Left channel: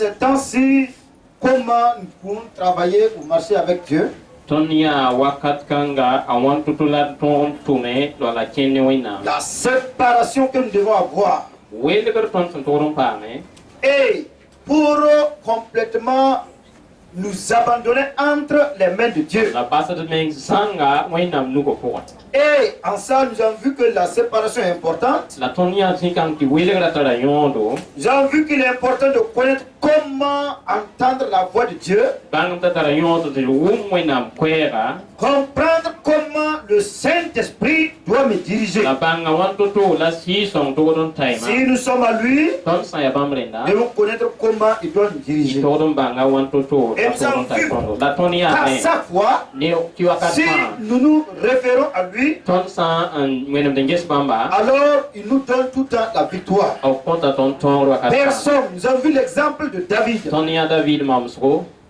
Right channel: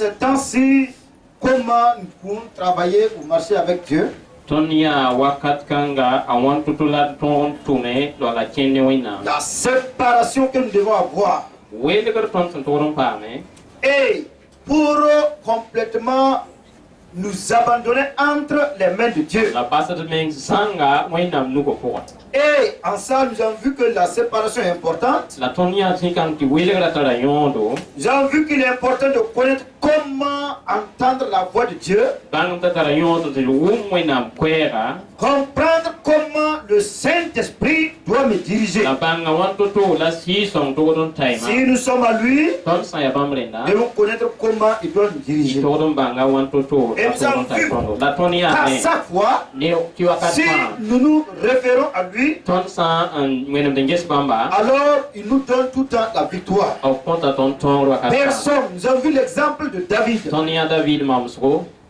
ces temps-ci, comment nous pouvons travailler ou marcher avec Dieu? La séparation que nous devons avoir. Et pour complètement nous abandonner entre les mains de Dieu. Et en ça, nous avons vu que la séparation est importante. Nous avons vu qu'il est important de connaître comment entendre la voix de Dieu. Comprendre comment le Saint-Esprit doit me diriger. Si nous sommes à lui, nous devons connaître comment il doit nous diriger. Et nous avons vu qu'à chaque fois, si nous nous référons à lui, alors il nous donne tout le temps la victoire. Personne, nous avons vu l'exemple de David.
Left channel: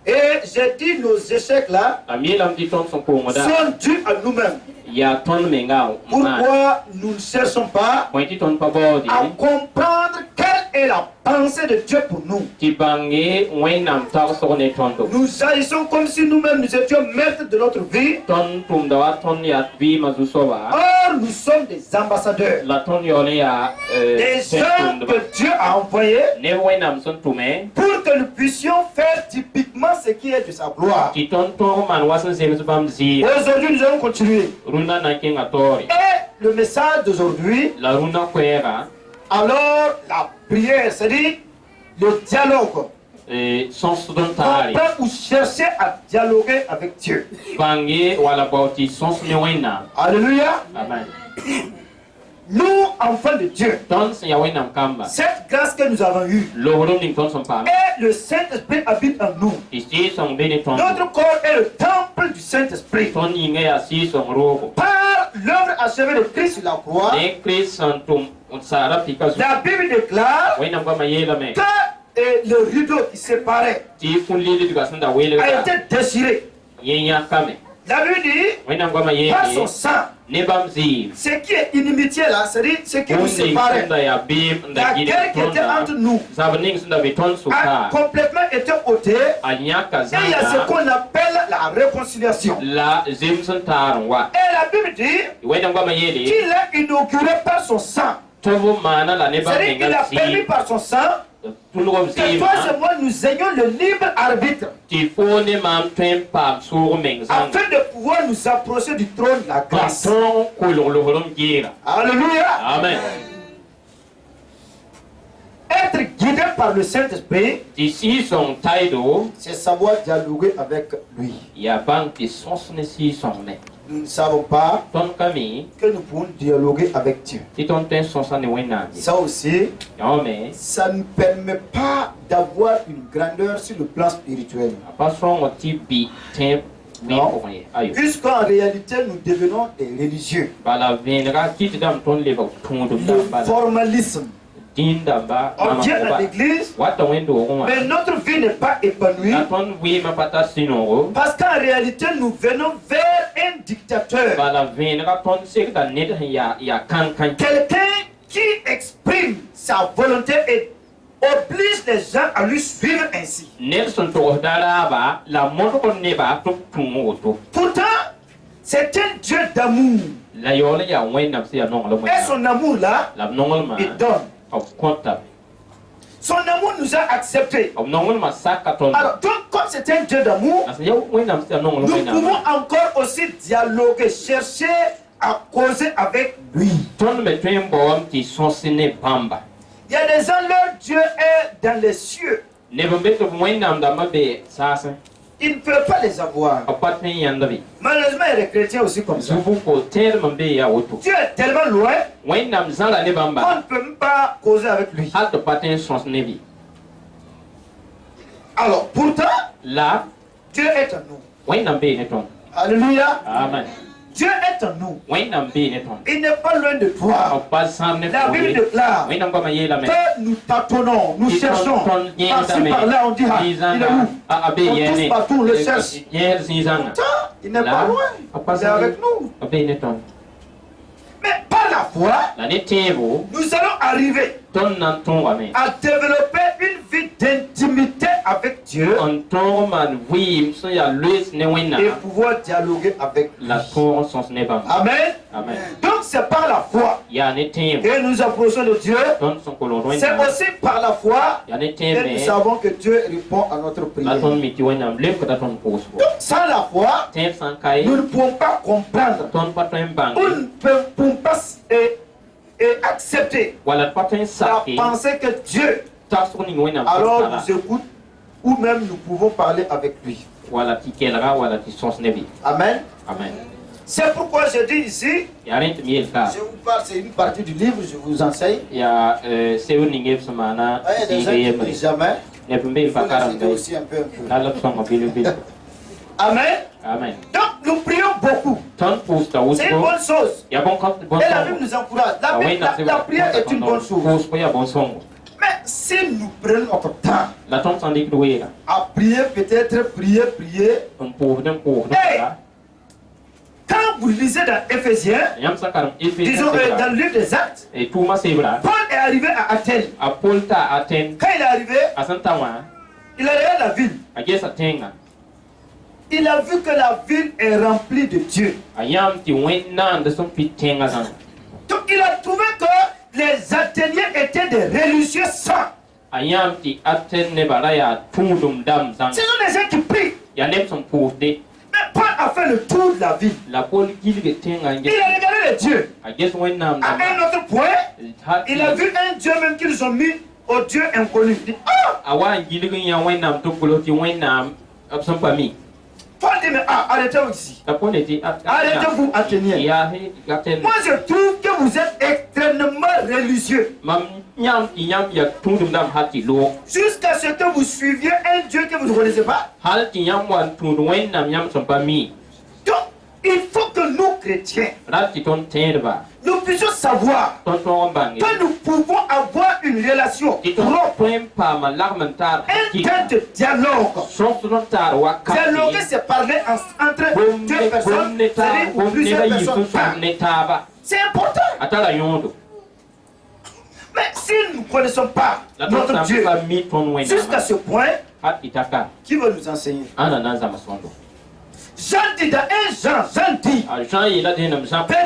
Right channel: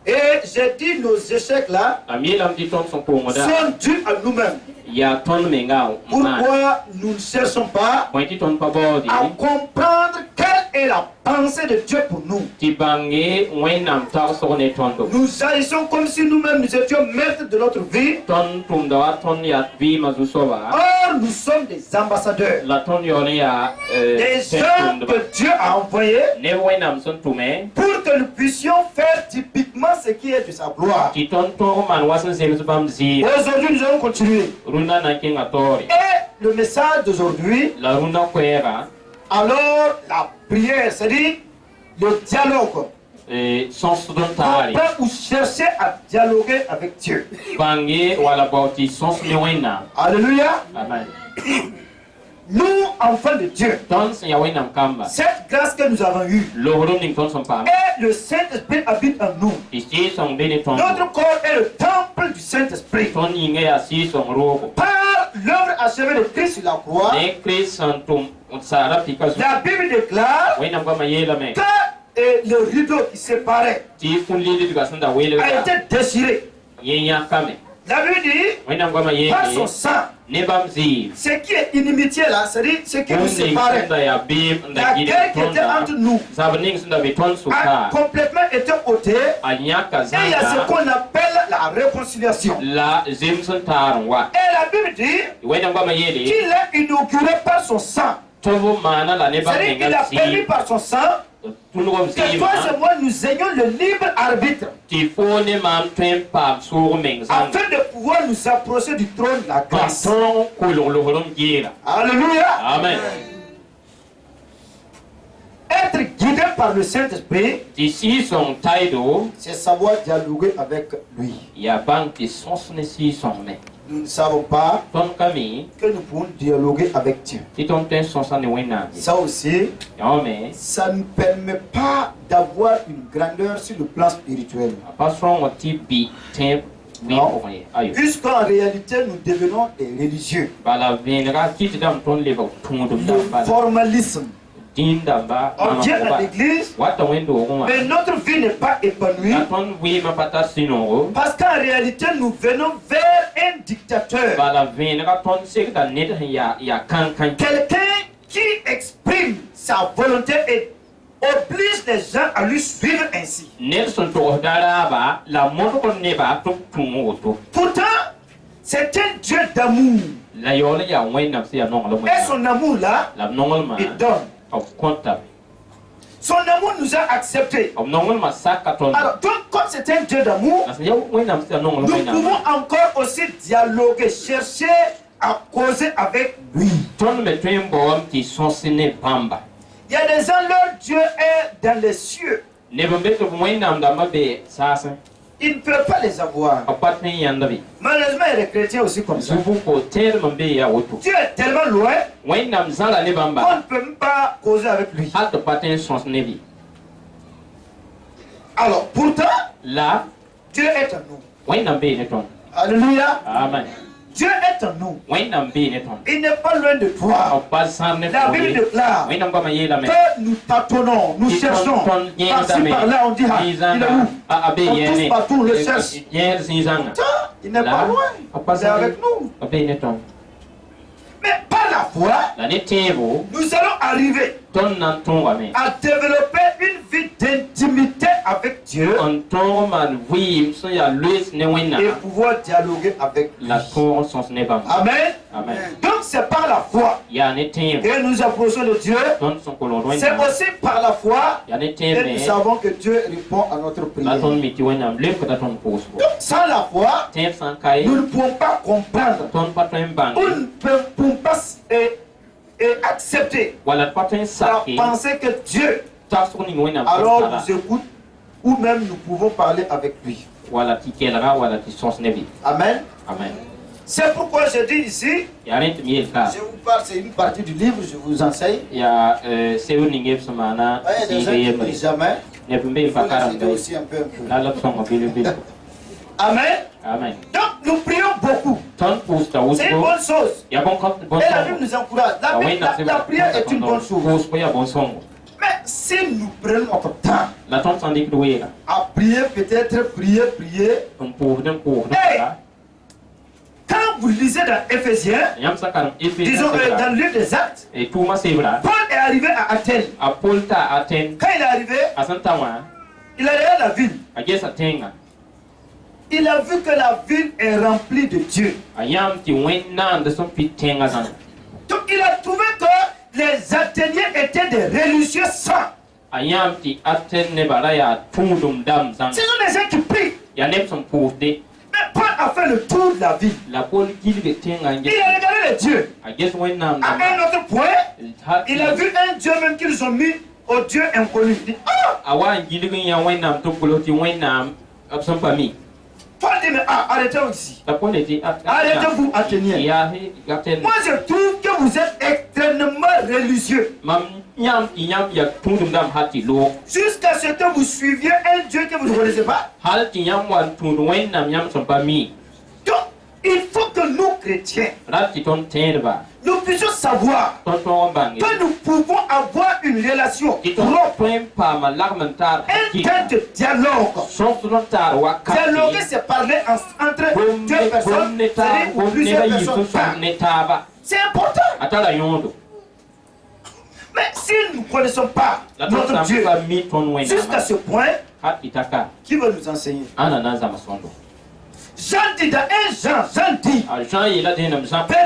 Et j'ai dit nos échecs là sont dus à nous-mêmes. Pourquoi nous ne cherchons pas à comprendre quelle est la pensée de Dieu pour nous? Nous agissons comme si nous-mêmes nous étions maîtres de notre vie. Or, nous sommes des ambassadeurs, des gens que Dieu a envoyés pour que nous puissions faire typiquement ce qui est de sa gloire. Aujourd'hui, nous allons continuer. Et le message d'aujourd'hui, alors la prière, c'est-à-dire le dialogue. Comprendre ou chercher à dialoguer avec Dieu. Alléluia. Amen. Nous, enfants de Dieu, cette grâce que nous avons eue, et le Saint-Esprit habite en nous. Notre corps est le temple du Saint-Esprit. Par l'œuvre achevée de Christ sur la croix, la Bible déclare que le rideau qui séparait a été déchiré. La Bible dit, par son sang, ce qui est inimitié là, c'est-à-dire ce qui nous séparait, la guerre qui était entre nous a complètement été ôtée, et il y a ce qu'on appelle la réconciliation. Et la Bible dit qu'il a inauguré par son sang, c'est-à-dire qu'il a permis par son sang que toi et moi nous ayons le libre arbitre afin de pouvoir nous approcher du trône de la grâce. Alléluia. Amen. Être guidé par le Saint-Esprit, c'est savoir dialoguer avec lui. Nous ne savons pas que nous pouvons dialoguer avec Dieu. Ça aussi, ça ne permet pas d'avoir une grandeur sur le plan spirituel. Puisqu'en réalité, nous devenons des religieux. Le formalisme. On vient à l'église, mais notre vie n'est pas épanouie. Parce qu'en réalité, nous venons vers un dictateur. Quelqu'un qui exprime sa volonté et oblige les gens à lui suivre ainsi. Pourtant, c'est un Dieu d'amour. Et son amour là, il donne. Son amour nous a acceptés. Alors, donc, comme c'est un Dieu d'amour, nous pouvons encore aussi dialoguer, chercher à causer avec lui. Il y a des gens, leur Dieu est dans les cieux. Ils ne peuvent pas les avoir. Malheureusement, il y a des chrétiens aussi comme ça. Dieu est tellement loin qu'on ne peut même pas causer avec lui. Alors, pourtant, Dieu est en nous. Alléluia. Amen. Dieu est en nous. Il n'est pas loin de toi. La Bible déclare que nous tâtonnons, nous cherchons. Par-ci, par-là, on dit, ah, il est où? On tous partout, on le cherche. Il n'est pas loin. Il est avec nous. Mais par la foi, nous allons arriver à développer une vie d'intimité avec Dieu et pouvoir dialoguer avec lui. Amen. Amen. Donc c'est par la foi que nous approchons de Dieu. C'est aussi par la foi que nous savons que Dieu répond à notre prière. Donc sans la foi, nous ne pouvons pas comprendre. Nous ne pouvons pas accepter la pensée que Dieu alors nous écoute ou même nous pouvons parler avec lui. Amen. Amen. C'est pourquoi je dis ici, je vous parle, c'est une partie du livre, je vous enseigne. Il y a des gens qui ne disent jamais. Il faut les aider aussi un peu. Amen. Amen. Donc nous prions beaucoup. C'est une bonne chose. Et la Bible nous encourage. La prière est une bonne chose. Mais si nous prenons notre temps à prier, peut-être prier. Hey, quand vous lisez dans Éphésiens, disons dans le livre des Actes, Paul est arrivé à Athènes. Quand il est arrivé, il a regardé la ville. Il a vu que la ville est remplie de Dieu. Donc il a trouvé que les Athéniens étaient des religieux saints. Ce sont des gens qui prient. Mais Paul a fait le tour de la ville. Il a regardé les dieux. À un autre point, il a vu un dieu même qu'ils ont mis au dieu inconnu. Il dit, Paul dit, mais arrêtez-vous ici. Arrêtez-vous, Athéniens. Moi, je trouve que vous êtes extrêmement religieux. Jusqu'à ce que vous suiviez un Dieu que vous ne connaissez pas. Donc, il faut que nous, chrétiens, nous puissions savoir que nous pouvons avoir une relation propre, un temps de dialogue. Dialoguer, c'est parler entre deux personnes, c'est-à-dire plusieurs personnes. C'est important. Mais si nous ne connaissons pas notre Dieu jusqu'à ce point, qui veut nous enseigner? Jean dit dans 1 Jean dit,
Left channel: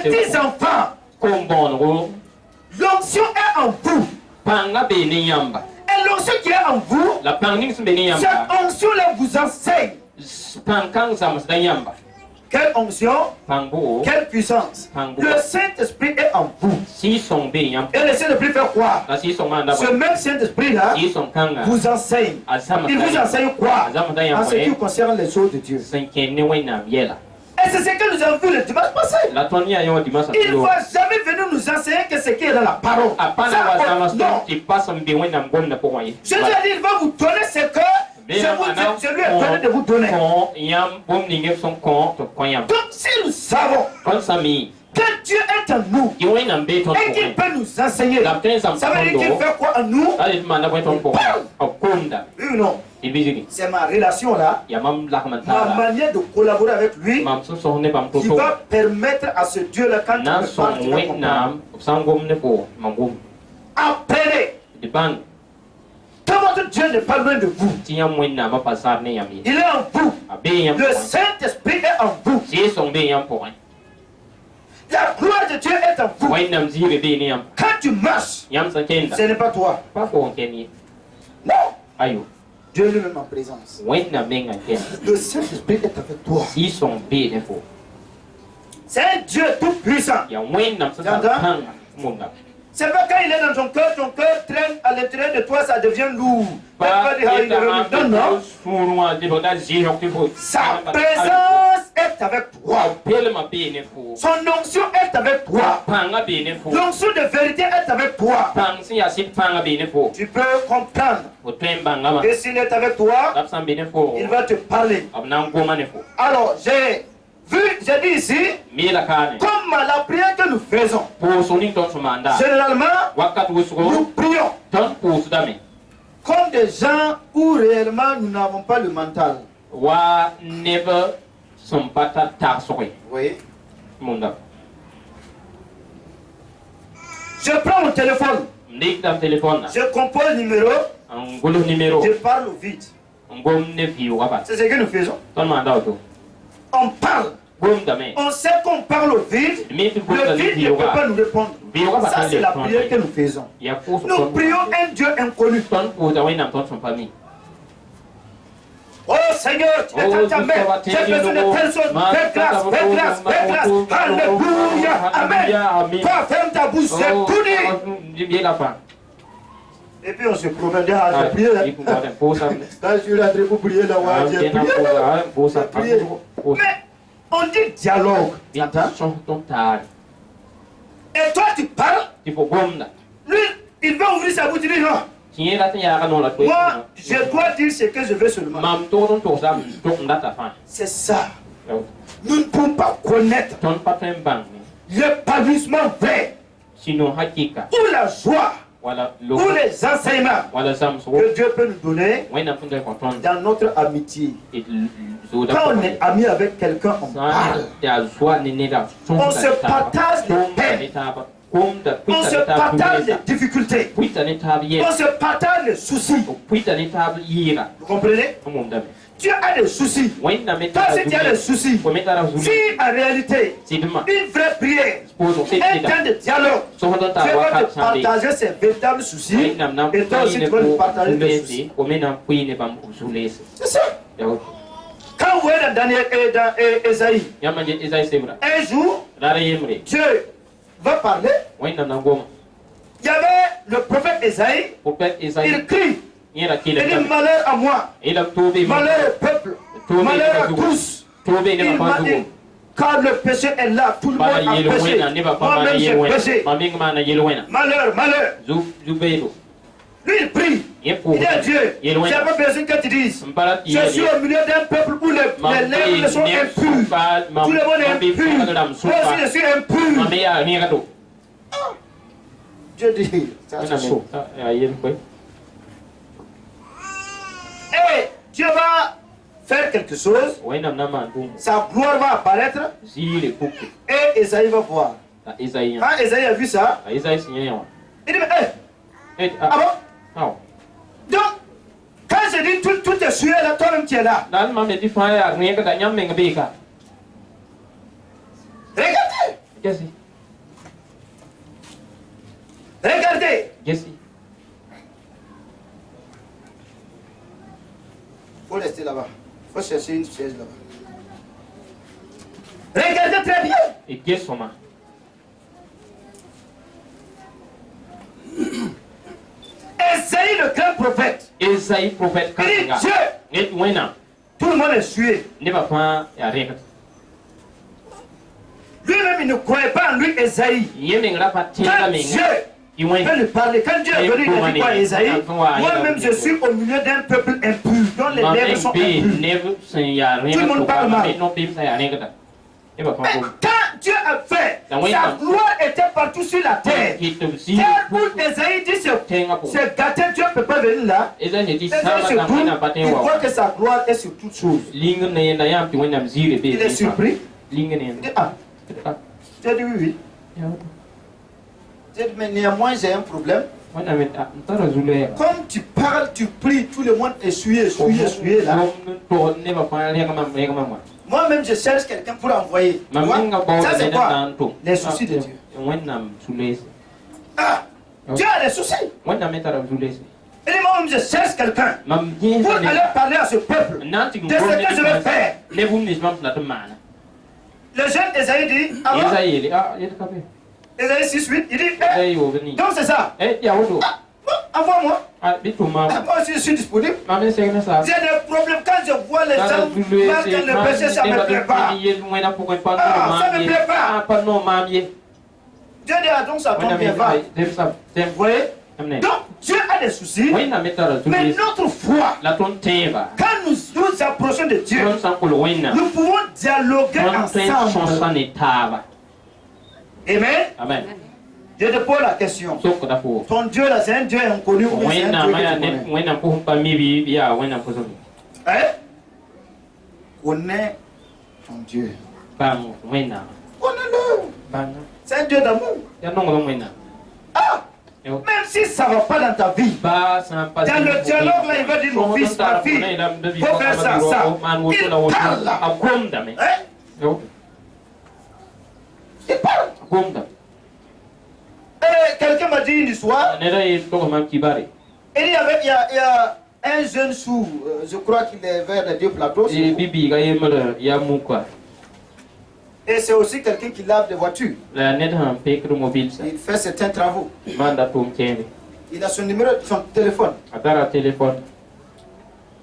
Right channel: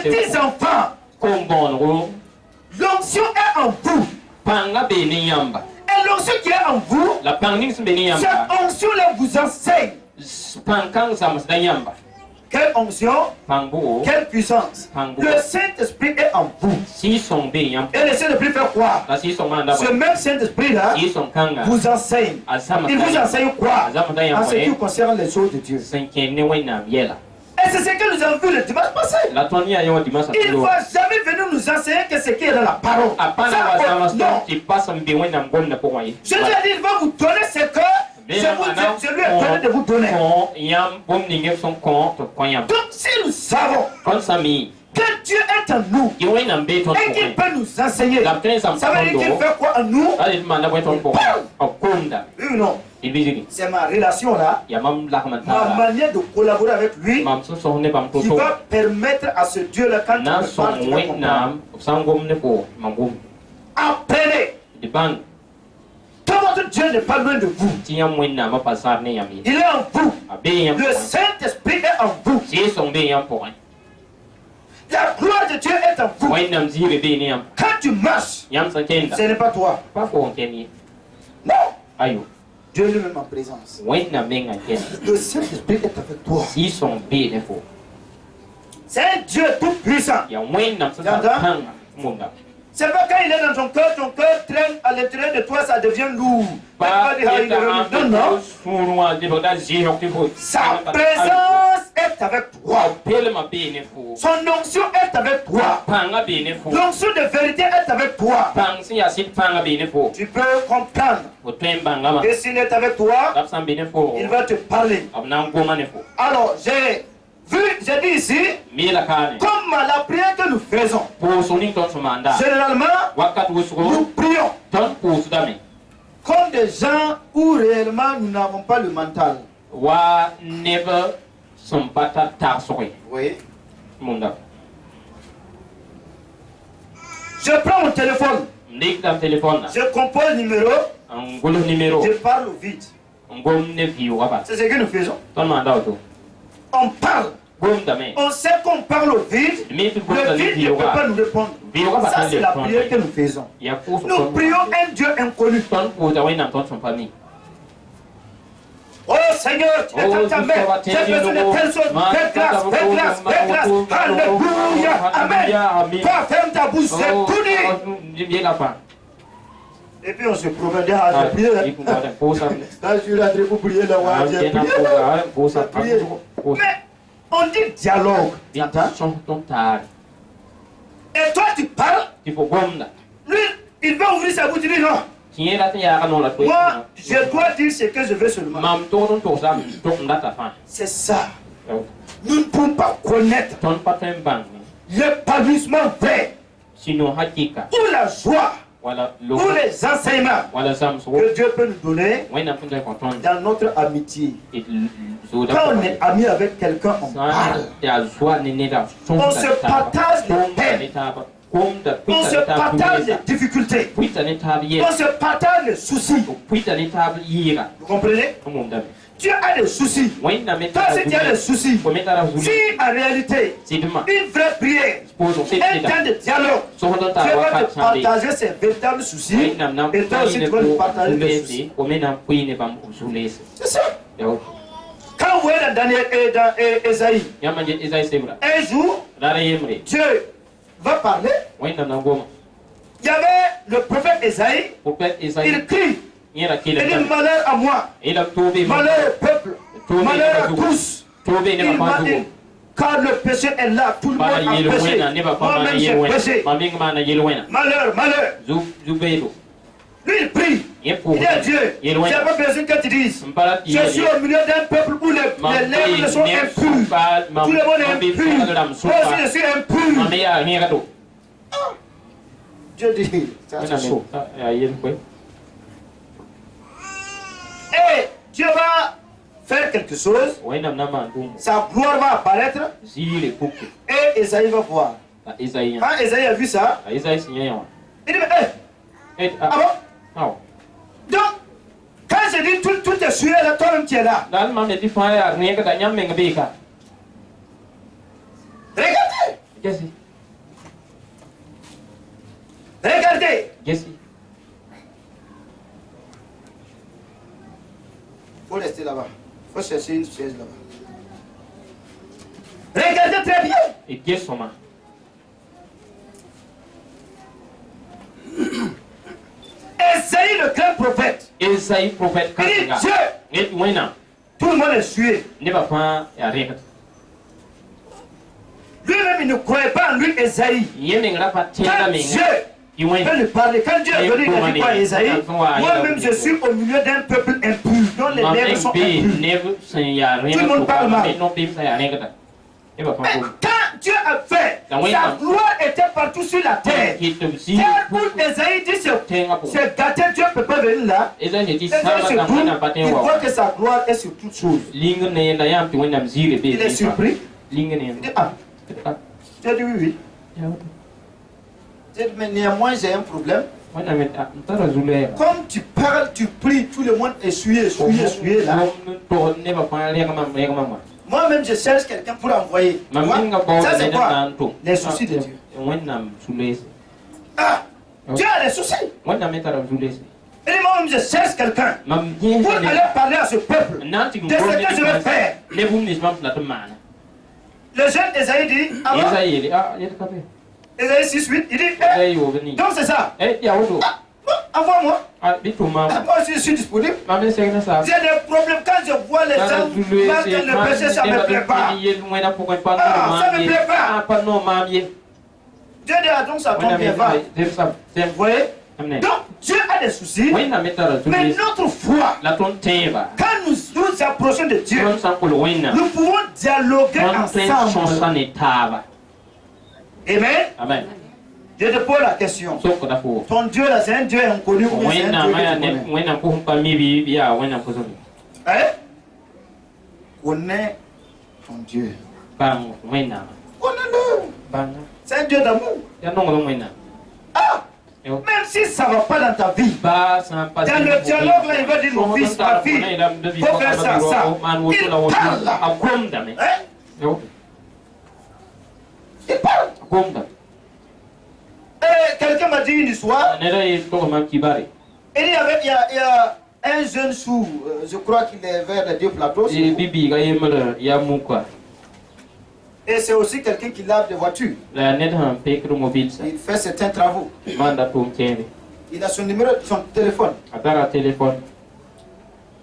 petits enfants, l'onction est en vous. Et l'onction qui est en vous, cette onction-là vous enseigne. Quelle onction? Quelle puissance? Le Saint-Esprit est en vous. Et le Saint-Esprit fait quoi? Ce même Saint-Esprit-là vous enseigne. Il vous enseigne quoi? En ce qui concerne les choses de Dieu. Et c'est ce que nous avons vu le dimanche passé. Il ne va jamais venir nous enseigner que ce qui est dans la parole. Non. Je lui ai dit, il va vous donner ce que je lui ai donné de vous donner. Donc si nous savons que Dieu est en nous et qu'il peut nous enseigner, ça veut dire qu'il fait quoi en nous? Oui ou non? C'est ma relation là, ma manière de collaborer avec lui qui va permettre à ce Dieu là, quand il me parle, apprenez. Que votre Dieu n'est pas loin de vous. Il est en vous. Le Saint-Esprit est en vous. La gloire de Dieu est en vous. Quand tu marches, ce n'est pas toi. Non. Dieu lui-même en présence. Le Saint-Esprit est avec toi. C'est un Dieu tout puissant. C'est pas quand il est dans ton cœur traîne à l'intérieur de toi, ça devient lourd. Non, non. Sa présence est avec toi. Son onction est avec toi. L'onction de vérité est avec toi. Tu peux comprendre que s'il est avec toi, il va te parler. Alors, j'ai dit ici, comme la prière que nous faisons, généralement, nous prions comme des gens où réellement nous n'avons pas le mental. Oui. Je prends mon téléphone. Je compose le numéro. Je parle au vide. C'est ce que nous faisons. On parle. On sait qu'on parle au vide. Le vide ne peut pas nous répondre. Ça, c'est la prière que nous faisons. Nous prions un Dieu inconnu. Oh Seigneur, tu es ta mère. J'ai besoin de telle chose. Fais grâce, fais grâce, fais grâce. Alléluia. Amen. Toi, ferme ta bouche, c'est tout dit. Et puis on se promène à la prière. Quand je suis rentré pour prier, là, j'ai prié. Mais on dit dialogue. Et toi, tu parles. Lui, il va ouvrir sa bouche, il dit non. Moi, je dois dire ce que je veux seulement. C'est ça. Nous ne pouvons pas connaître l'épanouissement vrai ou la joie ou les enseignements que Dieu peut nous donner dans notre amitié. Quand on est ami avec quelqu'un, on parle. On se partage les peines. On se partage les difficultés. On se partage les soucis. Vous comprenez? Tu as des soucis. Toi, si tu as des soucis, si en réalité, une vraie prière, un temps de dialogue, tu vas te partager ces véritables soucis, et toi aussi tu vas nous partager tes soucis. C'est ça. Quand vous voyez dans Daniel et dans Esaïe, un jour, Dieu va parler. Il y avait le prophète Esaïe, il crie. Il dit malheur à moi, malheur au peuple, malheur à tous. Il m'a dit, quand le péché est là, tout le monde a péché. Moi-même j'ai péché. Malheur, malheur. Lui il prie. Il dit à Dieu, j'ai pas besoin que tu dises. Je suis au milieu d'un peuple où les lèvres sont impures. Tout le monde est impur. Moi aussi je suis impur. Dieu dit, ça c'est chaud. Et Dieu va faire quelque chose, sa gloire va apparaître, et Esaïe va voir. Quand Esaïe a vu ça, il dit, mais ah bon? Donc, quand je dis tout est sué là, toi-même tu es là. Regardez. Regardez. Faut rester là-bas. Faut chercher une chaise là-bas. Regardez très bien. Esaïe le grand prophète. Il dit Dieu. Tout le monde est sué. Lui-même il ne croyait pas en lui, Esaïe. Quand Dieu peut lui parler, quand Dieu est venu, il a dit quoi à Esaïe? Moi-même je suis au milieu d'un peuple impur, dont les lèvres sont impures. Tout le monde parle mal. Mais quand Dieu a fait, sa gloire était partout sur la terre. Tel où Esaïe dit c'est gâté, Dieu ne peut pas venir là. Esaïe se tourne, il voit que sa gloire est sur toutes choses. Il est surpris. Il dit ah, tu as dit oui. Mais néanmoins j'ai un problème. Comme tu parles, tu pries, tout le monde est sué là. Moi-même je cherche quelqu'un pour envoyer. Ça c'est quoi? Les soucis de Dieu. Ah, Dieu a des soucis. Et moi-même je cherche quelqu'un pour aller parler à ce peuple de ce que je vais faire. Le jeune Esaïe dit, Esaïe 6:8, il dit, donc c'est ça. Envoie-moi. Moi aussi je suis disponible. J'ai des problèmes quand je vois les gens marquent le péché, ça ne me plaît pas. Ça ne me plaît pas. Dieu dit donc ça tombe bien, va. Vous voyez? Donc Dieu a des soucis, mais notre foi, quand nous nous approchons de Dieu, nous pouvons dialoguer ensemble. Amen. Je te pose la question. Ton Dieu là, c'est un Dieu inconnu ou c'est un Dieu que tu connais? Connais ton Dieu. Connais-le. C'est un Dieu d'amour. Ah! Même si ça ne va pas dans ta vie, dans le dialogue, là, il va dire mon fils, ma fille, il faut faire ça, ça. Il parle là. Il parle. Et quelqu'un m'a dit une histoire. Il y a un jeune sourd, je crois qu'il est vers les 2 plateaux. Et c'est aussi quelqu'un qui lave des voitures. Il fait certains travaux. Il a son numéro, son téléphone.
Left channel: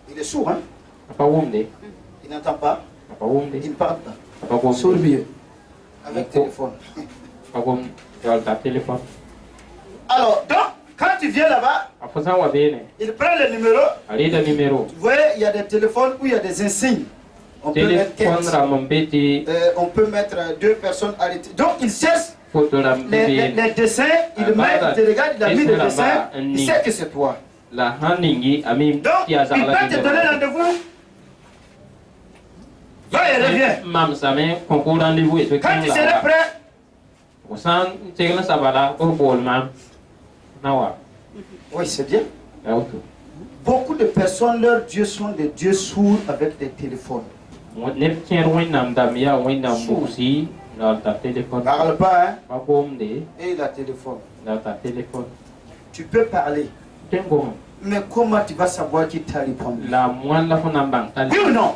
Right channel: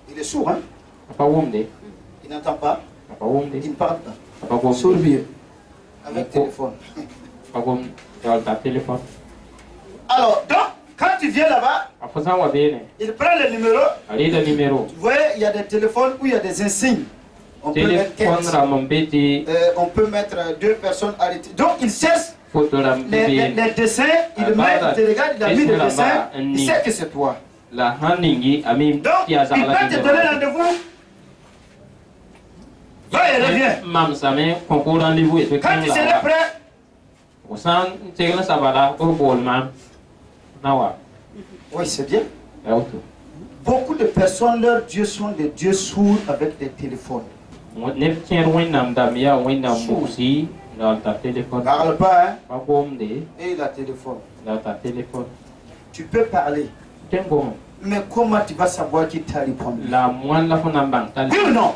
Il est sourd, hein? Il n'entend pas. Il ne parle pas. Sourd mieux. Avec téléphone. Alors, donc, quand tu viens là-bas, il prend le numéro. Tu vois, il y a des téléphones où il y a des insignes. On peut mettre 2 personnes arrêtées. Donc, il cherche les dessins. Il regarde, il a mis le dessin. Il sait que c'est toi. Donc, il peut te donner rendez-vous. Va et reviens. Quand tu seras prêt, oui, c'est bien. Beaucoup de personnes, leurs dieux sont des dieux sourds avec des téléphones. Parle pas, hein? Et la téléphone. Tu peux parler. Mais comment tu vas savoir qui t'a répondu? Oui ou non?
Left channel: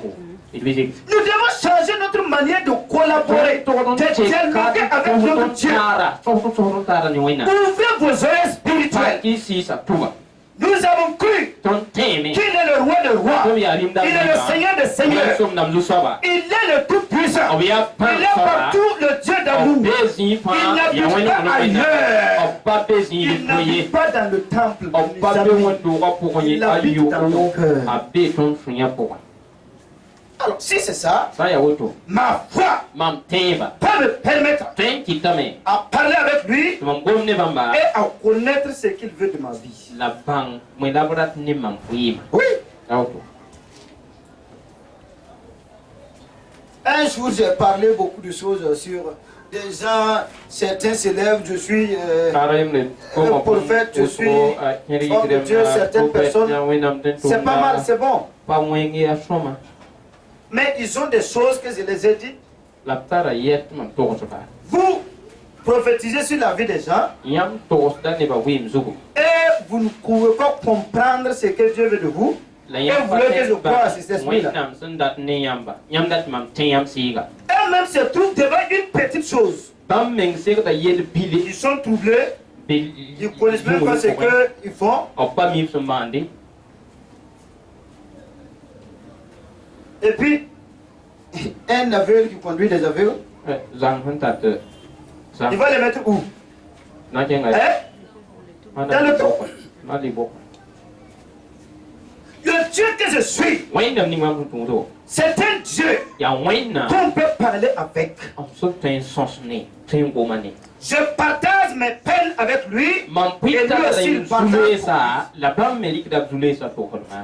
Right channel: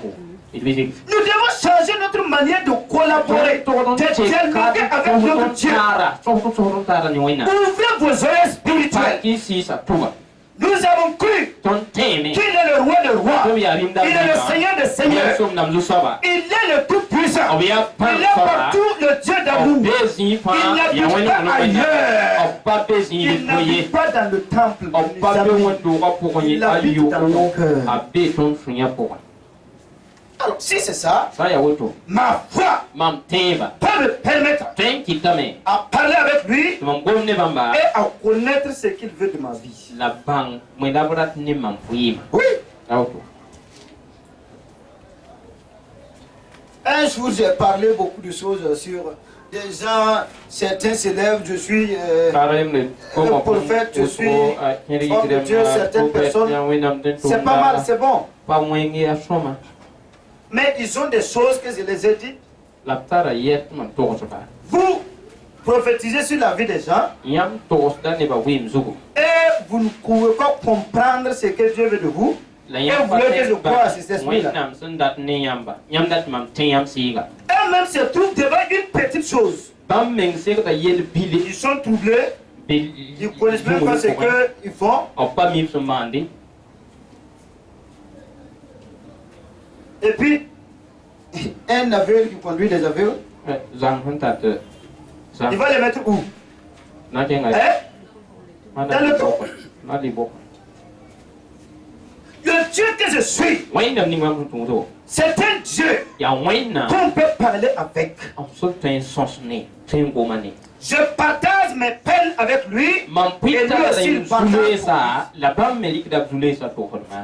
Nous devons changer notre manière de collaborer, de dialoguer avec notre Dieu. Ouvrez vos oreilles spirituelles. Nous avons cru qu'il est le roi des rois. Il est le Seigneur des seigneurs. Il est le tout-puissant. Il est partout le Dieu d'amour. Il n'habite pas ailleurs. Il n'habite pas dans le temple. Il habite dans ton cœur. Alors, si c'est ça, ma foi peut me permettre à parler avec lui et à connaître ce qu'il veut de ma vie. Oui. Un jour, j'ai parlé beaucoup de choses sur des gens, certains s'élèvent, je suis un prophète, je suis homme de Dieu, certaines personnes, c'est pas mal, c'est bon. Mais ils ont des choses que je les ai dites. Vous prophétisez sur la vie des gens. Et vous ne pouvez pas comprendre ce que Dieu veut de vous. Et vous voulez que je croie à cet esprit-là. Eux-mêmes se trouvent devant une petite chose. Ils sont troublés. Ils ne connaissent même pas ce qu'ils font. Et puis, un aveugle qui conduit des aveugles, il va les mettre où? Dans le trou. Le Dieu que je suis, c'est un Dieu qu'on peut parler avec. Je partage mes peines avec lui et lui aussi il partage.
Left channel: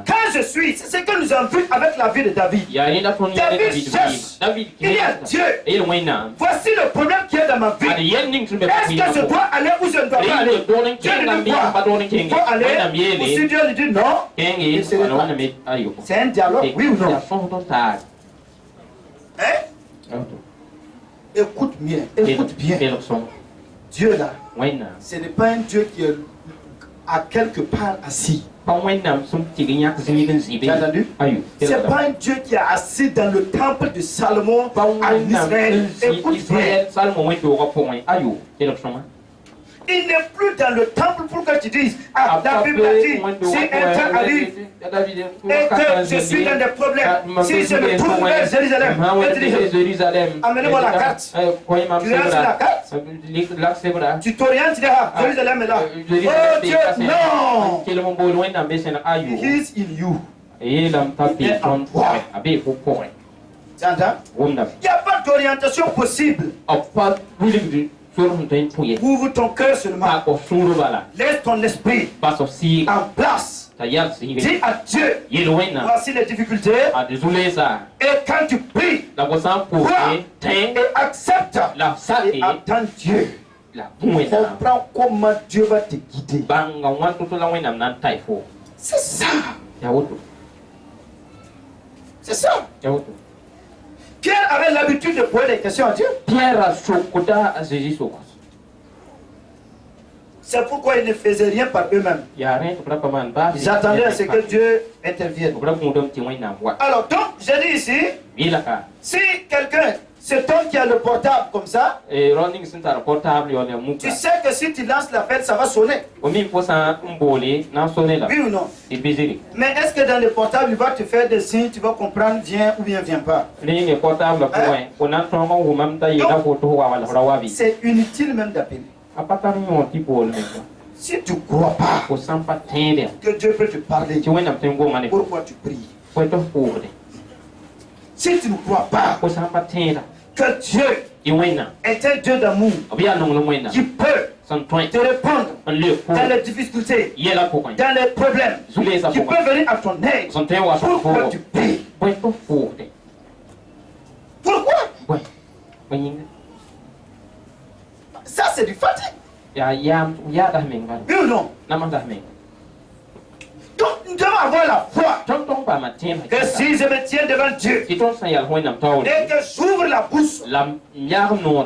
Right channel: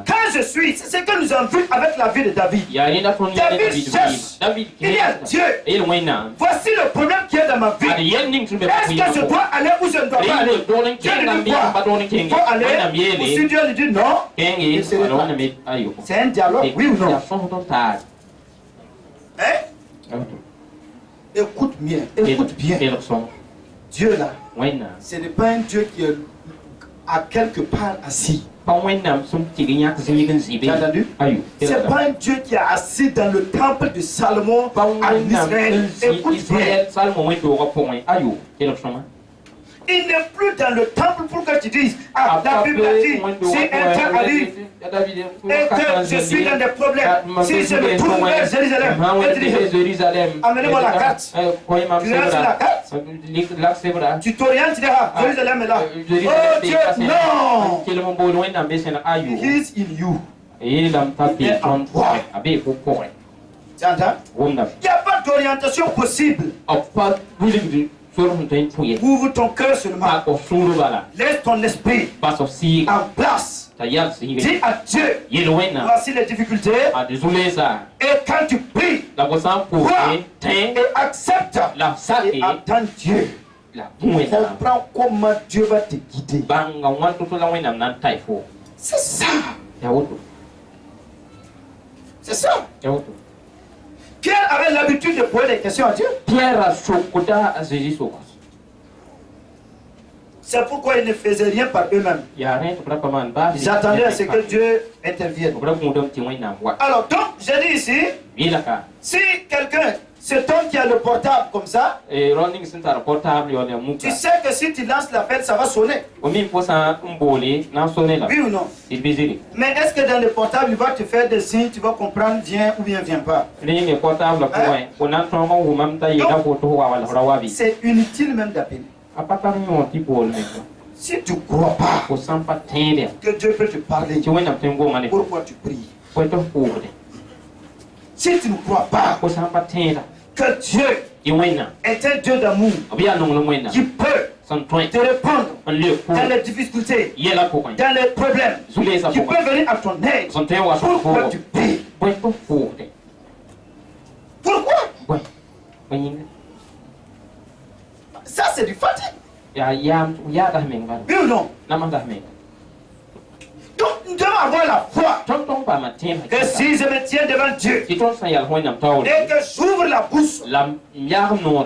Quand je suis, c'est ce que nous avons vu avec la vie de David. David cherche, il y a Dieu. Voici le problème qu'il y a dans ma vie. Est-ce que je dois aller ou je ne dois pas aller? Dieu lui dit quoi? Il faut aller. Ou si Dieu lui dit non, il se retire. C'est un dialogue, oui ou non? Hein? Écoute bien, écoute bien. Dieu là, ce n'est pas un Dieu qui est à quelque part assis. Tu as entendu? C'est pas un Dieu qui est assis dans le temple de Salomon en Israël. Écoute bien. Il n'est plus dans le temple pour que tu dises, ah, la Bible a dit, si un temps arrive et que je suis dans des problèmes, si je me trouve vers Jérusalem, et tu dis, amenez-moi la carte. Tu regardes sur la carte, tu t'orientes, tu dis, ah, Jérusalem est là. Oh Dieu, non! He is in you. Il est en toi. Tu entends? Il n'y a pas d'orientation possible. Ouvre ton cœur seulement. Laisse ton esprit en place. Dis à Dieu, voici les difficultés. Et quand tu pries, crois et accepte et attends Dieu. Comprends comment Dieu va te guider. C'est ça. C'est ça. Pierre avait l'habitude de poser des questions à Dieu. C'est pourquoi ils ne faisaient rien par eux-mêmes. Ils attendaient à ce que Dieu intervienne. Alors donc, j'ai dit ici, si quelqu'un, cet homme qui a le portable comme ça, tu sais que si tu lances l'appel, ça va sonner. Oui ou non? Mais est-ce que dans le portable, il va te faire des signes, tu vas comprendre, viens ou bien viens pas? C'est inutile même d'appeler. Si tu ne crois pas que Dieu peut te parler, pourquoi tu pries? Si tu ne crois pas que Dieu est un Dieu d'amour qui peut te répondre dans les difficultés, dans les problèmes, qui peut venir à ton aide, pourquoi tu pries? Pourquoi? Ça, c'est du fatigue. Oui ou non? Donc, nous devons avoir la foi que si je me tiens devant Dieu et que j'ouvre la bouche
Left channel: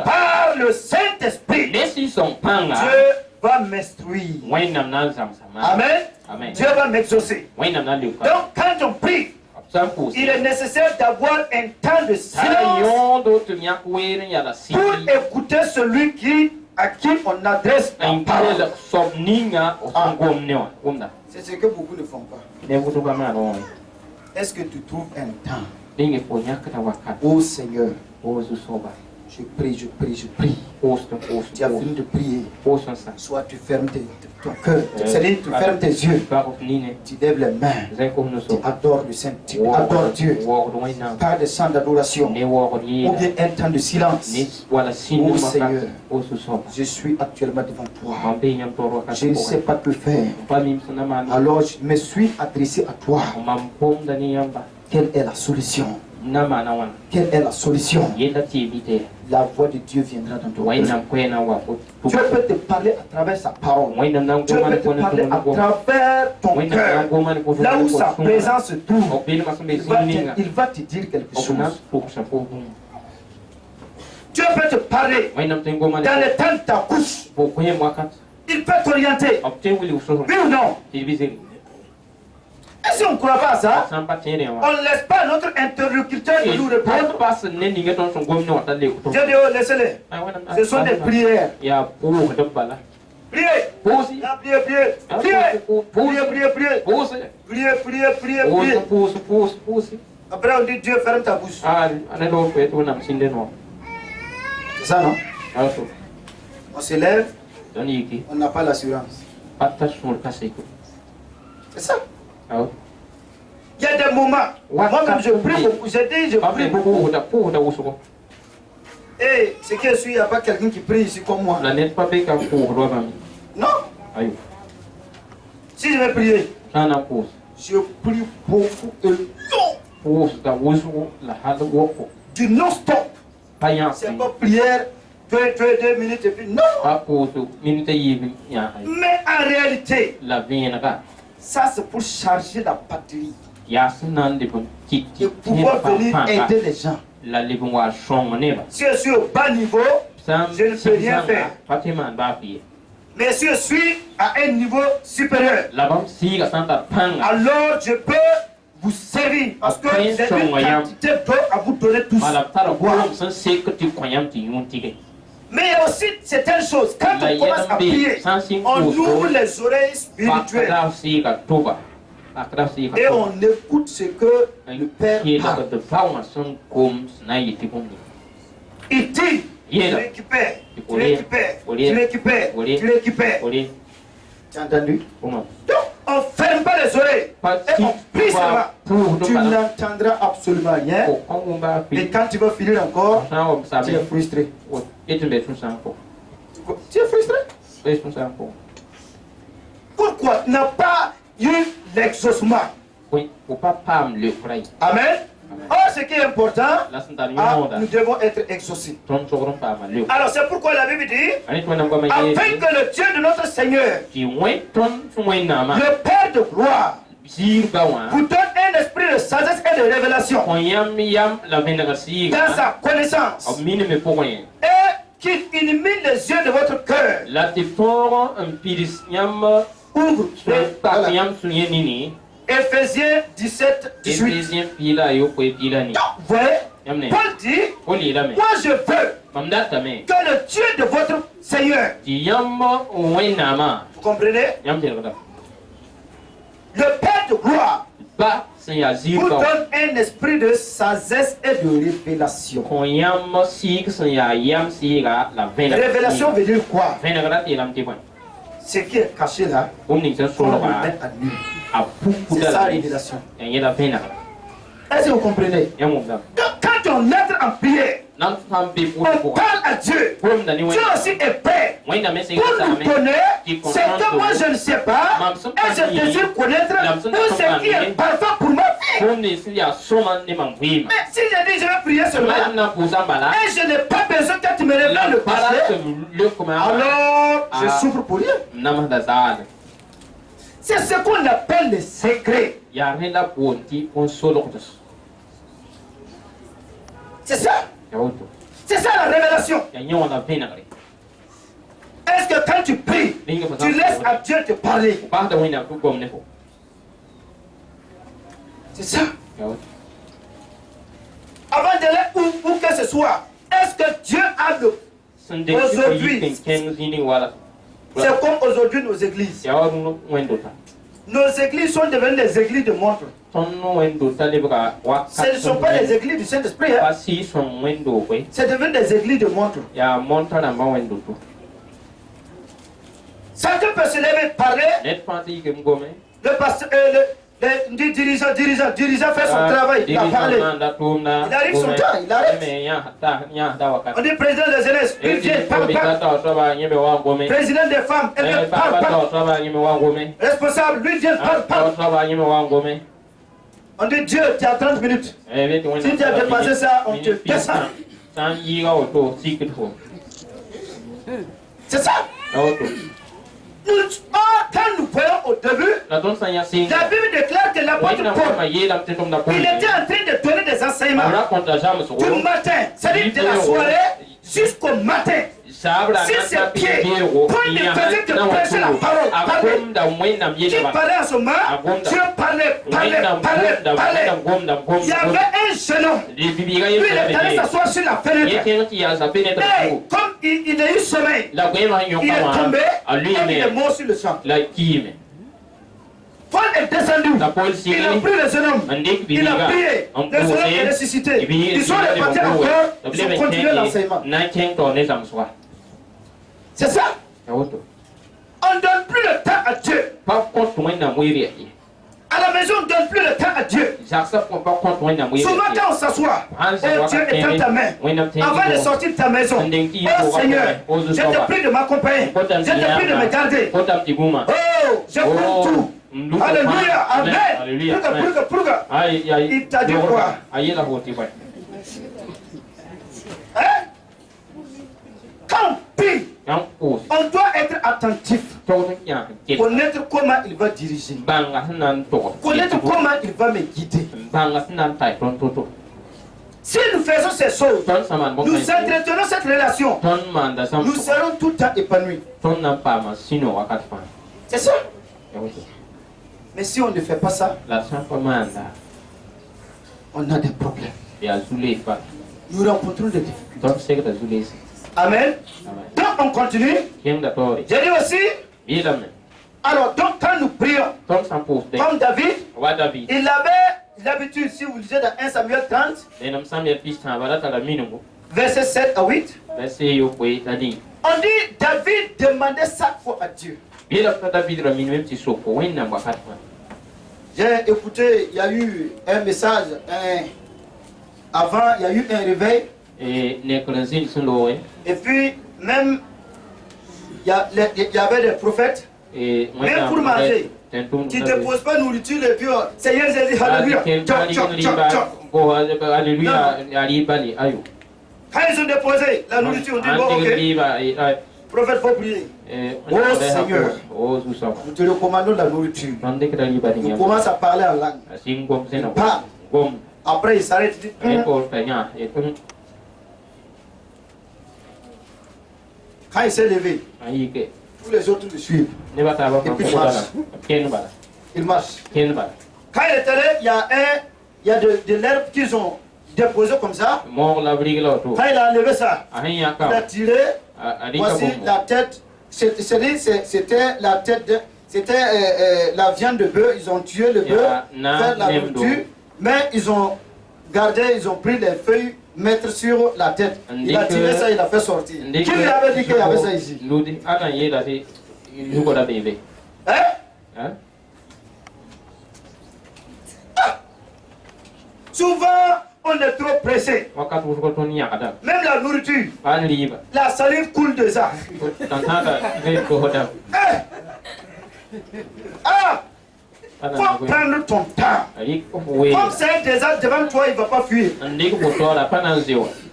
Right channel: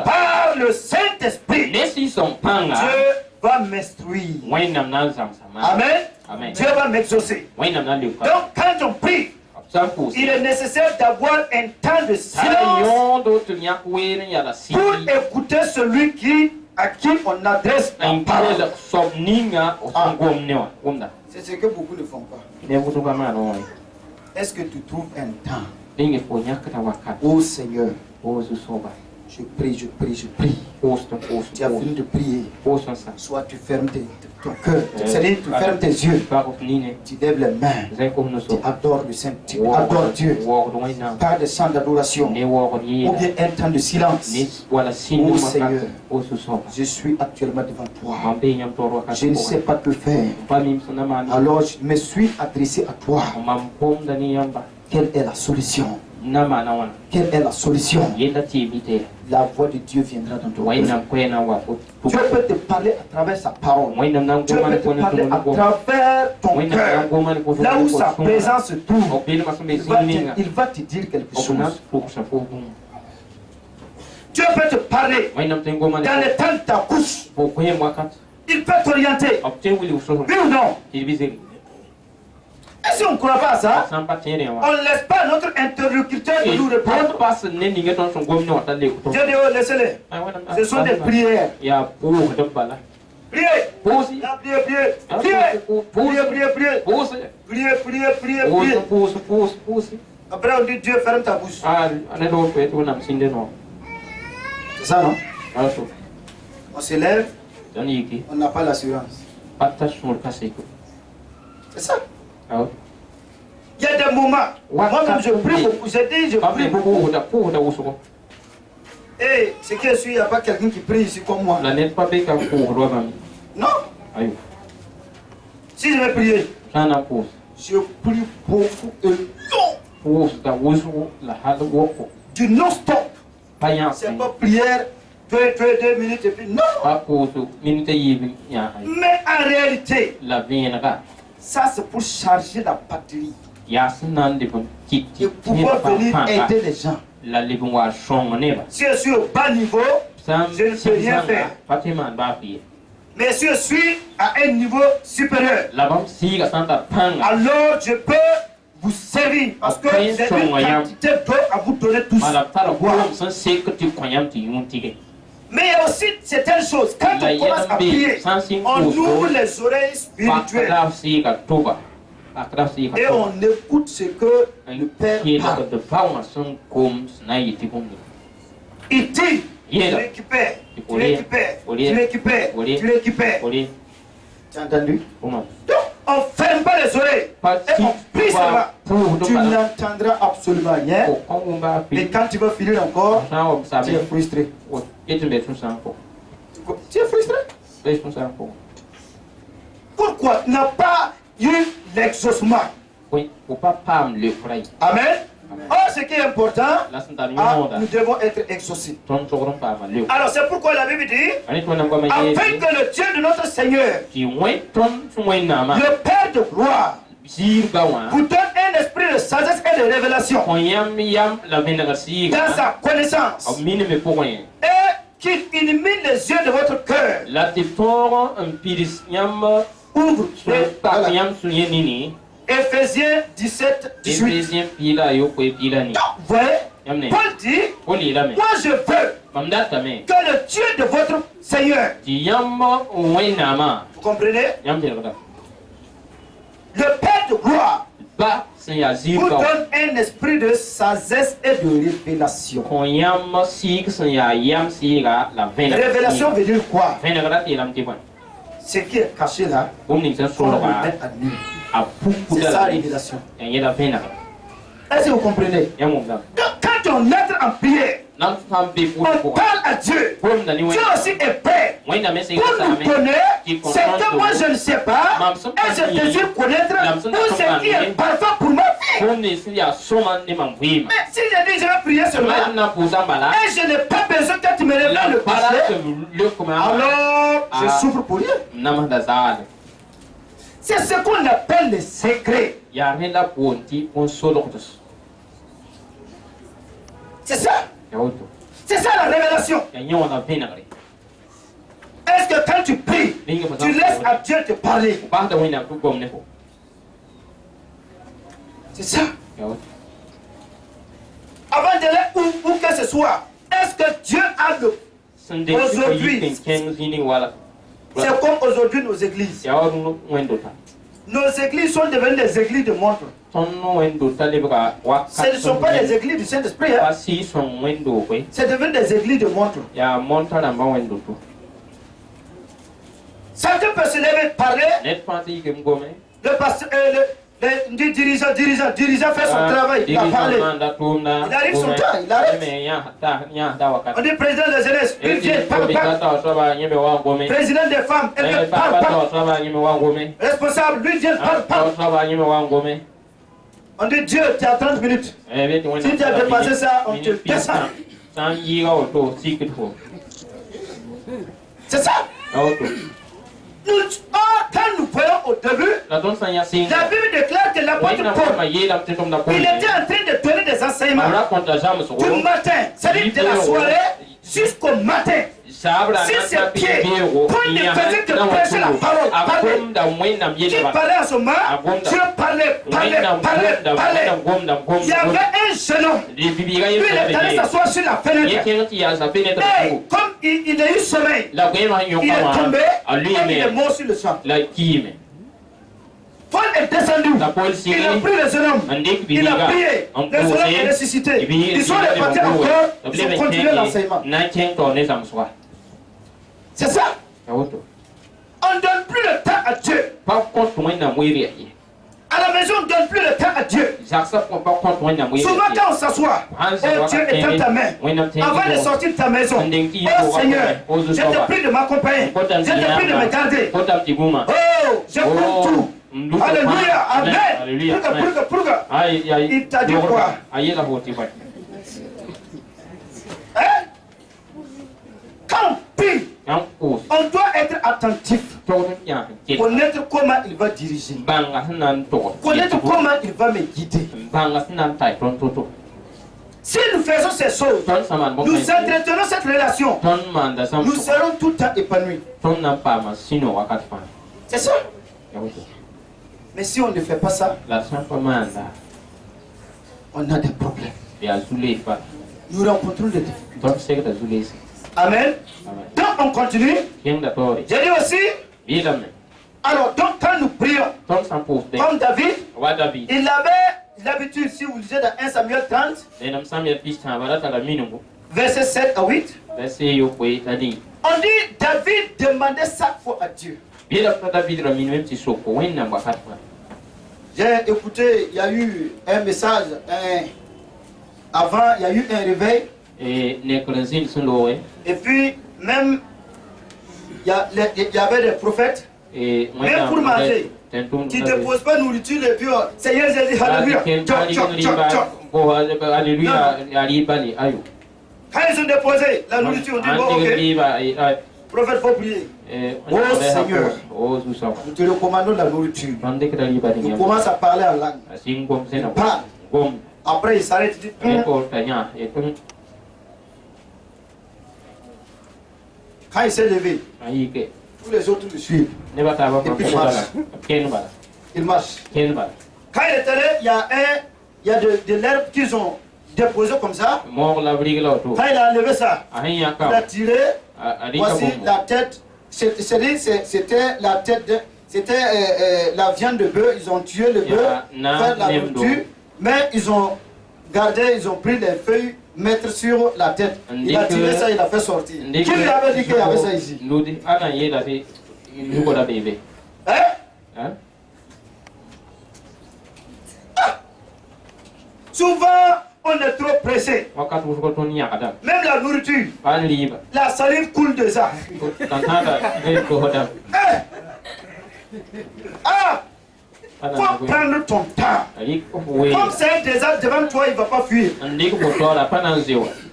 par le Saint-Esprit, Dieu va m'instruire. Amen. Dieu va m'exaucer. Donc, quand on prie, il est nécessaire d'avoir un temps de silence pour écouter celui à qui on adresse la parole. C'est ce que beaucoup ne font pas. Est-ce que tu trouves un temps? Oh Seigneur, je prie, je prie, je prie. Tu as fini de prier. Soit tu fermes ton cœur, c'est-à-dire tu fermes tes yeux, tu lèves les mains, tu adores le Saint, tu adores Dieu par des chants d'adoration ou bien un temps de silence. Oh Seigneur, je suis actuellement devant toi. Je ne sais pas que faire. Alors je me suis adressé à toi. Quelle est la solution? Quelle est la solution? La voix de Dieu viendra dans ton cœur. Dieu peut te parler à travers sa parole. Dieu peut te parler à travers ton cœur. Là où sa présence se trouve, il va te dire quelque chose. Dieu peut te parler dans le temps de ta couche. Il peut t'orienter. Oui ou non? Et si on ne croit pas à ça, on ne laisse pas notre interlocuteur nous répondre. Dieu dit, oh, laissez-les. Ce sont des prières. Priez. Priez, priez. Après on dit, Dieu ferme ta bouche. C'est ça, non? On se lève, on n'a pas l'assurance. C'est ça. Il y a des moments, moi-même je prie beaucoup, j'ai dit je prie beaucoup. Et ce qui est sûr, il n'y a pas quelqu'un qui prie ici comme moi. Non. Si je vais prier, je prie beaucoup et long. Du non-stop. C'est pas prière, 2 minutes et puis non. Mais en réalité, ça c'est pour charger la batterie et pouvoir venir aider les gens. Si je suis au bas niveau, je ne peux rien faire. Mais si je suis à un niveau supérieur, alors je peux vous servir parce que j'ai une quantité d'eau à vous donner tous. Mais il y a aussi certaines choses. Quand on commence à prier, on ouvre les oreilles spirituelles et on écoute ce que le Père parle. Il dit, tu récupères. Tu as entendu? Donc, on ne ferme pas les oreilles et on prie seulement. Tu n'entendras absolument rien. Et quand tu vas finir encore, tu es frustré. Tu es frustré? Pourquoi tu n'as pas eu l'exaucement? Amen. Or, ce qui est important, nous devons être exaucés. Alors, c'est pourquoi la Bible dit, afin que le Dieu de notre Seigneur, le Père de gloire, vous donne un esprit de sagesse et de révélation dans sa connaissance, et qu'il illumine les yeux de votre cœur. Ouvre Éphésiens 17, 18. Voyez, Paul dit, moi je veux que le Dieu de votre Seigneur, vous comprenez, le Père de gloire, vous donne un esprit de sagesse et de révélation. Révélation veut dire quoi? Ce qui est caché là, on le met à nu. C'est ça la révélation. Est-ce que vous comprenez? Quand on entre en prière, on parle à Dieu. Dieu aussi est prêt pour nous donner ce que moi je ne sais pas et je désire connaître ou ce qui est parfait pour ma vie. Mais si je dis je vais prier seulement et je n'ai pas besoin que tu me révèles le passé, alors je souffre pour rien. C'est ce qu'on appelle le secret. C'est ça. C'est ça la révélation. Est-ce que quand tu pries, tu laisses à Dieu te parler? C'est ça. Avant d'aller où que ce soit, est-ce que Dieu a le... Aujourd'hui, c'est comme aujourd'hui nos églises. Nos églises sont devenues des églises de montre. Ce ne sont pas des églises du Saint-Esprit. Hein? C'est devenu des églises de montre. Chacun peut se lever et parler. Le pasteur, le dirigeant fait son travail. Il a parlé. Il arrive son temps, il arrête. On dit président de la jeunesse, il vient, parle. Président des femmes, elle vient, parle. Responsable, lui vient, parle. On dit Dieu, tu as 30 minutes. Si tu as dépassé ça, on te descend. C'est ça. Quand nous voyons au début, la Bible déclare que l'apôtre Paul, il était en train de donner des enseignements du matin, c'est-à-dire de la soirée jusqu'au matin. Si ses pieds prennent des personnes qui prêchaient la parole, qui parlaient à ce moment, Dieu parlait. Il y avait un jeune homme, lui il est allé s'asseoir sur la fenêtre. Et comme il a eu sommeil, il est tombé et il est mort sur le champ. Paul est descendu, il a pris le jeune homme, il a prié, le jeune homme est ressuscité. Ils sont repartis encore, ils ont continué l'enseignement. C'est ça. On ne donne plus le temps à Dieu. À la maison, on ne donne plus le temps à Dieu. Souvent quand on s'assoit, Dieu est dans ta main. Avant de sortir de ta maison, oh Seigneur, je te prie de m'accompagner. Je te prie de me garder. Oh, je prends tout. Alléluia, amen. Il t'a dit quoi? Quand on prie, on doit être attentif. Connaître comment il va diriger. Connaître comment il va me guider. Si nous faisons ces choses, nous entretenons cette relation, nous serons tout le temps épanouis. C'est ça. Mais si on ne fait pas ça, on a des problèmes. Nous rencontrons des difficultés. Amen. Donc on continue. J'ai dit aussi. Alors donc quand nous prions, comme David, il avait l'habitude, si vous lisez dans 1 Samuel 30, verset 7 à 8, on dit David demandait chaque fois à Dieu. J'ai écouté, il y a eu un message, avant il y a eu un réveil. Et puis même il y avait des prophètes, même pour manger, qui ne dépose pas nourriture et puis Seigneur Jésus, alléluia. Quand ils ont déposé la nourriture, on dit bon, ok. Prophète, faut prier. Oh Seigneur, nous te recommandons la nourriture. Il commence à parler en langue. Il parle. Après, il s'arrête, il dit. Quand il s'est levé, tous les autres le suivent. Et puis il marche. Quand il est allé, il y a de l'herbe qu'ils ont déposé comme ça. Quand il a enlevé ça, il a tiré. Voici la tête. C'était la tête c'était la viande de bœuf. Ils ont tué le bœuf, fait la nourriture, mais ils ont gardé, ils ont pris les feuilles, mettre sur la tête. Il a tiré ça, il a fait sortir. Qui lui avait dit qu'il y avait ça ici? Hein? Souvent, on est trop pressé. Même la nourriture, la salive coule de ça. Faut prendre ton temps. Comme c'est un désastre devant toi, il ne va pas fuir.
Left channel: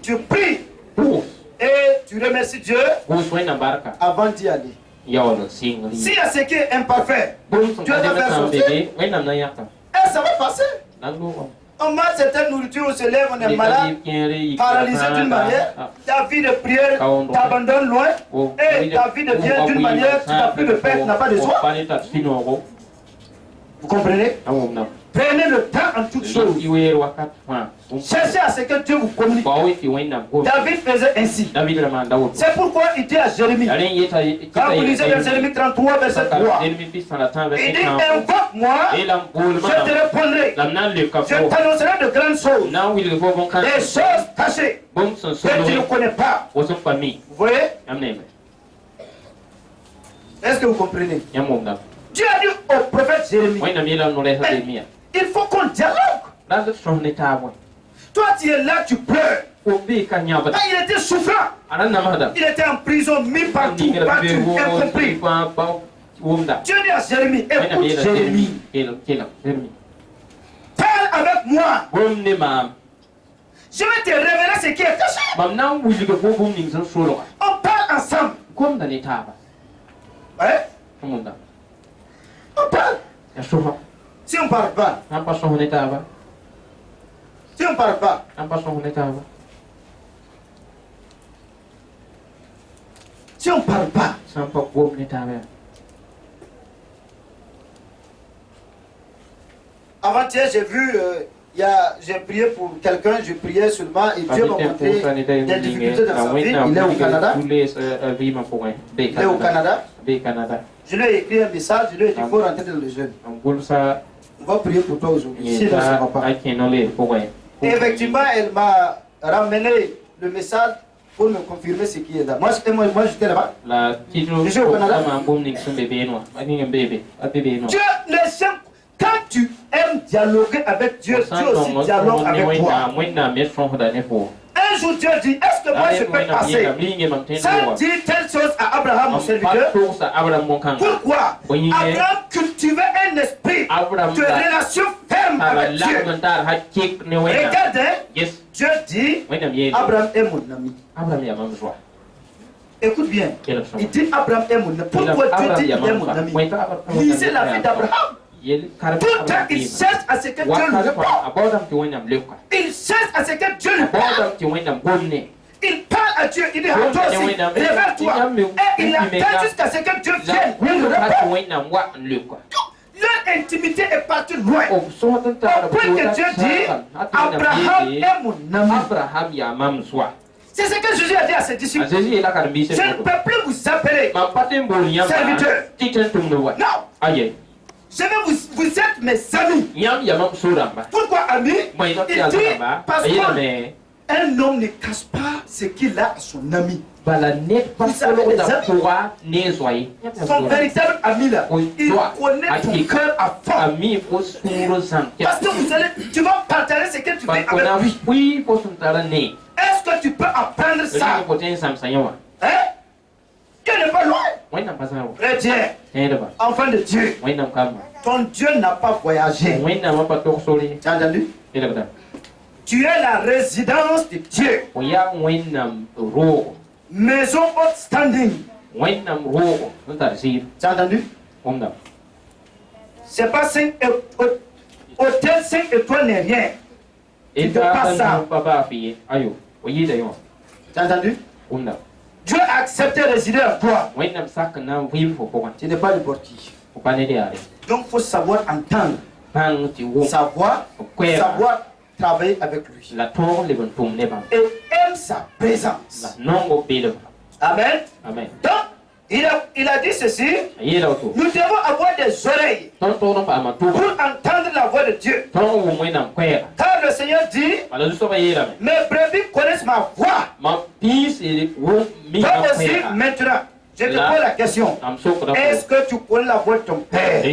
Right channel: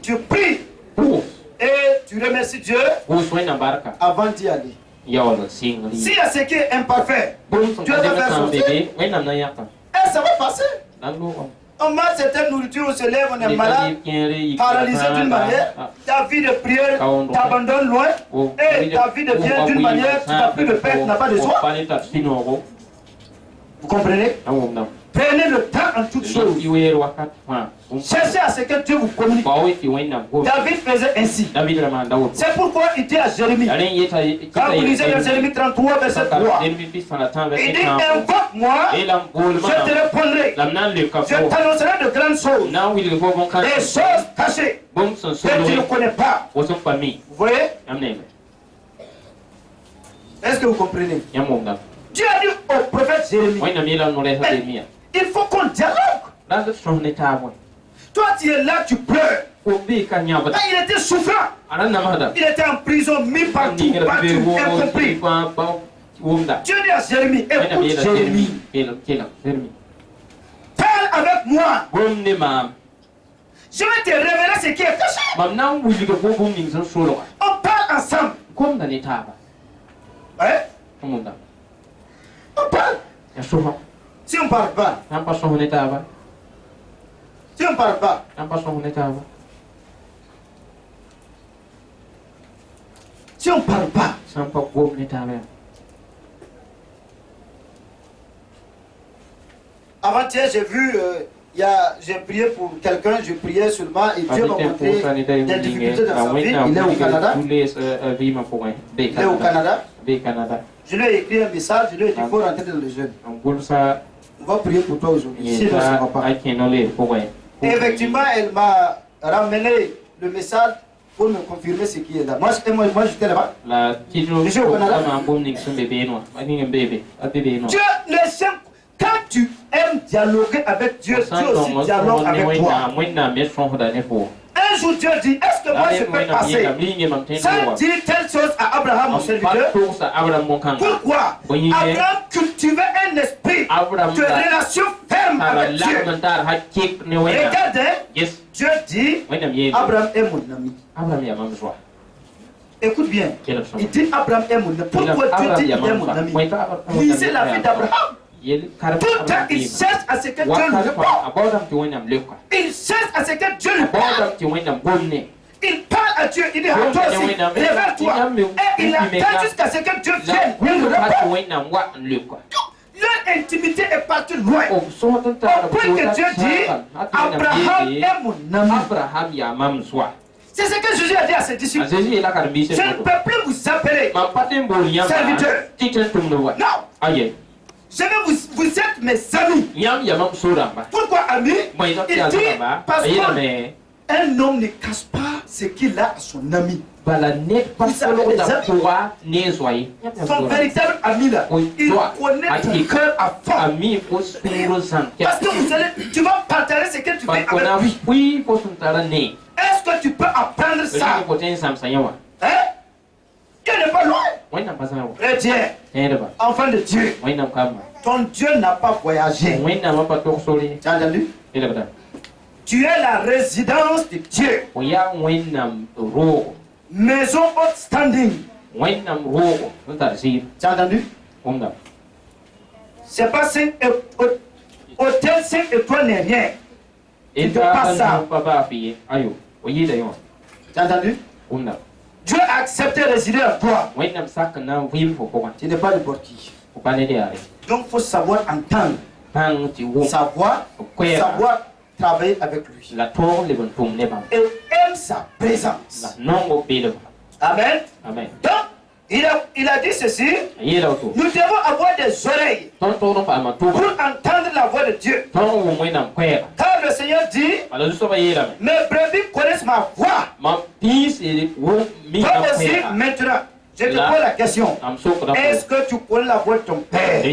Tu pries et tu remercies Dieu avant d'y aller. S'il y a ce qui est imparfait, Dieu va faire sortir. Et ça va passer. On mange cette nourriture, on se lève, on est malade, paralysé d'une manière. Ta vie de prière t'abandonne loin. Et ta vie devient d'une manière, tu n'as plus de paix, tu n'as pas de joie. Vous comprenez? Prenez le temps en toutes choses. Cherchez à ce que Dieu vous communique. David faisait ainsi. C'est pourquoi il dit à Jérémie, quand vous lisez dans Jérémie 33, verset 3, il dit, invoque-moi, je te répondrai. Je t'annoncerai de grandes choses, des choses cachées que tu ne connais pas. Vous voyez? Est-ce que vous comprenez? Dieu a dit au prophète Jérémie, il faut qu'on dialogue. Toi, tu es là, tu pleures. Quand il était souffrant, il était en prison, mis partout, incompris. Dieu dit à Jérémie, écoute Jérémie, parle avec moi. Je vais te révéler ce qui est caché. On parle ensemble. Ouais? On parle. Si on ne parle pas, si on ne parle pas, si on ne parle pas, avant-hier j'ai vu, j'ai prié pour quelqu'un, je priais seulement et Dieu m'a montré des difficultés dans sa vie. Il est au Canada. Il est au Canada. Je lui ai écrit un message, je lui ai dit qu'il faut rentrer dans le jeûne. On va prier pour toi aujourd'hui. Sinon, ça ne va pas. Et effectivement, elle m'a ramené le message pour me confirmer ce qui est là. Moi j'étais là-bas. Je suis au Canada. Dieu, quand tu aimes dialoguer avec Dieu, Dieu aussi dialogue avec toi. Un jour Dieu dit, est-ce que moi je peux passer sans dire telle chose à Abraham, mon serviteur? Pourquoi? Abraham cultivait un esprit de relation ferme avec Dieu. Regardez, Dieu dit, Abraham est mon ami. Écoute bien, il dit Abraham est mon ami. Pourquoi Dieu dit il est mon ami? Lisez la vie d'Abraham. Tout le temps, il cherche à ce que Dieu lui réponde. Il cherche à ce que Dieu lui parle. Il parle à Dieu, il dit à toi aussi, révèle-toi. Et il attend jusqu'à ce que Dieu vienne. Il lui répond. Leur intimité est partie loin. Au point que Dieu dit, Abraham est mon ami. C'est ce que Jésus a dit à ses disciples. Je ne peux plus vous appeler serviteurs. Non. Vous êtes mes amis. Pourquoi amis? Il dit parce qu'un homme ne cache pas ce qu'il a à son ami. Vous savez, les amis, son véritable ami là, il connaît ton cœur à fond. Parce que tu vas partager ce que tu fais avec lui. Est-ce que tu peux apprendre ça? Hein? Dieu n'est pas loin. chrétien, enfant de Dieu, ton Dieu n'a pas voyagé. Tu as entendu? Tu es la résidence de Dieu. Maison haute standing. Tu as entendu? C'est pas hôtel 5 étoiles n'est rien. Tu ne fais pas ça. Tu as entendu? Dieu a accepté de résider en toi. Tu n'es pas n'importe qui. Donc il faut savoir entendre. Savoir travailler avec lui. Et aime sa présence. Amen. Donc, il a dit ceci. Nous devons avoir des oreilles pour entendre la voix de Dieu. Car le Seigneur dit, mes brebis connaissent ma voix. Toi aussi, maintenant, je te pose la question. Est-ce que tu connais la voix de ton Père?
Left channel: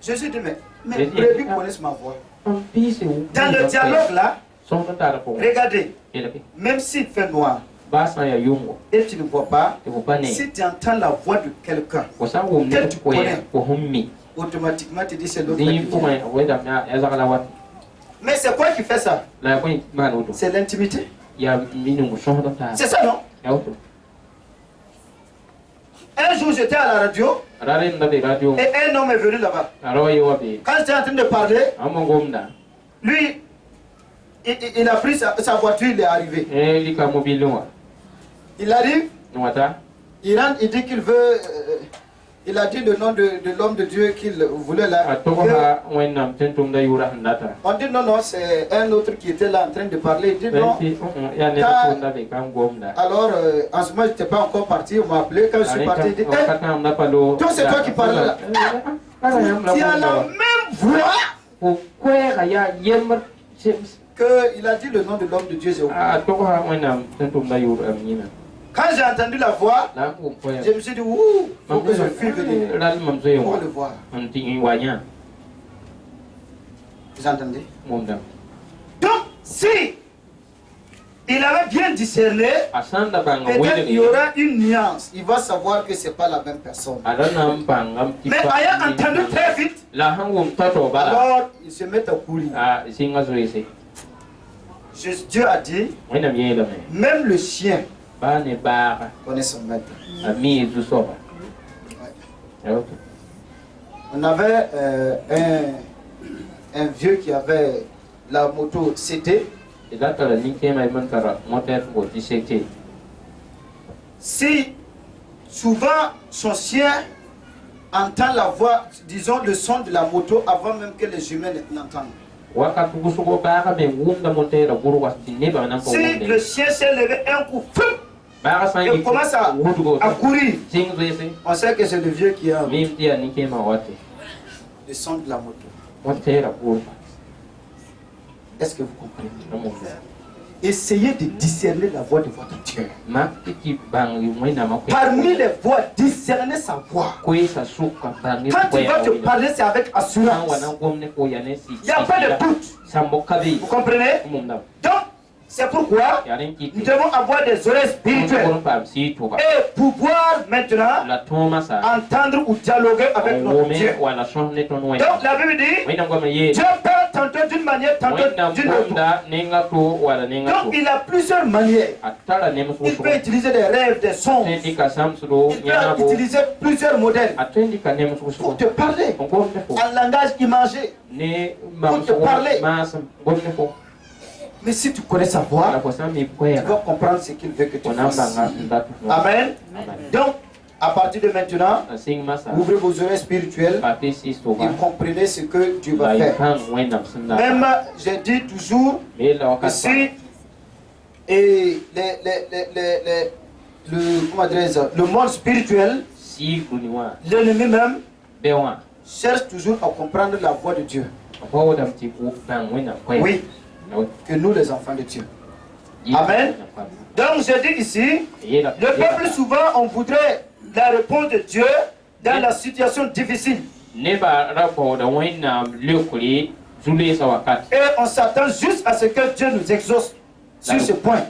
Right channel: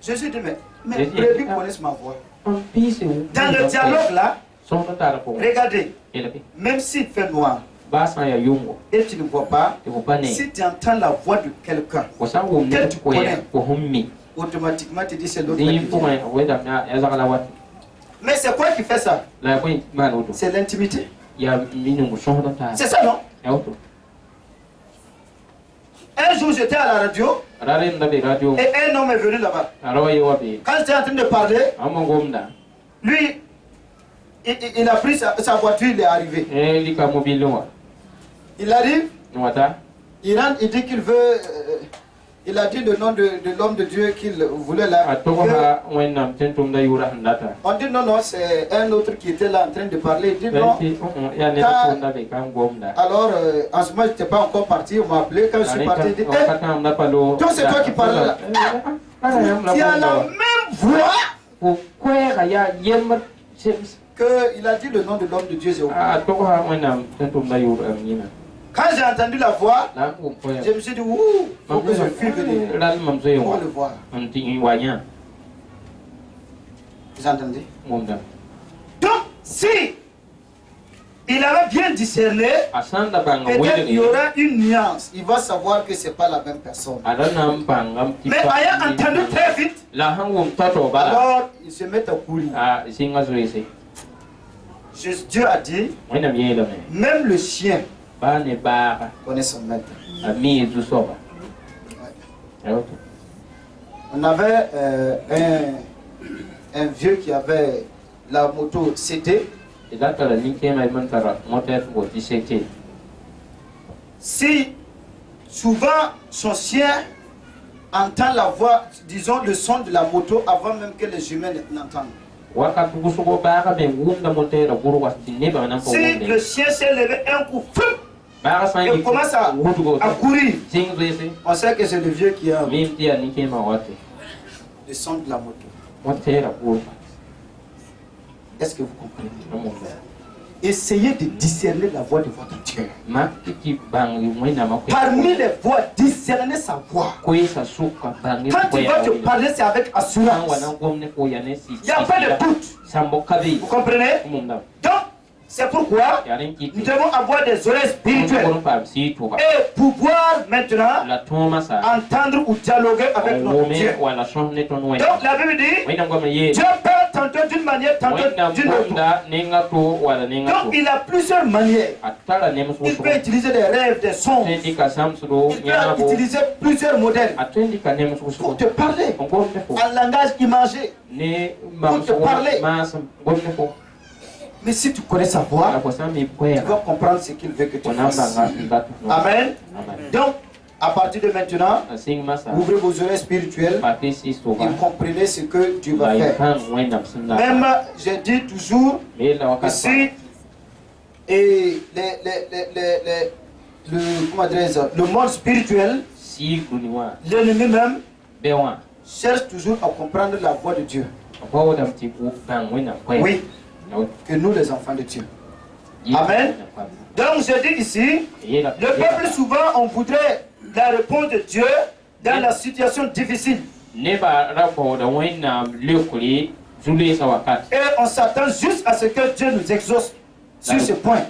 Jésus dit, mes brebis connaissent ma voix. Dans le dialogue là, regardez, même s'il fait noir, et tu ne vois pas, si tu entends la voix de quelqu'un que tu connais, automatiquement tu dis c'est l'autre. Mais c'est quoi qui fait ça? C'est l'intimité. C'est ça, non? Un jour j'étais à la radio et un homme est venu là-bas. Quand j'étais en train de parler, lui, il a pris sa voiture, il est arrivé. Il arrive, il rentre, il dit qu'il veut, il a dit le nom de l'homme de Dieu qu'il voulait là. On dit non, c'est un autre qui était là en train de parler. Il dit non. Alors, en ce moment, je n'étais pas encore parti, on m'a appelé. Quand je suis parti, il dit, toi, c'est toi qui parles là. Tu as la même voix qu'il a dit le nom de l'homme de Dieu. Quand j'ai entendu la voix, je me suis dit, ouh, faut que je fuis venir pour le voir. Vous entendez? Donc, si il avait bien discerné, peut-être il y aura une nuance. Il va savoir que ce n'est pas la même personne. Mais ayant entendu très vite, alors il se met à courir. Dieu a dit, même le chien connaît son maître. On avait un vieux qui avait la moto CT. Si souvent son chien entend la voix, disons le son de la moto avant même que les humains n'entendent. Si le chien s'est levé un coup, il commence à courir, on sait que c'est le vieux qui a le son de la moto. Est-ce que vous comprenez? Essayez de discerner la voix de votre Dieu. Parmi les voix, discernez sa voix. Quand il va te parler, c'est avec assurance. Il n'y a pas de doute. Vous comprenez? Donc, c'est pourquoi nous devons avoir des oreilles spirituelles et pouvoir maintenant entendre ou dialoguer avec notre Dieu. Donc la Bible dit, Dieu parle tantôt d'une manière, tantôt d'une autre. Donc il a plusieurs manières. Il peut utiliser des rêves, des sons. Il peut utiliser plusieurs modèles pour te parler en langage imagé. Pour te parler. Mais si tu connais sa voix, tu vas comprendre ce qu'il veut que tu fasses. Amen. Donc, à partir de maintenant, ouvrez vos oreilles spirituelles et comprenez ce que Dieu va faire. Même, j'ai dit toujours que si le monde spirituel, l'ennemi même, cherche toujours à comprendre la voix de Dieu. Oui. Que nous les enfants de Dieu. Amen. Donc je dis ici, le peuple souvent on voudrait la réponse de Dieu dans la situation difficile. Et on s'attend juste à ce que Dieu nous exauce sur ce point.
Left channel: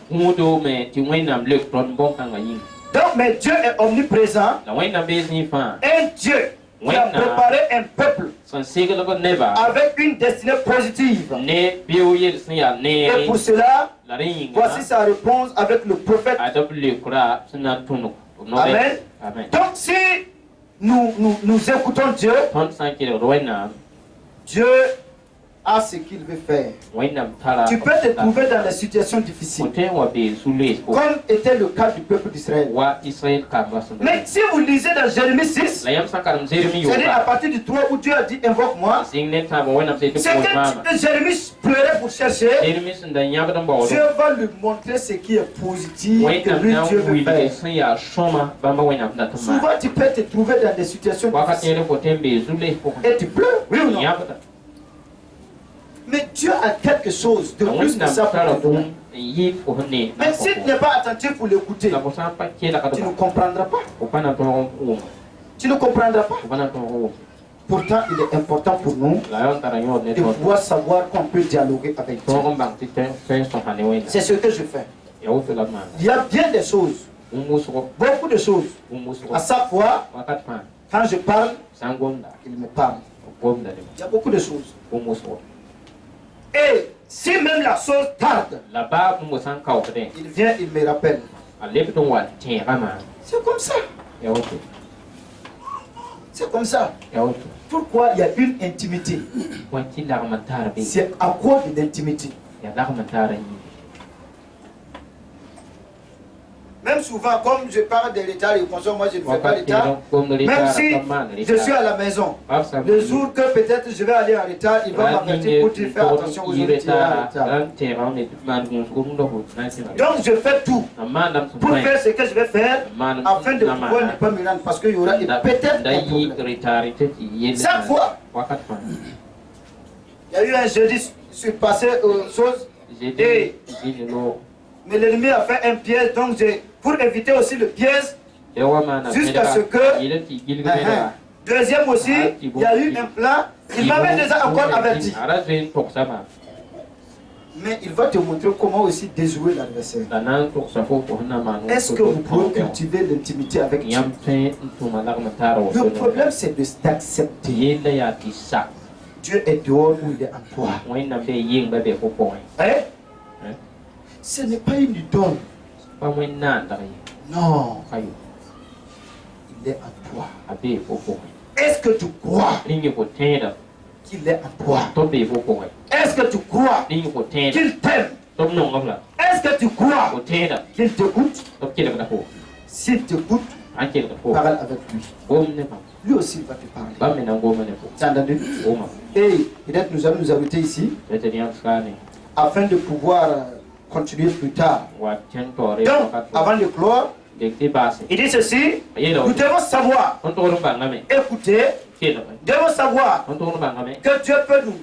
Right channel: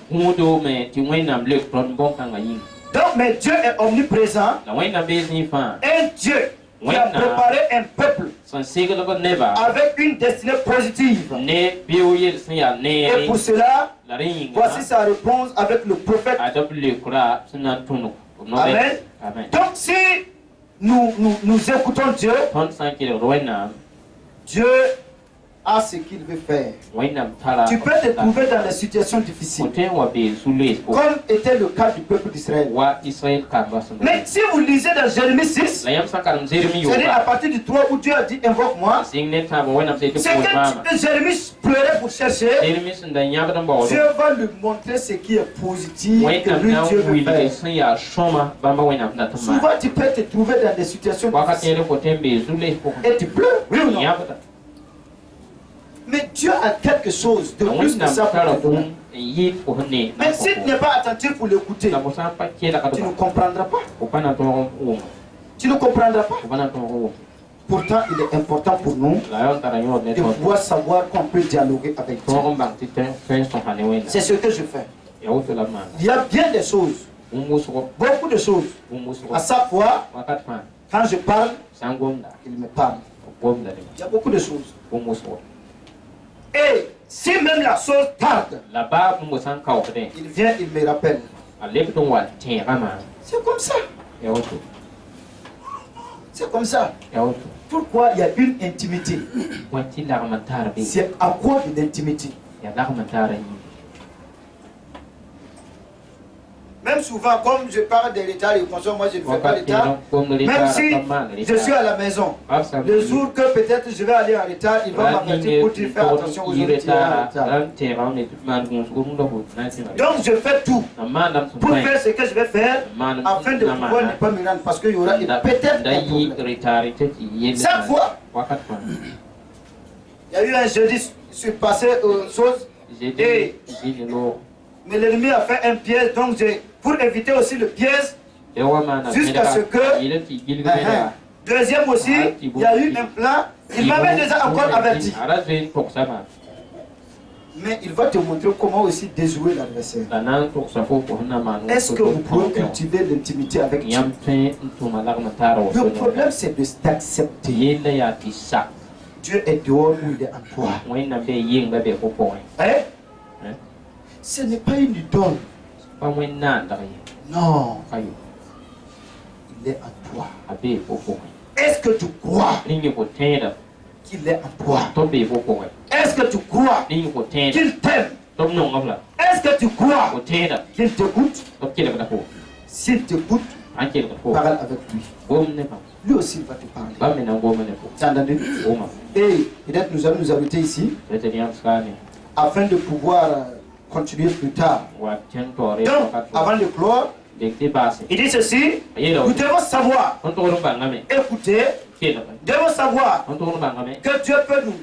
Donc, mais Dieu est omniprésent. Un Dieu qui a préparé un peuple avec une destinée positive. Et pour cela, voici sa réponse avec le prophète. Amen. Donc, si nous écoutons Dieu, Dieu a ce qu'il veut faire. Tu peux te trouver dans des situations difficiles, comme était le cas du peuple d'Israël. Mais si vous lisez dans Jérémie 6, c'est-à-dire à partir du 3 où Dieu a dit invoque-moi, c'est que Jérémie pleurait pour chercher. Dieu va lui montrer ce qui est positif que lui Dieu veut faire. Souvent tu peux te trouver dans des situations difficiles et tu pleures, oui ou non? Mais Dieu a quelque chose de plus que ça pour te donner. Mais si tu n'es pas attentif pour l'écouter, tu ne comprendras pas. Tu ne comprendras pas. Pourtant, il est important pour nous de pouvoir savoir qu'on peut dialoguer avec Dieu. C'est ce que je fais. Il y a bien des choses, beaucoup de choses. À chaque fois, quand je parle, il me parle. Il y a beaucoup de choses. Et si même la chose tarde, il vient, il me rappelle. C'est comme ça. C'est comme ça. Pourquoi il y a une intimité? C'est à cause de l'intimité. Même souvent, comme je parle de l'état et consomme, moi je ne fais pas l'état. Même si je suis à la maison, le jour que peut-être je vais aller en retard, il va m'avertir pour dire faire attention aux autres. Donc je fais tout pour faire ce que je vais faire afin de pouvoir ne pas me rendre parce qu'il y aura peut-être un problème. Chaque fois, il y a eu un jeudi, je suis passé aux choses et mais l'ennemi a fait un piège, donc pour éviter aussi le piège, jusqu'à ce que, deuxième aussi, il y a eu un plan, il m'avait déjà encore averti. Mais il va te montrer comment aussi déjouer l'adversaire. Est-ce que vous pouvez cultiver l'intimité avec Dieu? Le problème c'est d'accepter. Dieu est dehors ou il est en toi. Hein? Ce n'est pas une idole. Non. Il est en toi. Est-ce que tu crois qu'il est en toi? Est-ce que tu crois qu'il t'aime? Est-ce que tu crois qu'il t'écoute? S'il t'écoute, parle avec lui. Lui aussi il va te parler. Tu as entendu? Et peut-être nous allons nous arrêter ici afin de pouvoir continuer plus tard. Donc, avant de clore, il dit ceci, nous devons savoir, écouter, devons savoir que Dieu peut nous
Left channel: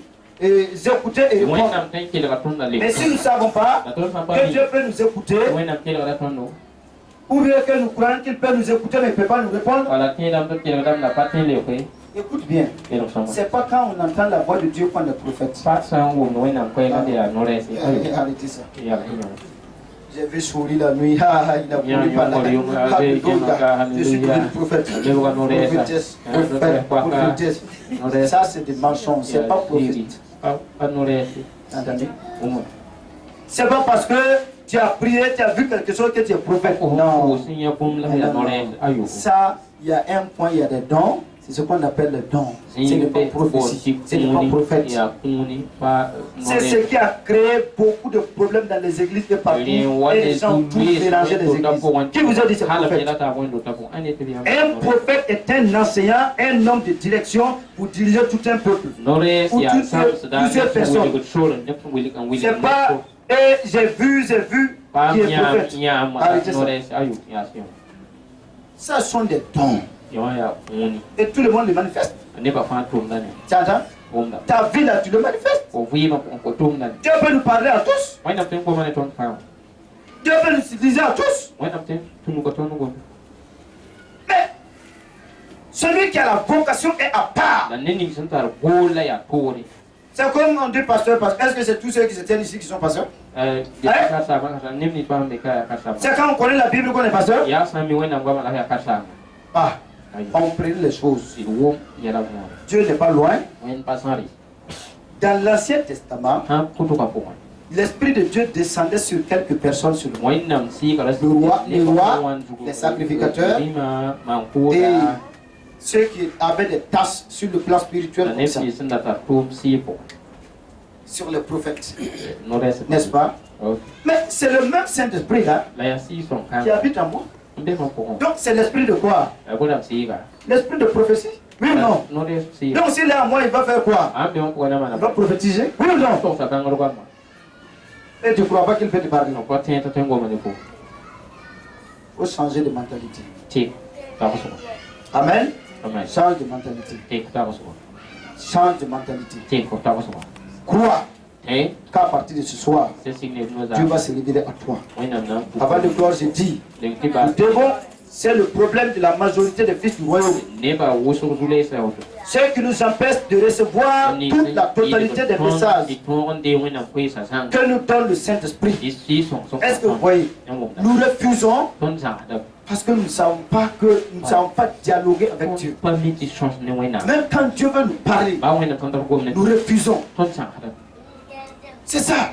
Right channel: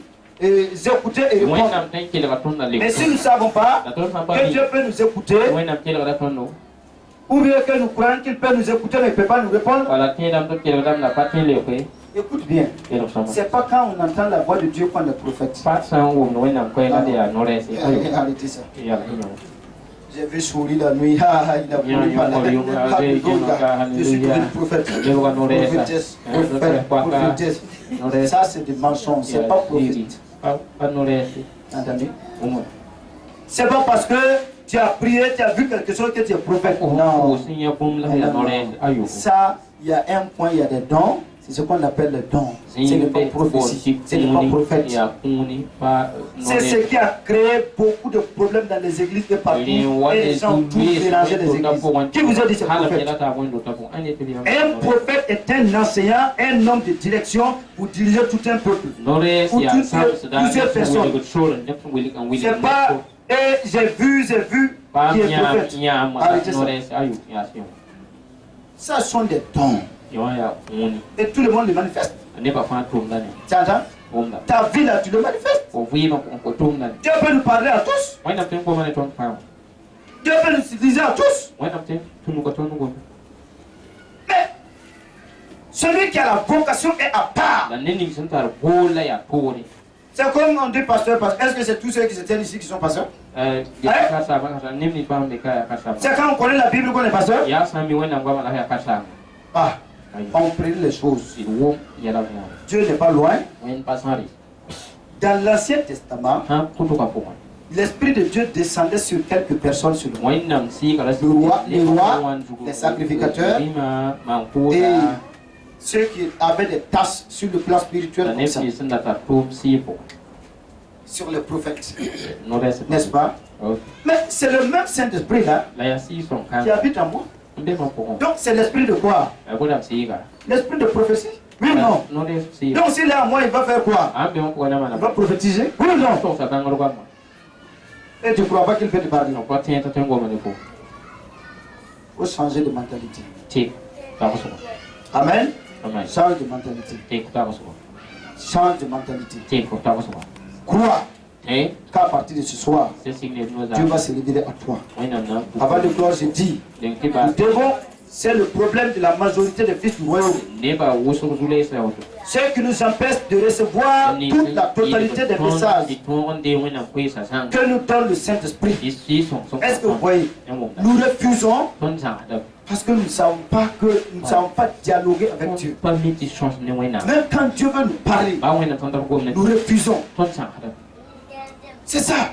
écouter et répondre. Mais si nous ne savons pas que Dieu peut nous écouter, ou bien que nous croyons qu'il peut nous écouter mais il ne peut pas nous répondre, écoute bien, c'est pas quand on entend la voix de Dieu qu'on est prophète. Arrêtez ça. J'ai vu sourire la nuit, il a voulu parler. Je suis devenu prophète. Prophétesse. Ça c'est des mensonges, c'est pas prophète. Entendez? C'est pas parce que tu as prié, tu as vu quelque chose que tu es prophète. Non. Ça, il y a un point, il y a des dons. C'est ce qu'on appelle le don. Ce n'est pas prophétie. Ce n'est pas prophète. C'est ce qui a créé beaucoup de problèmes dans les églises et partout. Et les gens tous mélangés des églises. Qui vous a dit ce prophète? Un prophète est un enseignant, un homme de direction pour diriger tout un peuple. Ou plusieurs personnes. C'est pas, et j'ai vu qui est prophète. Arrêtez ça. Ça sont des dons. Et tout le monde le manifeste. Tu entends? Ta vie là, tu le manifestes. Dieu peut nous parler à tous. Dieu peut nous utiliser à tous. Mais celui qui a la vocation est à part. C'est comme on dit pasteur, est-ce que c'est tous ceux qui se tiennent ici qui sont pasteurs? C'est quand on connaît la Bible qu'on est pasteur? Ah, on prie les choses. Dieu n'est pas loin. Dans l'Ancien Testament, l'Esprit de Dieu descendait sur quelques personnes sur le roi, les sacrificateurs et ceux qui avaient des tâches sur le plan spirituel comme ça. Sur les prophètes, n'est-ce pas? Mais c'est le même Saint-Esprit là qui habite en moi. Donc c'est l'esprit de quoi? L'esprit de prophétie? Oui ou non? Donc s'il est en moi, il va faire quoi? Il va prophétiser? Oui ou non? Et tu ne crois pas qu'il fait du pardon? Il faut changer de mentalité. Amen. Change de mentalité. Change de mentalité. Crois qu'à partir de ce soir, Dieu va se révéler à toi. Avant de croire, je dis, nous devons, c'est le problème de la majorité des fils du royaume. Ce qui nous empêche de recevoir toute la totalité des messages que nous donne le Saint-Esprit. Est-ce que vous voyez? Nous refusons parce que nous ne savons pas dialoguer avec Dieu. Même quand Dieu veut nous parler, nous refusons. C'est ça.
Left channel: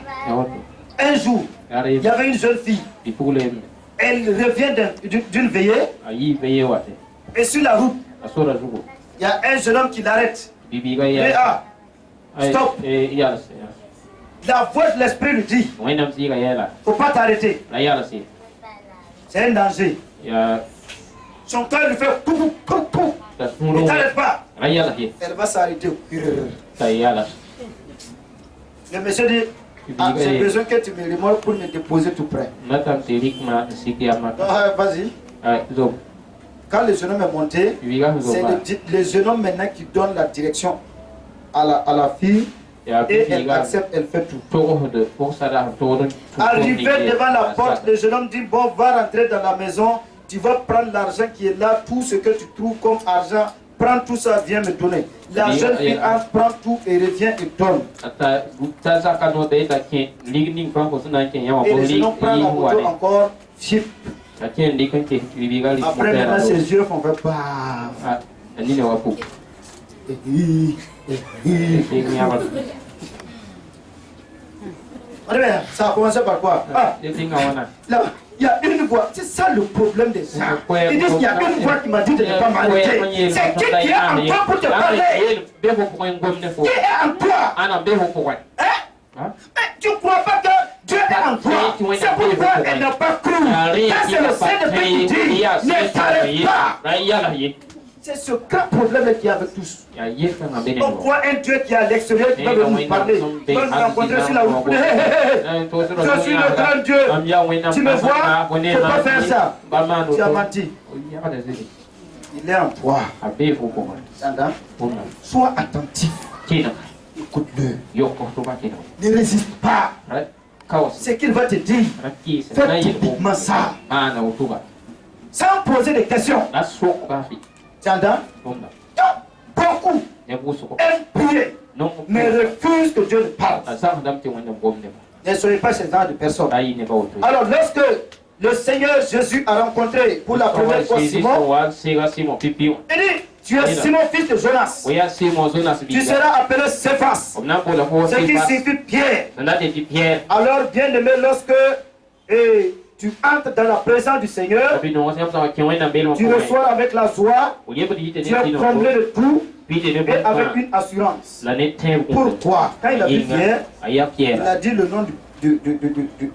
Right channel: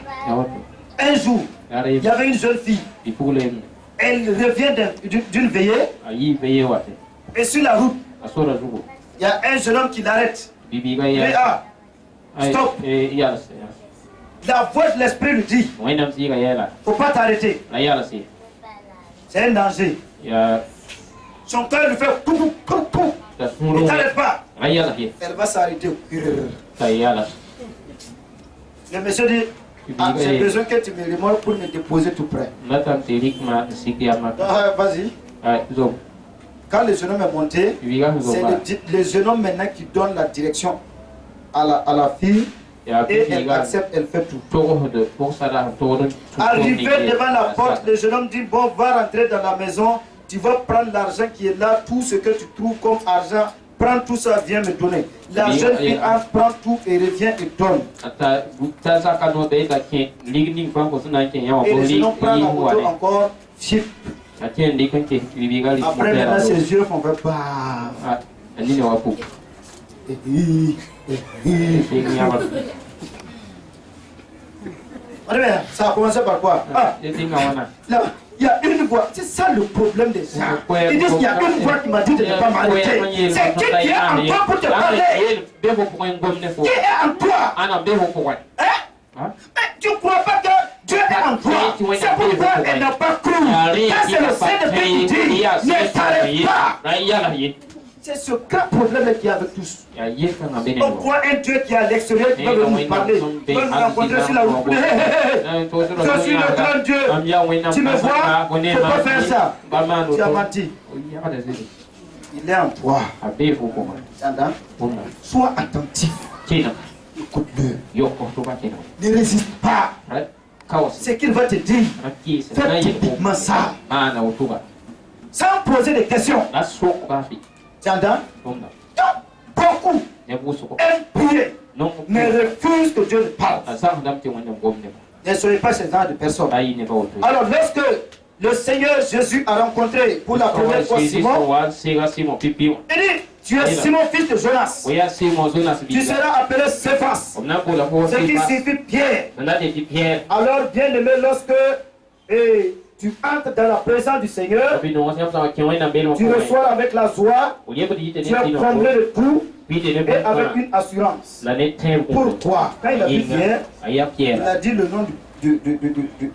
Un jour, il y avait une jeune fille. Elle revient d'une veillée. Et sur la route, il y a un jeune homme qui l'arrête. Il dit, ah, stop. La voix de l'esprit lui dit, il ne faut pas t'arrêter. C'est un danger. Son cœur lui fait pou, pou, pou. Ne t'arrête pas. Elle va s'arrêter. Le monsieur dit, ah, j'ai besoin que tu me remorques pour me déposer tout près. Vas-y. Quand le jeune homme est monté, c'est le jeune homme maintenant qui donne la direction à la fille. Et elle accepte, elle fait tout. Arrivé devant la porte, le jeune homme dit, bon, va rentrer dans la maison, tu vas prendre l'argent qui est là, tout ce que tu trouves comme argent, prends tout ça, viens me donner. La jeune fille entre, prend tout et revient et donne. Et le jeune homme prend la moto encore, chip. Après maintenant ses yeux font faire bah. Ça a commencé par quoi? Ah, là, il y a une voix. C'est ça le problème des gens. Ils disent qu'il y a une voix qui m'a dit de ne pas m'arrêter. C'est qui est en toi pour te parler? Qui est en toi? Hein? Mais tu ne crois pas que Dieu est en toi? C'est pourquoi elle n'a pas cru. Ça c'est le Saint-Esprit qui dit, ne t'arrête pas. C'est ce grand problème qu'il y a avec tous. On voit un Dieu qui est à l'extérieur qui va nous parler. On va nous rencontrer sur la route. Je suis le grand Dieu. Tu me vois? Il ne faut pas faire ça. Tu as menti. Il est en toi. Sois attentif. Écoute-le. Ne résiste pas. Ce qu'il va te dire, fais typiquement ça. Sans poser des questions. Tu entends? Beaucoup aiment prier, mais refusent que Dieu ne parle. Ne soyez pas ce genre de personnes. Alors, lorsque le Seigneur Jésus a rencontré pour la première fois Simon, il dit, tu es Simon, fils de Jonas. Tu seras appelé Céphas, ce qui signifie Pierre. Alors, bien aimé, lorsque tu entres dans la présence du Seigneur, tu reçois avec la joie, tu es comblé de tout et avec une assurance. Pourquoi? Quand il a vu Pierre, il a dit le nom de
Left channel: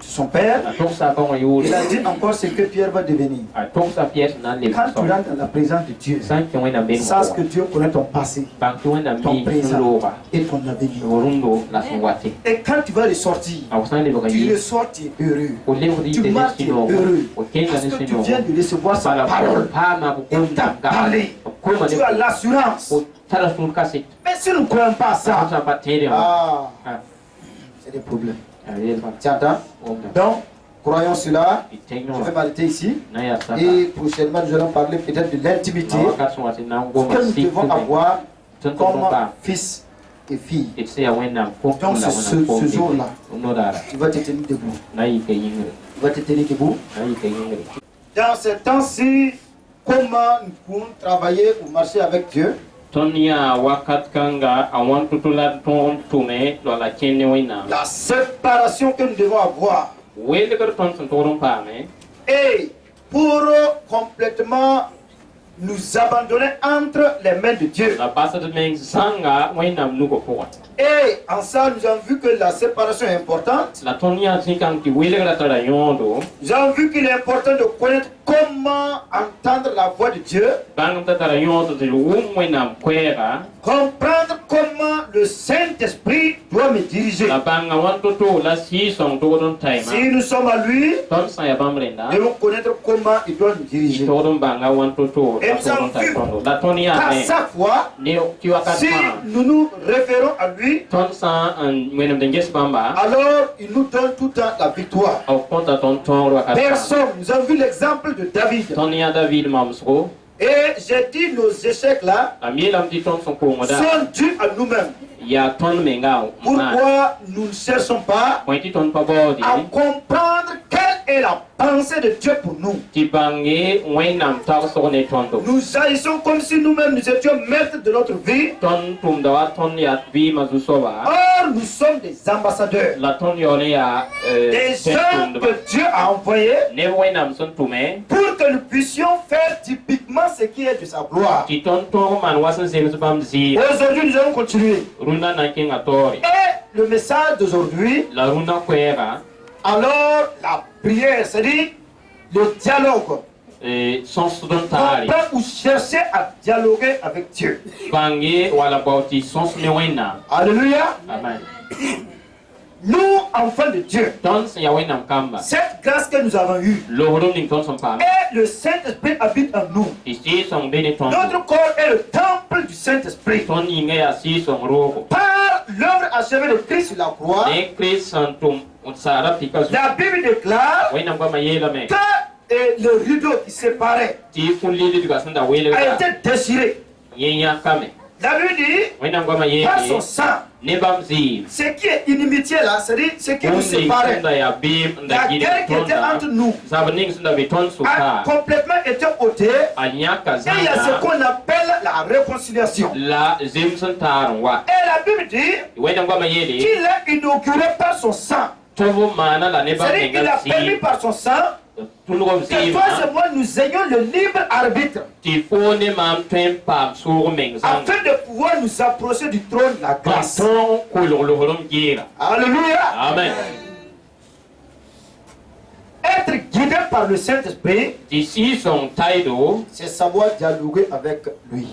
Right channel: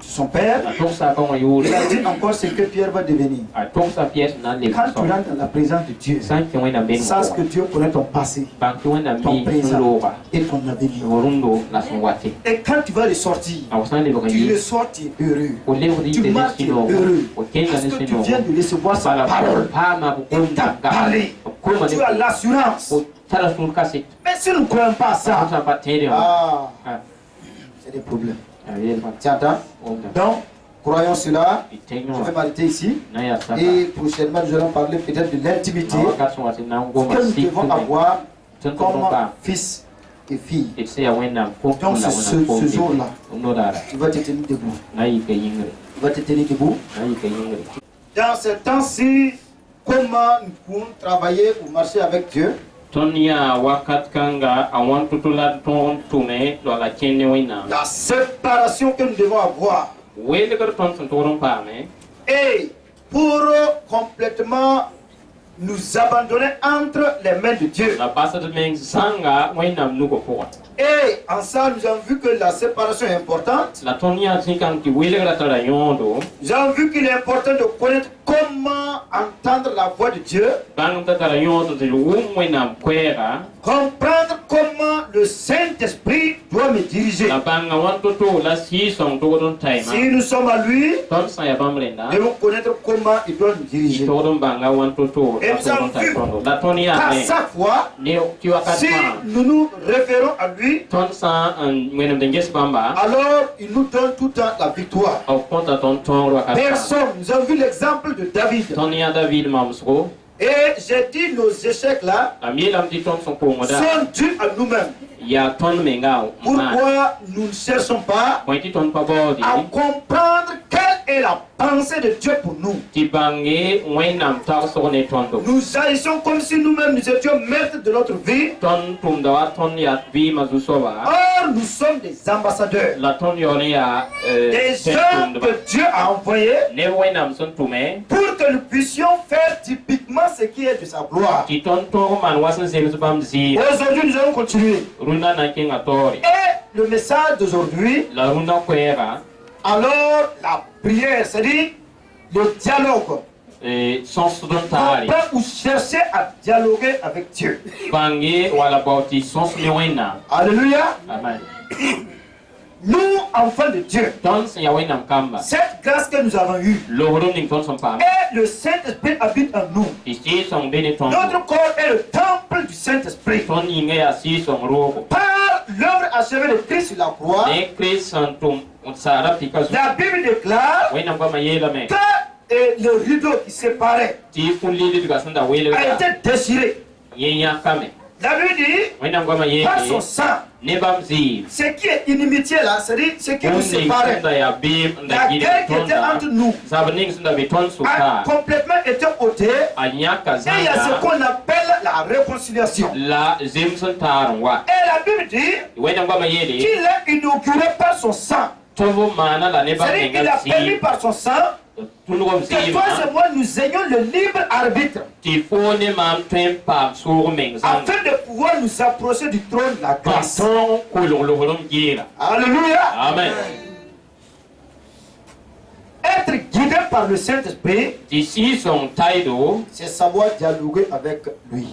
son père. Il a dit encore ce que Pierre va devenir. Quand tu rentres dans la présence de Dieu, sache que Dieu connaît ton passé, ton présent et ton avenir. Et quand tu vas ressortir, tu ressors, tu es heureux. Tu marches, tu es heureux. Parce que tu viens de recevoir sa parole. Il t'a parlé. Tu as l'assurance. Mais si nous ne croyons pas à ça, c'est des problèmes. Tu entends? Donc, croyons cela. Je vais m'arrêter ici. Et prochainement, nous allons parler peut-être de l'intimité que nous devons avoir comme fils et filles. Donc ce jour-là, tu vas te tenir debout. Tu vas te tenir debout. Dans ce temps-ci, comment nous pouvons travailler ou marcher avec Dieu? La séparation que nous devons avoir. Et pour complètement nous abandonner entre les mains de Dieu. Et en ça, nous avons vu que la séparation est importante. Nous avons vu qu'il est important de connaître comment entendre la voix de Dieu. Comprendre comment le Saint-Esprit doit me diriger. Si nous sommes à lui, nous devons connaître comment il doit nous diriger. Et nous avons vu qu'à chaque fois, si nous nous référons à lui, alors il nous donne tout le temps la victoire. Personne. Nous avons vu l'exemple de David. Et j'ai dit nos échecs là sont dus à nous-mêmes. Pourquoi nous ne cherchons pas à comprendre quelle est la pensée de Dieu pour nous? Nous agissons comme si nous-mêmes nous étions maîtres de notre vie. Or, nous sommes des ambassadeurs. Des gens que Dieu a envoyés pour que nous puissions faire typiquement ce qui est de sa gloire. Aujourd'hui, nous allons continuer. Et le message d'aujourd'hui, alors la prière, c'est-à-dire le dialogue. Comprendre ou chercher à dialoguer avec Dieu. Alléluia. Amen. Nous, enfants de Dieu, cette grâce que nous avons eue, et le Saint-Esprit habite en nous. Notre corps est le temple du Saint-Esprit. Par l'œuvre achevée de Christ sur la croix, la Bible déclare que le rideau qui séparait a été déchiré. La Bible dit, par son sang, ce qui est inimitié là, c'est-à-dire ce qui nous séparait, la guerre qui était entre nous a complètement été ôtée, et il y a ce qu'on appelle la réconciliation. Et la Bible dit qu'il a inauguré par son sang, c'est-à-dire qu'il a permis par son sang que toi et moi nous ayons le libre arbitre afin de pouvoir nous approcher du trône de la grâce. Alléluia. Amen. Être guidé par le Saint-Esprit, c'est savoir dialoguer avec lui.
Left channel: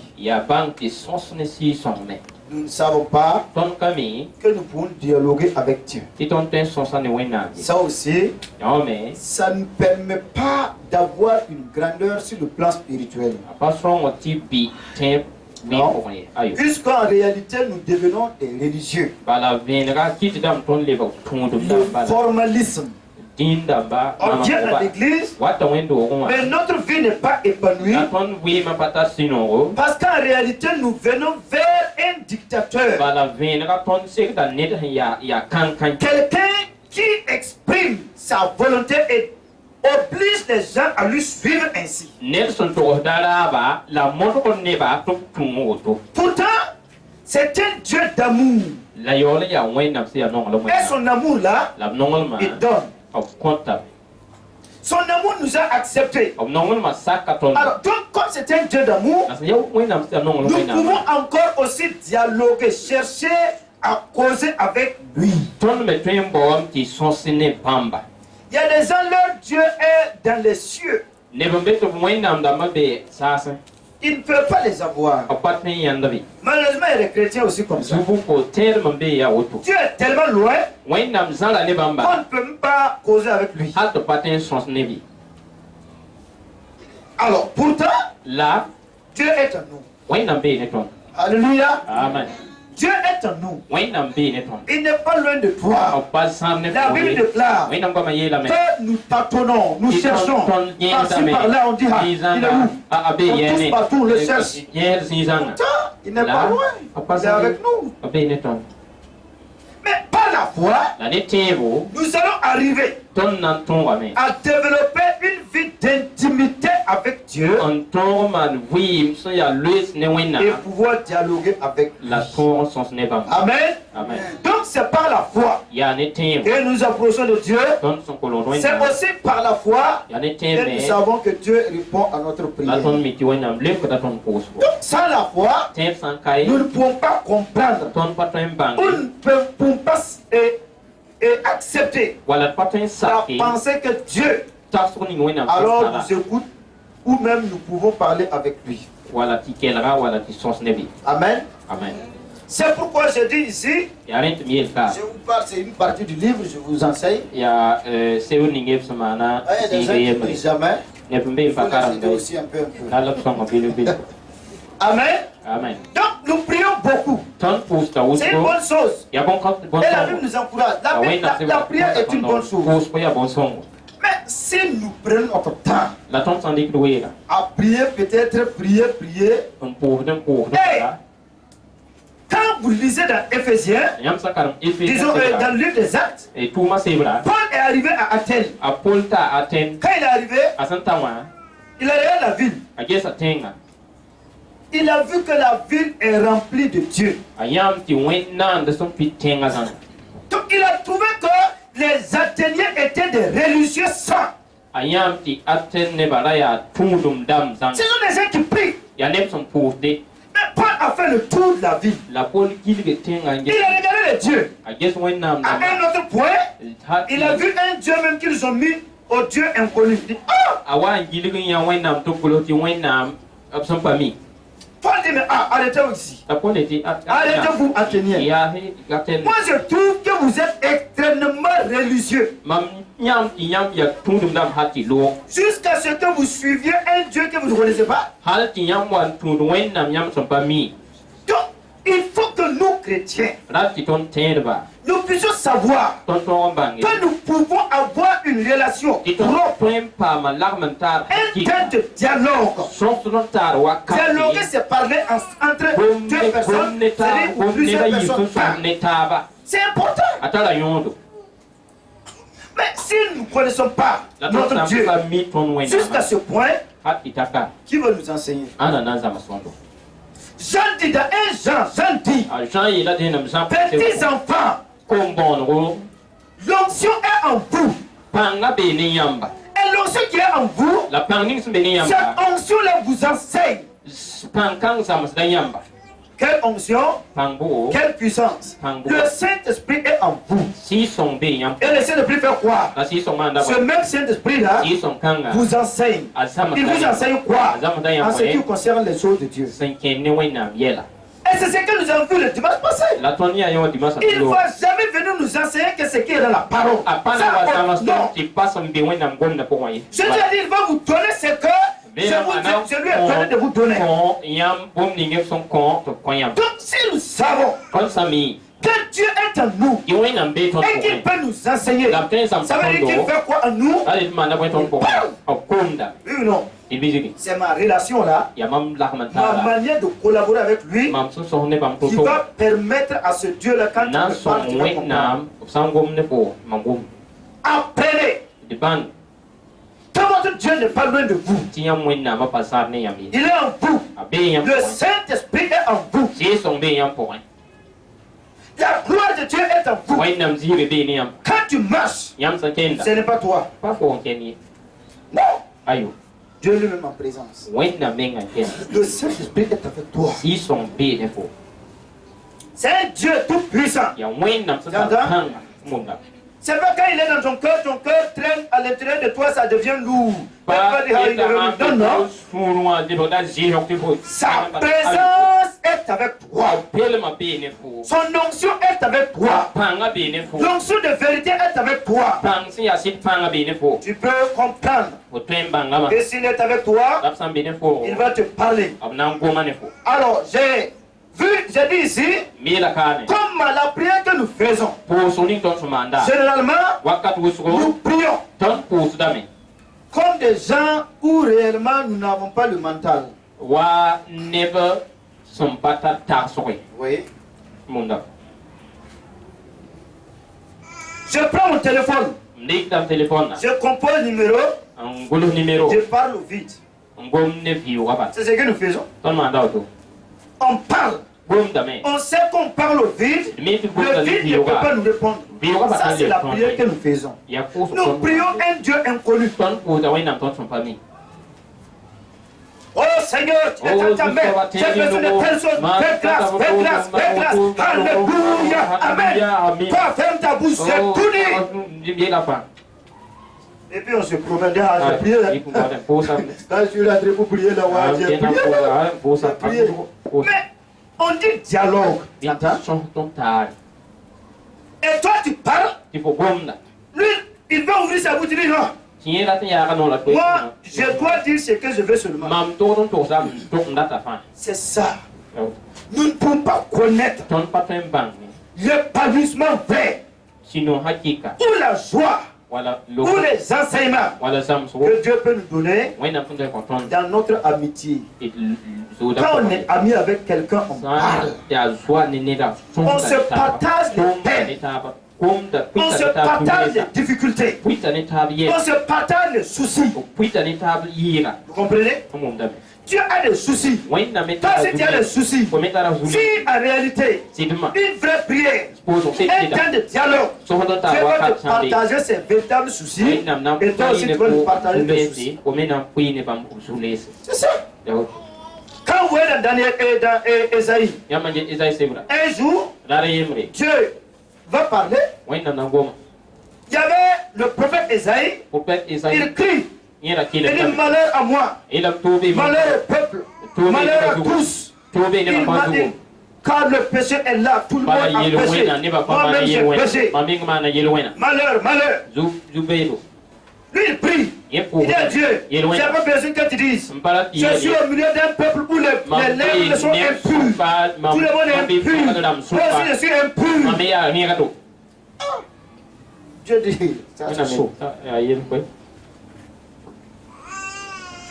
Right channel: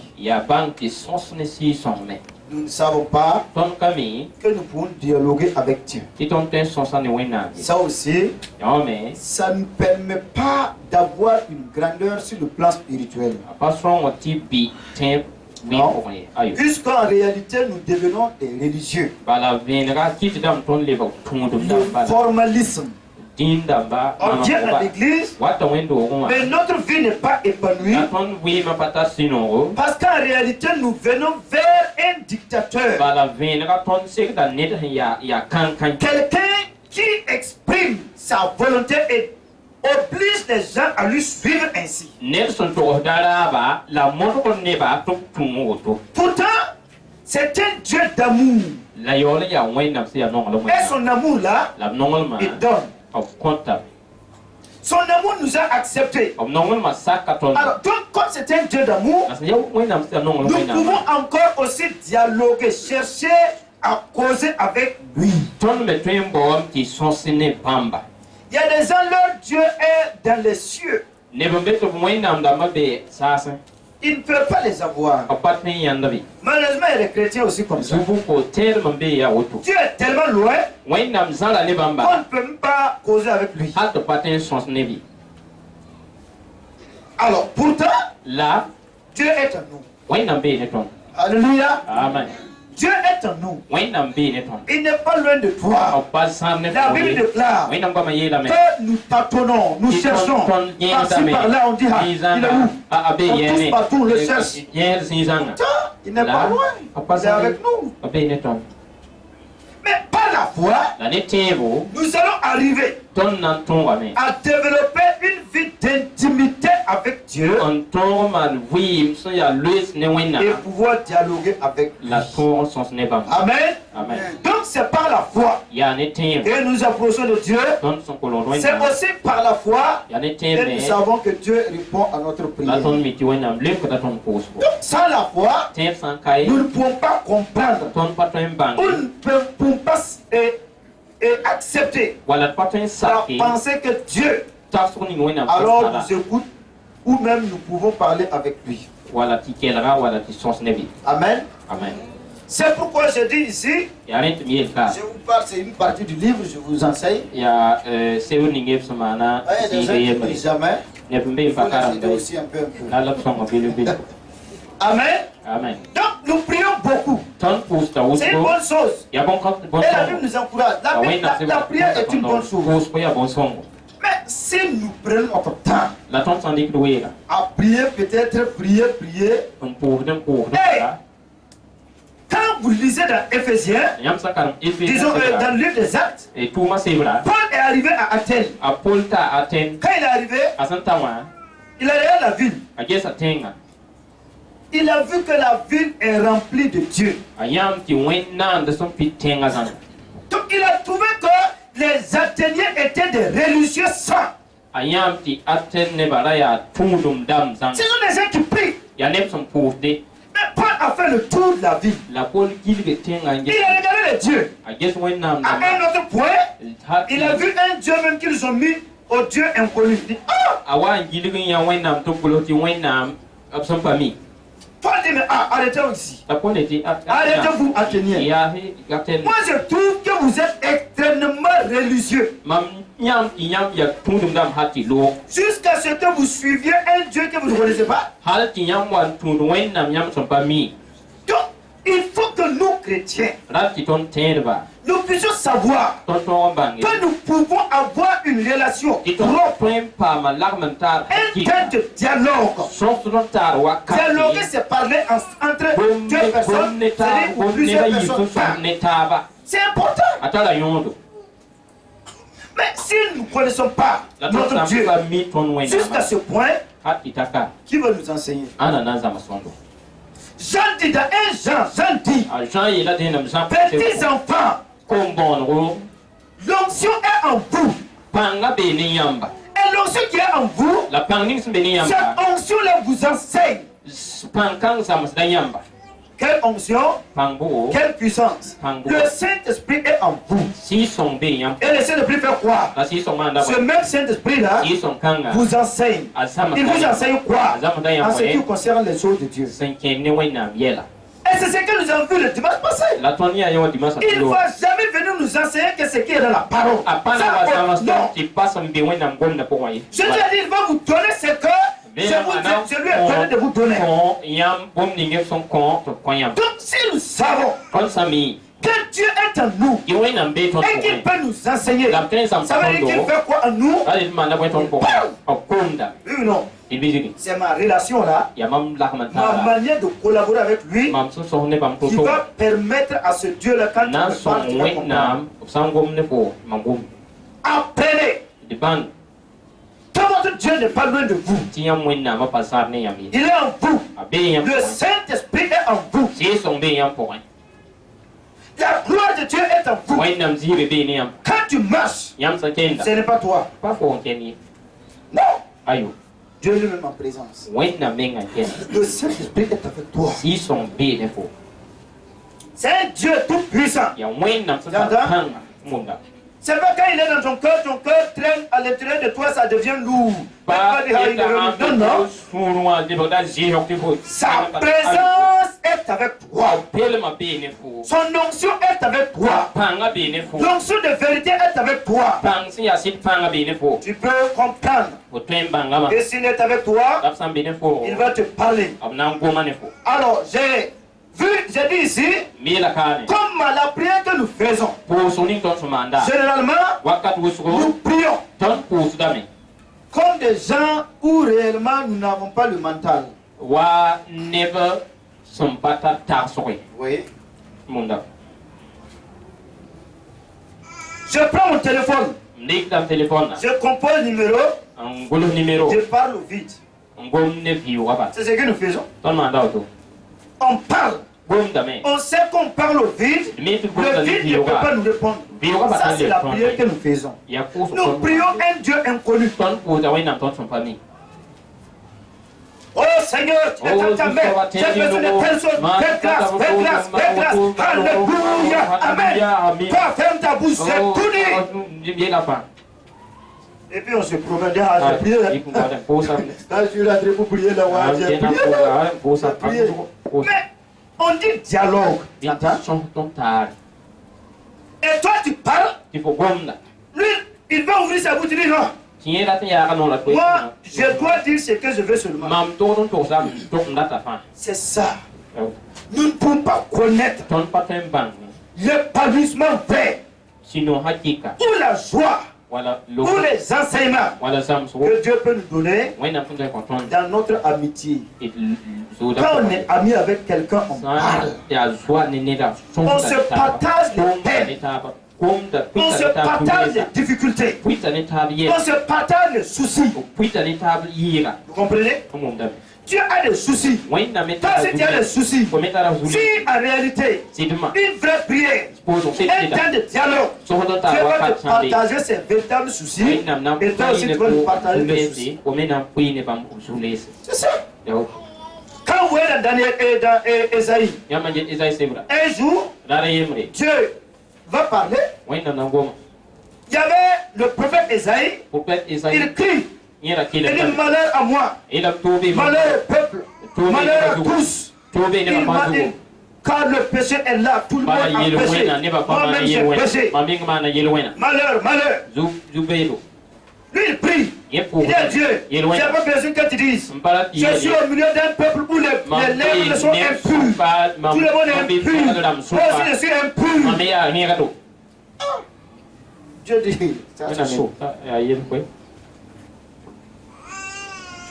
Nous ne savons pas que nous pouvons dialoguer avec Dieu. Ça aussi, ça ne permet pas d'avoir une grandeur sur le plan spirituel. Non. Puisqu'en réalité nous devenons des religieux. Le formalisme. On vient à l'église, mais notre vie n'est pas épanouie. Parce qu'en réalité, nous venons vers un dictateur. Quelqu'un qui exprime sa volonté et oblige les gens à lui suivre ainsi. Pourtant, c'est un Dieu d'amour. Et son amour là, il donne. Son amour nous a acceptés. Alors, donc, comme c'est un Dieu d'amour, nous pouvons encore aussi dialoguer, chercher à causer avec lui. Il y a des gens, leur Dieu est dans les cieux. Ils ne peuvent pas les avoir. Malheureusement, il y a des chrétiens aussi comme ça. Dieu est tellement loin qu'on ne peut même pas causer avec lui. Alors, pourtant, Dieu est en nous. Alléluia. Amen. Dieu est en nous. Il n'est pas loin de toi. La Bible déclare que nous tâtonnons, nous cherchons. Par-ci, par-là, on dit, il est où? On touche partout, on le cherche. Pourtant, Il n'est pas loin. Il est avec nous. Mais par la foi, nous allons arriver à développer une vie d'intimité avec Dieu et pouvoir dialoguer avec lui. Amen. Donc c'est par la foi que nous approchons de Dieu. C'est aussi par la foi que nous savons que Dieu répond à notre prière. Donc sans la foi, nous ne pouvons pas comprendre. Nous ne pouvons pas accepter la pensée que Dieu alors nous écoute ou même nous pouvons parler avec lui. Amen. C'est pourquoi je dis ici, je vous parle, c'est une partie du livre, je vous enseigne. Il y a des gens qui ne lisent jamais. Il faut les aider aussi un peu. Amen. Donc nous prions beaucoup. C'est une bonne chose. Et la Bible nous encourage. La prière est une bonne chose. Mais si nous prenons notre temps à prier, peut-être prier. Quand vous lisez dans Éphésiens, disons dans le livre des Actes, Paul est arrivé à Athènes. Quand il est arrivé, il est allé à la ville. Il a vu que la ville est remplie de Dieu. Donc il a trouvé que les Athéniens étaient des religieux saints. Ce sont des gens qui prient. Mais Paul a fait le tour de la ville. Il a regardé les dieux. À un autre point, il a vu un dieu même qu'ils ont mis au dieu inconnu. Il dit, Paul dit, mais arrêtez-vous ici. Arrêtez-vous, Athéniens. Moi, je trouve que vous êtes extrêmement religieux. Jusqu'à ce que vous suiviez un Dieu que vous ne connaissez pas. Donc, il faut que nous, chrétiens, nous puissions savoir que nous pouvons avoir une relation propre, un temps de dialogue. Dialoguer, c'est parler entre deux personnes, c'est-à-dire ou plusieurs personnes. C'est important. Mais si nous ne connaissons pas notre Dieu jusqu'à ce point, qui va nous enseigner? Jean dit dans 1 Jean dit, petits enfants, l'onction est en vous. Et l'onction qui est en vous, cette onction-là vous enseigne. Quelle onction, quelle puissance. Le Saint-Esprit est en vous. Et le Saint-Esprit fait quoi? Ce même Saint-Esprit-là vous enseigne. Il vous enseigne quoi? En ce qui concerne les choses de Dieu. Et c'est ce que nous avons vu le dimanche passé. Il ne va jamais venir nous enseigner que ce qui est dans la parole. Non. Je lui ai dit, il va vous donner ce que je lui ai donné de vous donner. Donc si nous savons que Dieu est en nous et qu'il peut nous enseigner, ça veut dire qu'il fait quoi en nous? Oui ou non? C'est ma relation là, ma manière de collaborer avec lui qui va permettre à ce Dieu là, quand il me parle, apprenez. Quand votre Dieu n'est pas loin de vous, il est en vous. Le Saint-Esprit est en vous. La gloire de Dieu est en vous. Quand tu marches, ce n'est pas toi. Non. Dieu lui-même en présence. Le Saint-Esprit est avec toi. C'est un Dieu tout puissant. C'est pas quand il est dans ton cœur traîne à l'intérieur de toi, ça devient lourd. Non, non. Sa présence est avec toi. Son onction est avec toi. L'onction de vérité est avec toi. Tu peux comprendre. Et s'il est avec toi, il va te parler. Alors, j'ai dit ici, comme la prière que nous faisons, généralement, nous prions comme des gens où réellement nous n'avons pas le mental. Son pata tarsoi. Oui. Munda. Je prends mon téléphone. Je compose le numéro. Je parle au vide. C'est ce que nous faisons. On parle. On sait qu'on parle au vide. Le vide ne peut pas nous répondre. Ça, c'est la prière que nous faisons. Nous prions un Dieu inconnu. Oh Seigneur, tu es dans ta main. J'ai besoin de telle chose. Fais grâce, fais grâce, fais grâce. Alléluia. Amen. Toi, ferme ta bouche, c'est tout dit. Et puis on se promène à la prière. Quand je suis là pour prier, là, j'ai prié. Mais on dit dialogue. Et toi, tu parles. Lui, il va ouvrir sa bouche, il dit non. Moi, je dois dire ce que je veux seulement. C'est ça. Nous ne pouvons pas connaître l'épanouissement vrai ou la joie ou les enseignements que Dieu peut nous donner dans notre amitié. Quand on est ami avec quelqu'un, on parle. On se partage les peines. On se partage les difficultés. On se partage les soucis. Vous comprenez? Tu as des soucis. Toi, si tu as des soucis, si en réalité, une vraie prière, un temps de dialogue, tu vas te partager ces véritables soucis, et toi aussi tu vas nous partager tes soucis. C'est ça. Quand vous êtes dans Ésaïe, un jour, Dieu va parler. Il y avait le prophète Ésaïe. Il crie. Il dit malheur à moi, malheur au peuple, malheur à tous. Il m'a dit, car le péché est là, tout le monde a péché. Moi-même j'ai péché. Malheur, malheur. Lui il prie. Il dit à Dieu, j'ai pas besoin que tu dises. Je suis au milieu d'un peuple où les lèvres sont impures. Tout le monde est impur. Moi aussi je suis impur. Dieu dit, c'est chaud.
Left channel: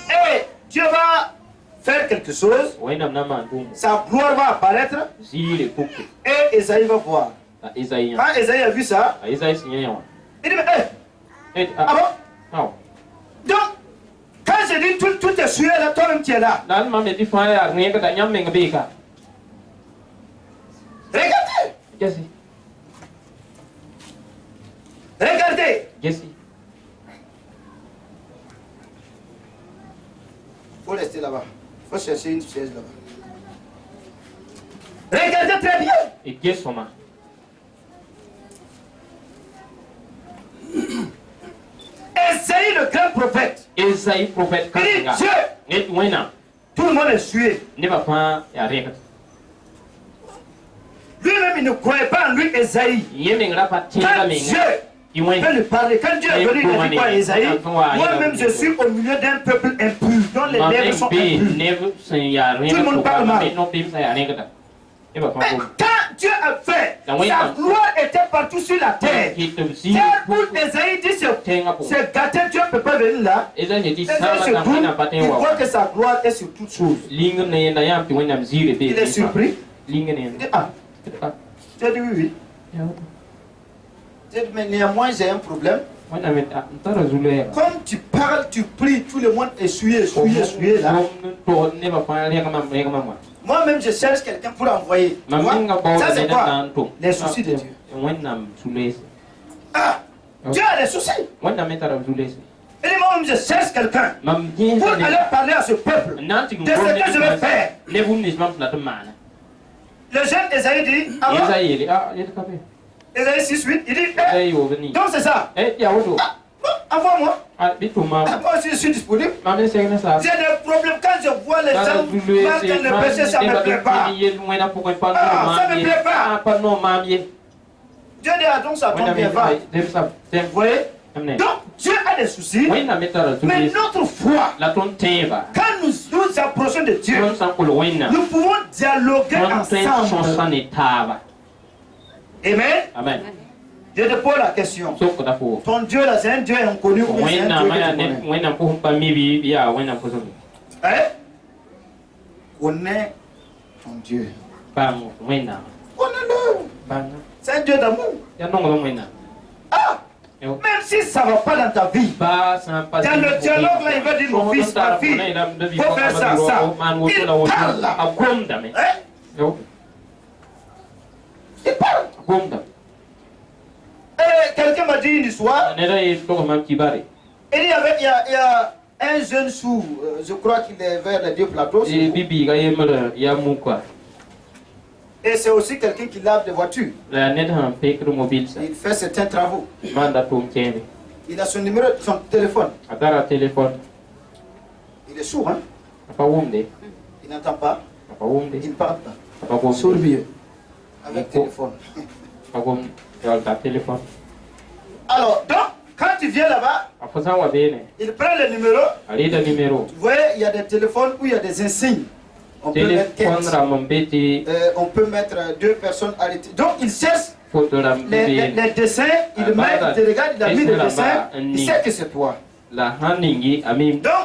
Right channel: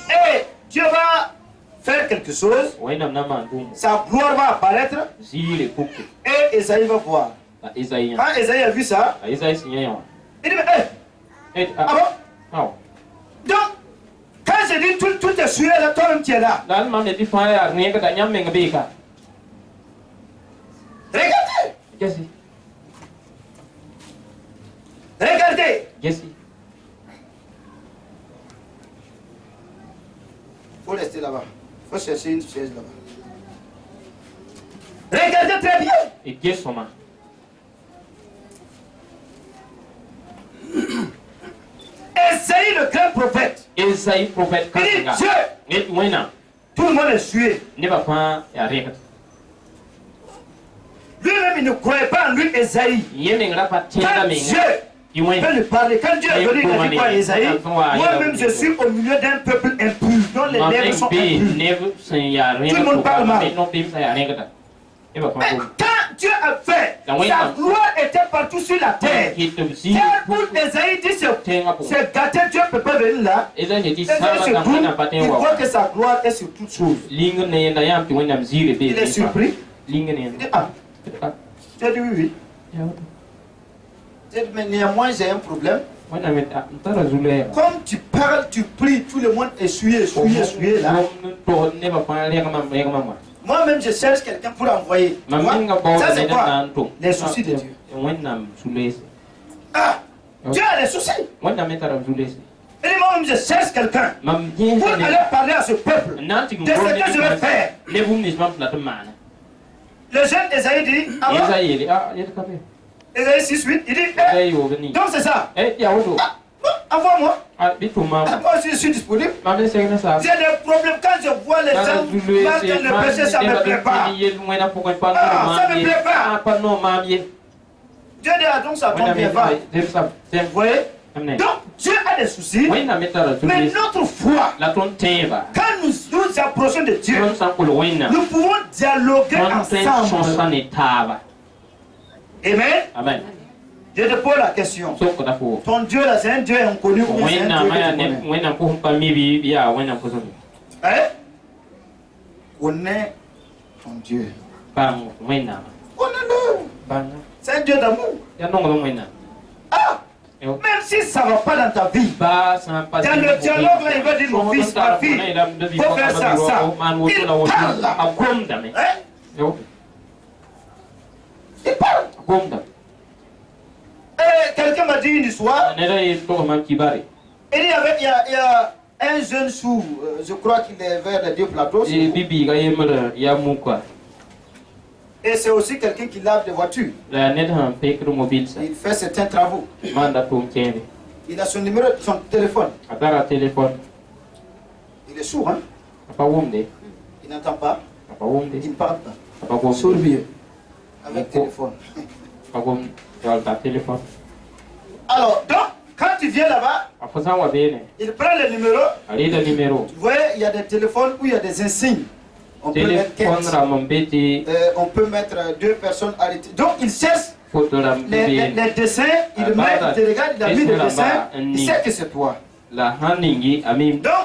Et Dieu va faire quelque chose. Sa gloire va apparaître. Et Esaïe va voir. Quand Esaïe a vu ça, il dit mais ah bon? Donc, quand je dis tout est sué là, toi-même tu es là. Regardez. Regardez. Il faut rester là-bas. Il faut chercher une chaise là-bas. Regardez très bien. Esaïe le grand prophète. Il dit Dieu. Tout le monde est sué. Lui-même il ne croyait pas en lui, Esaïe. Quand Dieu peut lui parler, quand Dieu est venu, il a dit quoi, Esaïe? Moi-même je suis au milieu d'un peuple impur, dont les lèvres sont impures. Tout le monde parle mal. Mais quand Dieu a fait, sa gloire était partout sur la terre. Car pour Esaïe dit c'est gâté, Dieu ne peut pas venir là. Esaïe il voit que sa gloire est sur toutes choses. Il est surpris. Il dit ah, Dieu dit oui. Mais néanmoins j'ai un problème. Comme tu parles, tu pries, tout le monde est souillé là. Moi-même je cherche quelqu'un pour envoyer. Ça c'est quoi? Les soucis de Dieu. Ah, Dieu a des soucis. Et moi-même je cherche quelqu'un pour aller parler à ce peuple de ce que je vais faire. Le jeune Esaïe dit, Esaïe 6:8, il dit, donc c'est ça. Envoie-moi. Moi aussi je suis disponible. J'ai des problèmes quand je vois les gens marquent le péché, ça me plaît pas. Ça me plaît pas. Dieu dit, ah, donc ça tombe bien, va. Vous voyez? Donc Dieu a des soucis, mais notre foi, quand nous approchons de Dieu, nous pouvons dialoguer ensemble. Amen. Je te pose la question. Ton Dieu là, c'est un Dieu inconnu ou bien c'est un Dieu que tu connais? Connais ton Dieu. Connais-le. C'est un Dieu d'amour. Ah! Même si ça ne va pas dans ta vie, dans le dialogue là, il va dire mon fils, ma fille, il faut faire ça, ça. Il parle là. Hein? Il parle. Et quelqu'un m'a dit une histoire. Il y a un jeune sous, je crois qu'il est vers les deux plateaux. Et c'est aussi quelqu'un qui lave des voitures. Il fait certains travaux. Il a son numéro, son téléphone. Il est sourd, hein? Il n'entend pas. Il ne parle pas. Sourd-vieux. Avec téléphone. Alors, donc, quand tu viens là-bas, il prend le numéro. Vous voyez, il y a des téléphones où il y a des insignes. On peut mettre deux personnes arrêtées. Donc, il cherche les dessins, il regarde, il a mis le dessin, il sait que c'est toi. Donc,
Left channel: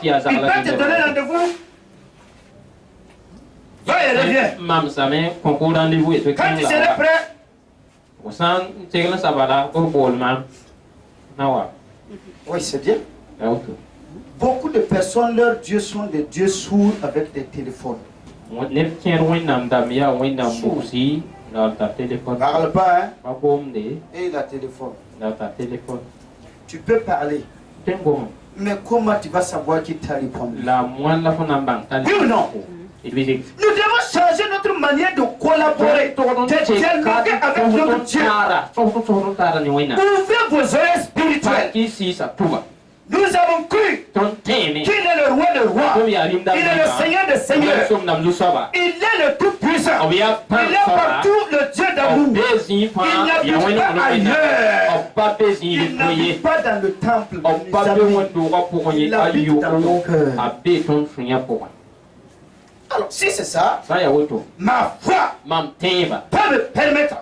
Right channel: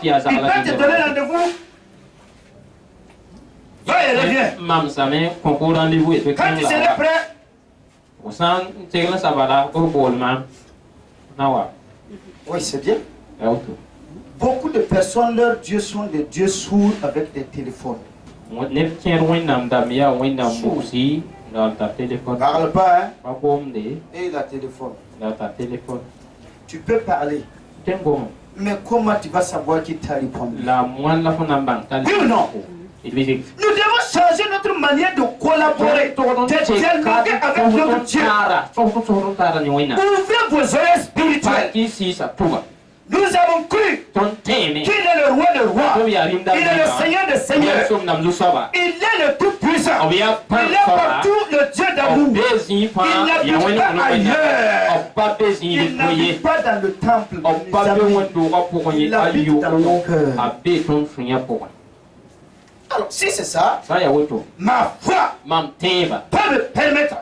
il va te donner rendez-vous. Va et reviens. Quand tu seras prêt, oui, c'est bien. Beaucoup de personnes, leurs dieux sont des dieux sourds avec des téléphones. Parle pas, hein? Et la téléphone. Tu peux parler. Mais comment tu vas savoir qui t'a répondu? Oui ou non? Nous devons changer notre manière de collaborer, de dialoguer avec notre Dieu. Ouvrez vos oreilles spirituelles. Nous avons cru qu'il est le roi des rois. Il est le Seigneur des seigneurs. Il est le tout-puissant. Il est partout le Dieu d'amour. Il n'habite pas ailleurs. Il n'habite pas dans le temple. Il habite dans ton cœur. Alors, si c'est ça, ma foi peut me permettre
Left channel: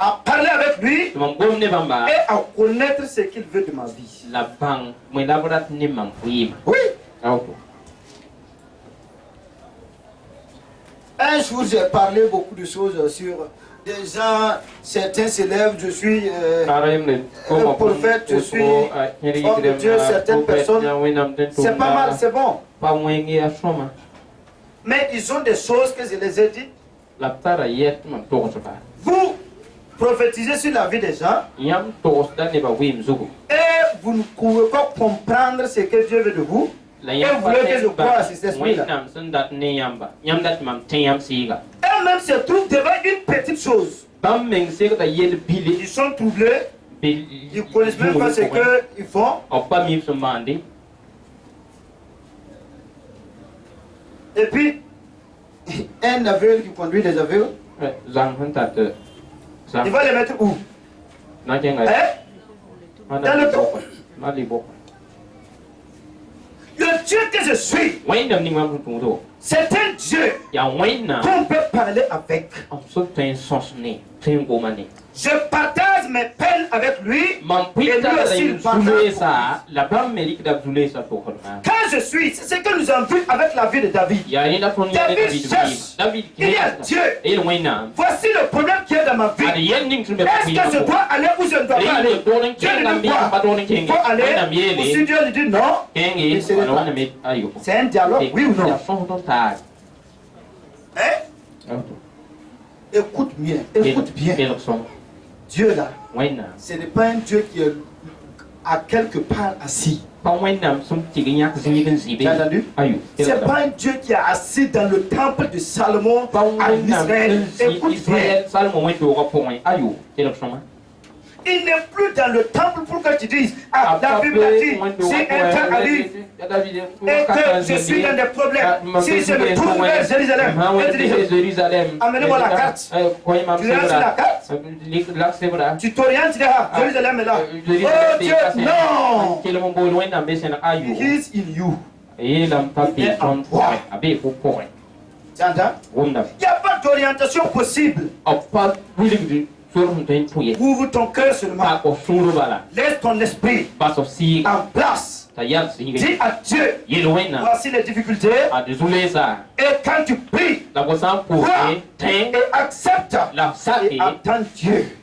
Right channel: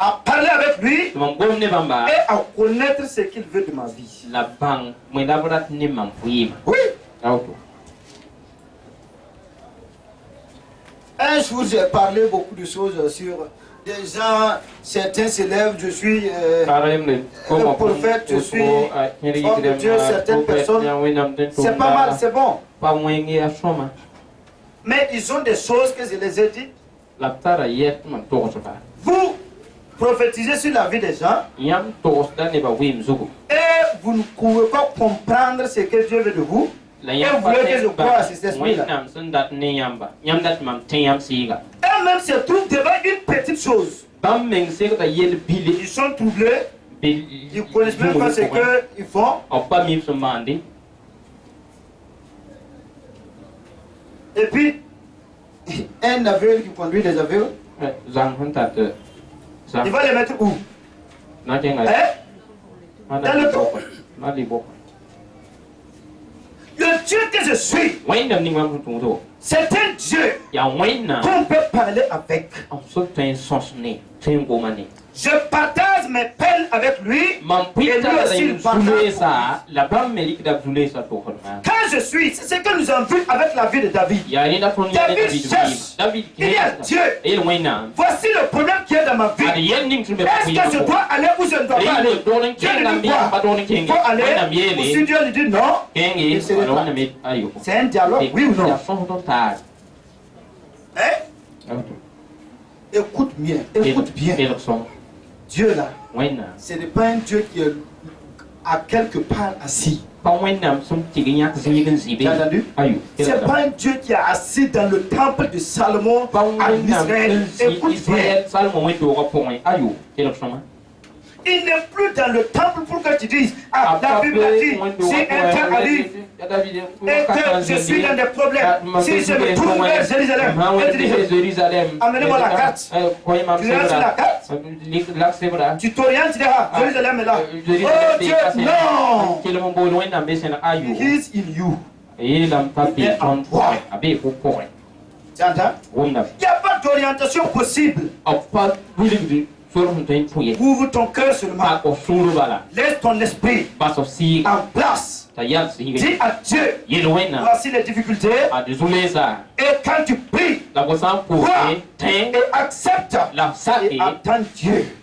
à parler avec lui et à connaître ce qu'il veut de ma vie. Oui. Un jour, j'ai parlé beaucoup de choses sur des gens, certains s'élèvent, je suis un prophète, je suis homme de Dieu, certaines personnes. C'est pas mal, c'est bon. Mais ils ont des choses que je les ai dites. Vous prophétisez sur la vie des gens. Et vous ne pouvez pas comprendre ce que Dieu veut de vous. Et vous voulez que je croie à cet esprit-là. Eux-mêmes se trouvent devant une petite chose. Ils sont troublés. Ils ne connaissent même pas ce qu'ils font. Et puis, un aveugle qui conduit des aveugles, il va les mettre où? Dans le trou. Le Dieu que je suis, c'est un Dieu qu'on peut parler avec. Je partage mes peines avec lui et lui aussi il partage. Quand je suis, c'est ce que nous avons vu avec la vie de David. David cherche, il y a Dieu. Voici le problème qu'il y a dans ma vie. Est-ce que je dois aller ou je ne dois pas aller? Dieu lui dit quoi? Il faut aller. Ou si Dieu lui dit non, il se retrouve. C'est un dialogue, oui ou non? Hein? Écoute bien, écoute bien. Dieu là, ce n'est pas un Dieu qui est à quelque part assis. Tu as entendu? C'est pas un Dieu qui est assis dans le temple de Salomon à Israël. Écoute bien. Il n'est plus dans le temple pour que tu dises, ah, la Bible a dit, si un temps arrive et que je suis dans des problèmes, si je me trouve vers Jérusalem, amenez-moi la carte. Tu lances la carte, tu t'orientes, tu dis, ah, Jérusalem est là. Oh Dieu, non! He is in you. Il est en toi. Tu entends? Il n'y a pas d'orientation possible. Ouvre ton cœur seulement. Laisse ton esprit en place. Dis à Dieu, voici les difficultés. Et quand tu pries, Crois et accepte et attends Dieu.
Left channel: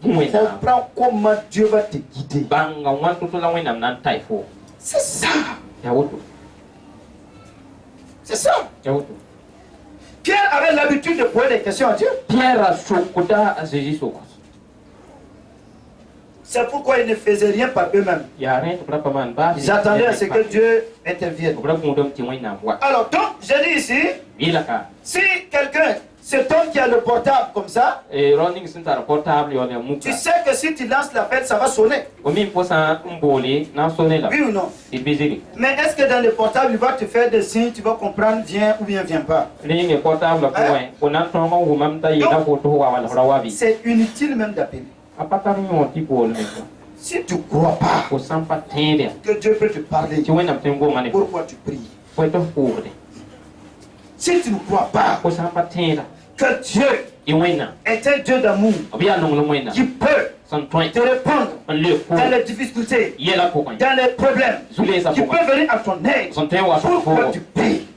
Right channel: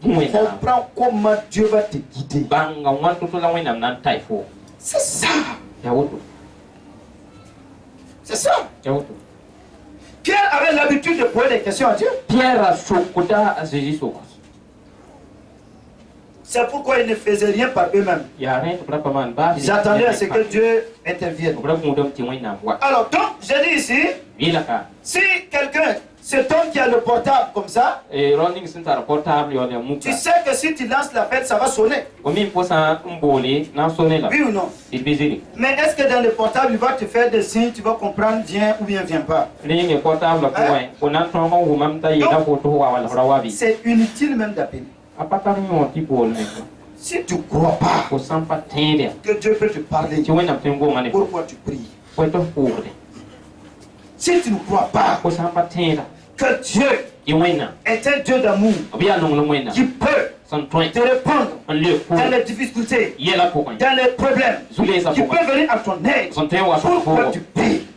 Comprends comment Dieu va te guider. C'est ça. C'est ça. Pierre avait l'habitude de poser des questions à Dieu. C'est pourquoi ils ne faisaient rien par eux-mêmes. Ils attendaient à ce que Dieu intervienne. Alors donc, j'ai dit ici, si quelqu'un, cet homme qui a le portable comme ça, tu sais que si tu lances l'appel, ça va sonner. Oui ou non? Mais est-ce que dans le portable, il va te faire des signes, tu vas comprendre viens ou bien viens pas? C'est inutile même d'appeler. Si tu ne crois pas que Dieu peut te parler, pourquoi tu pries? Si tu ne crois pas que Dieu est un Dieu d'amour qui peut te répondre dans les difficultés, dans les problèmes, qui peut venir à ton aide, pourquoi tu pries?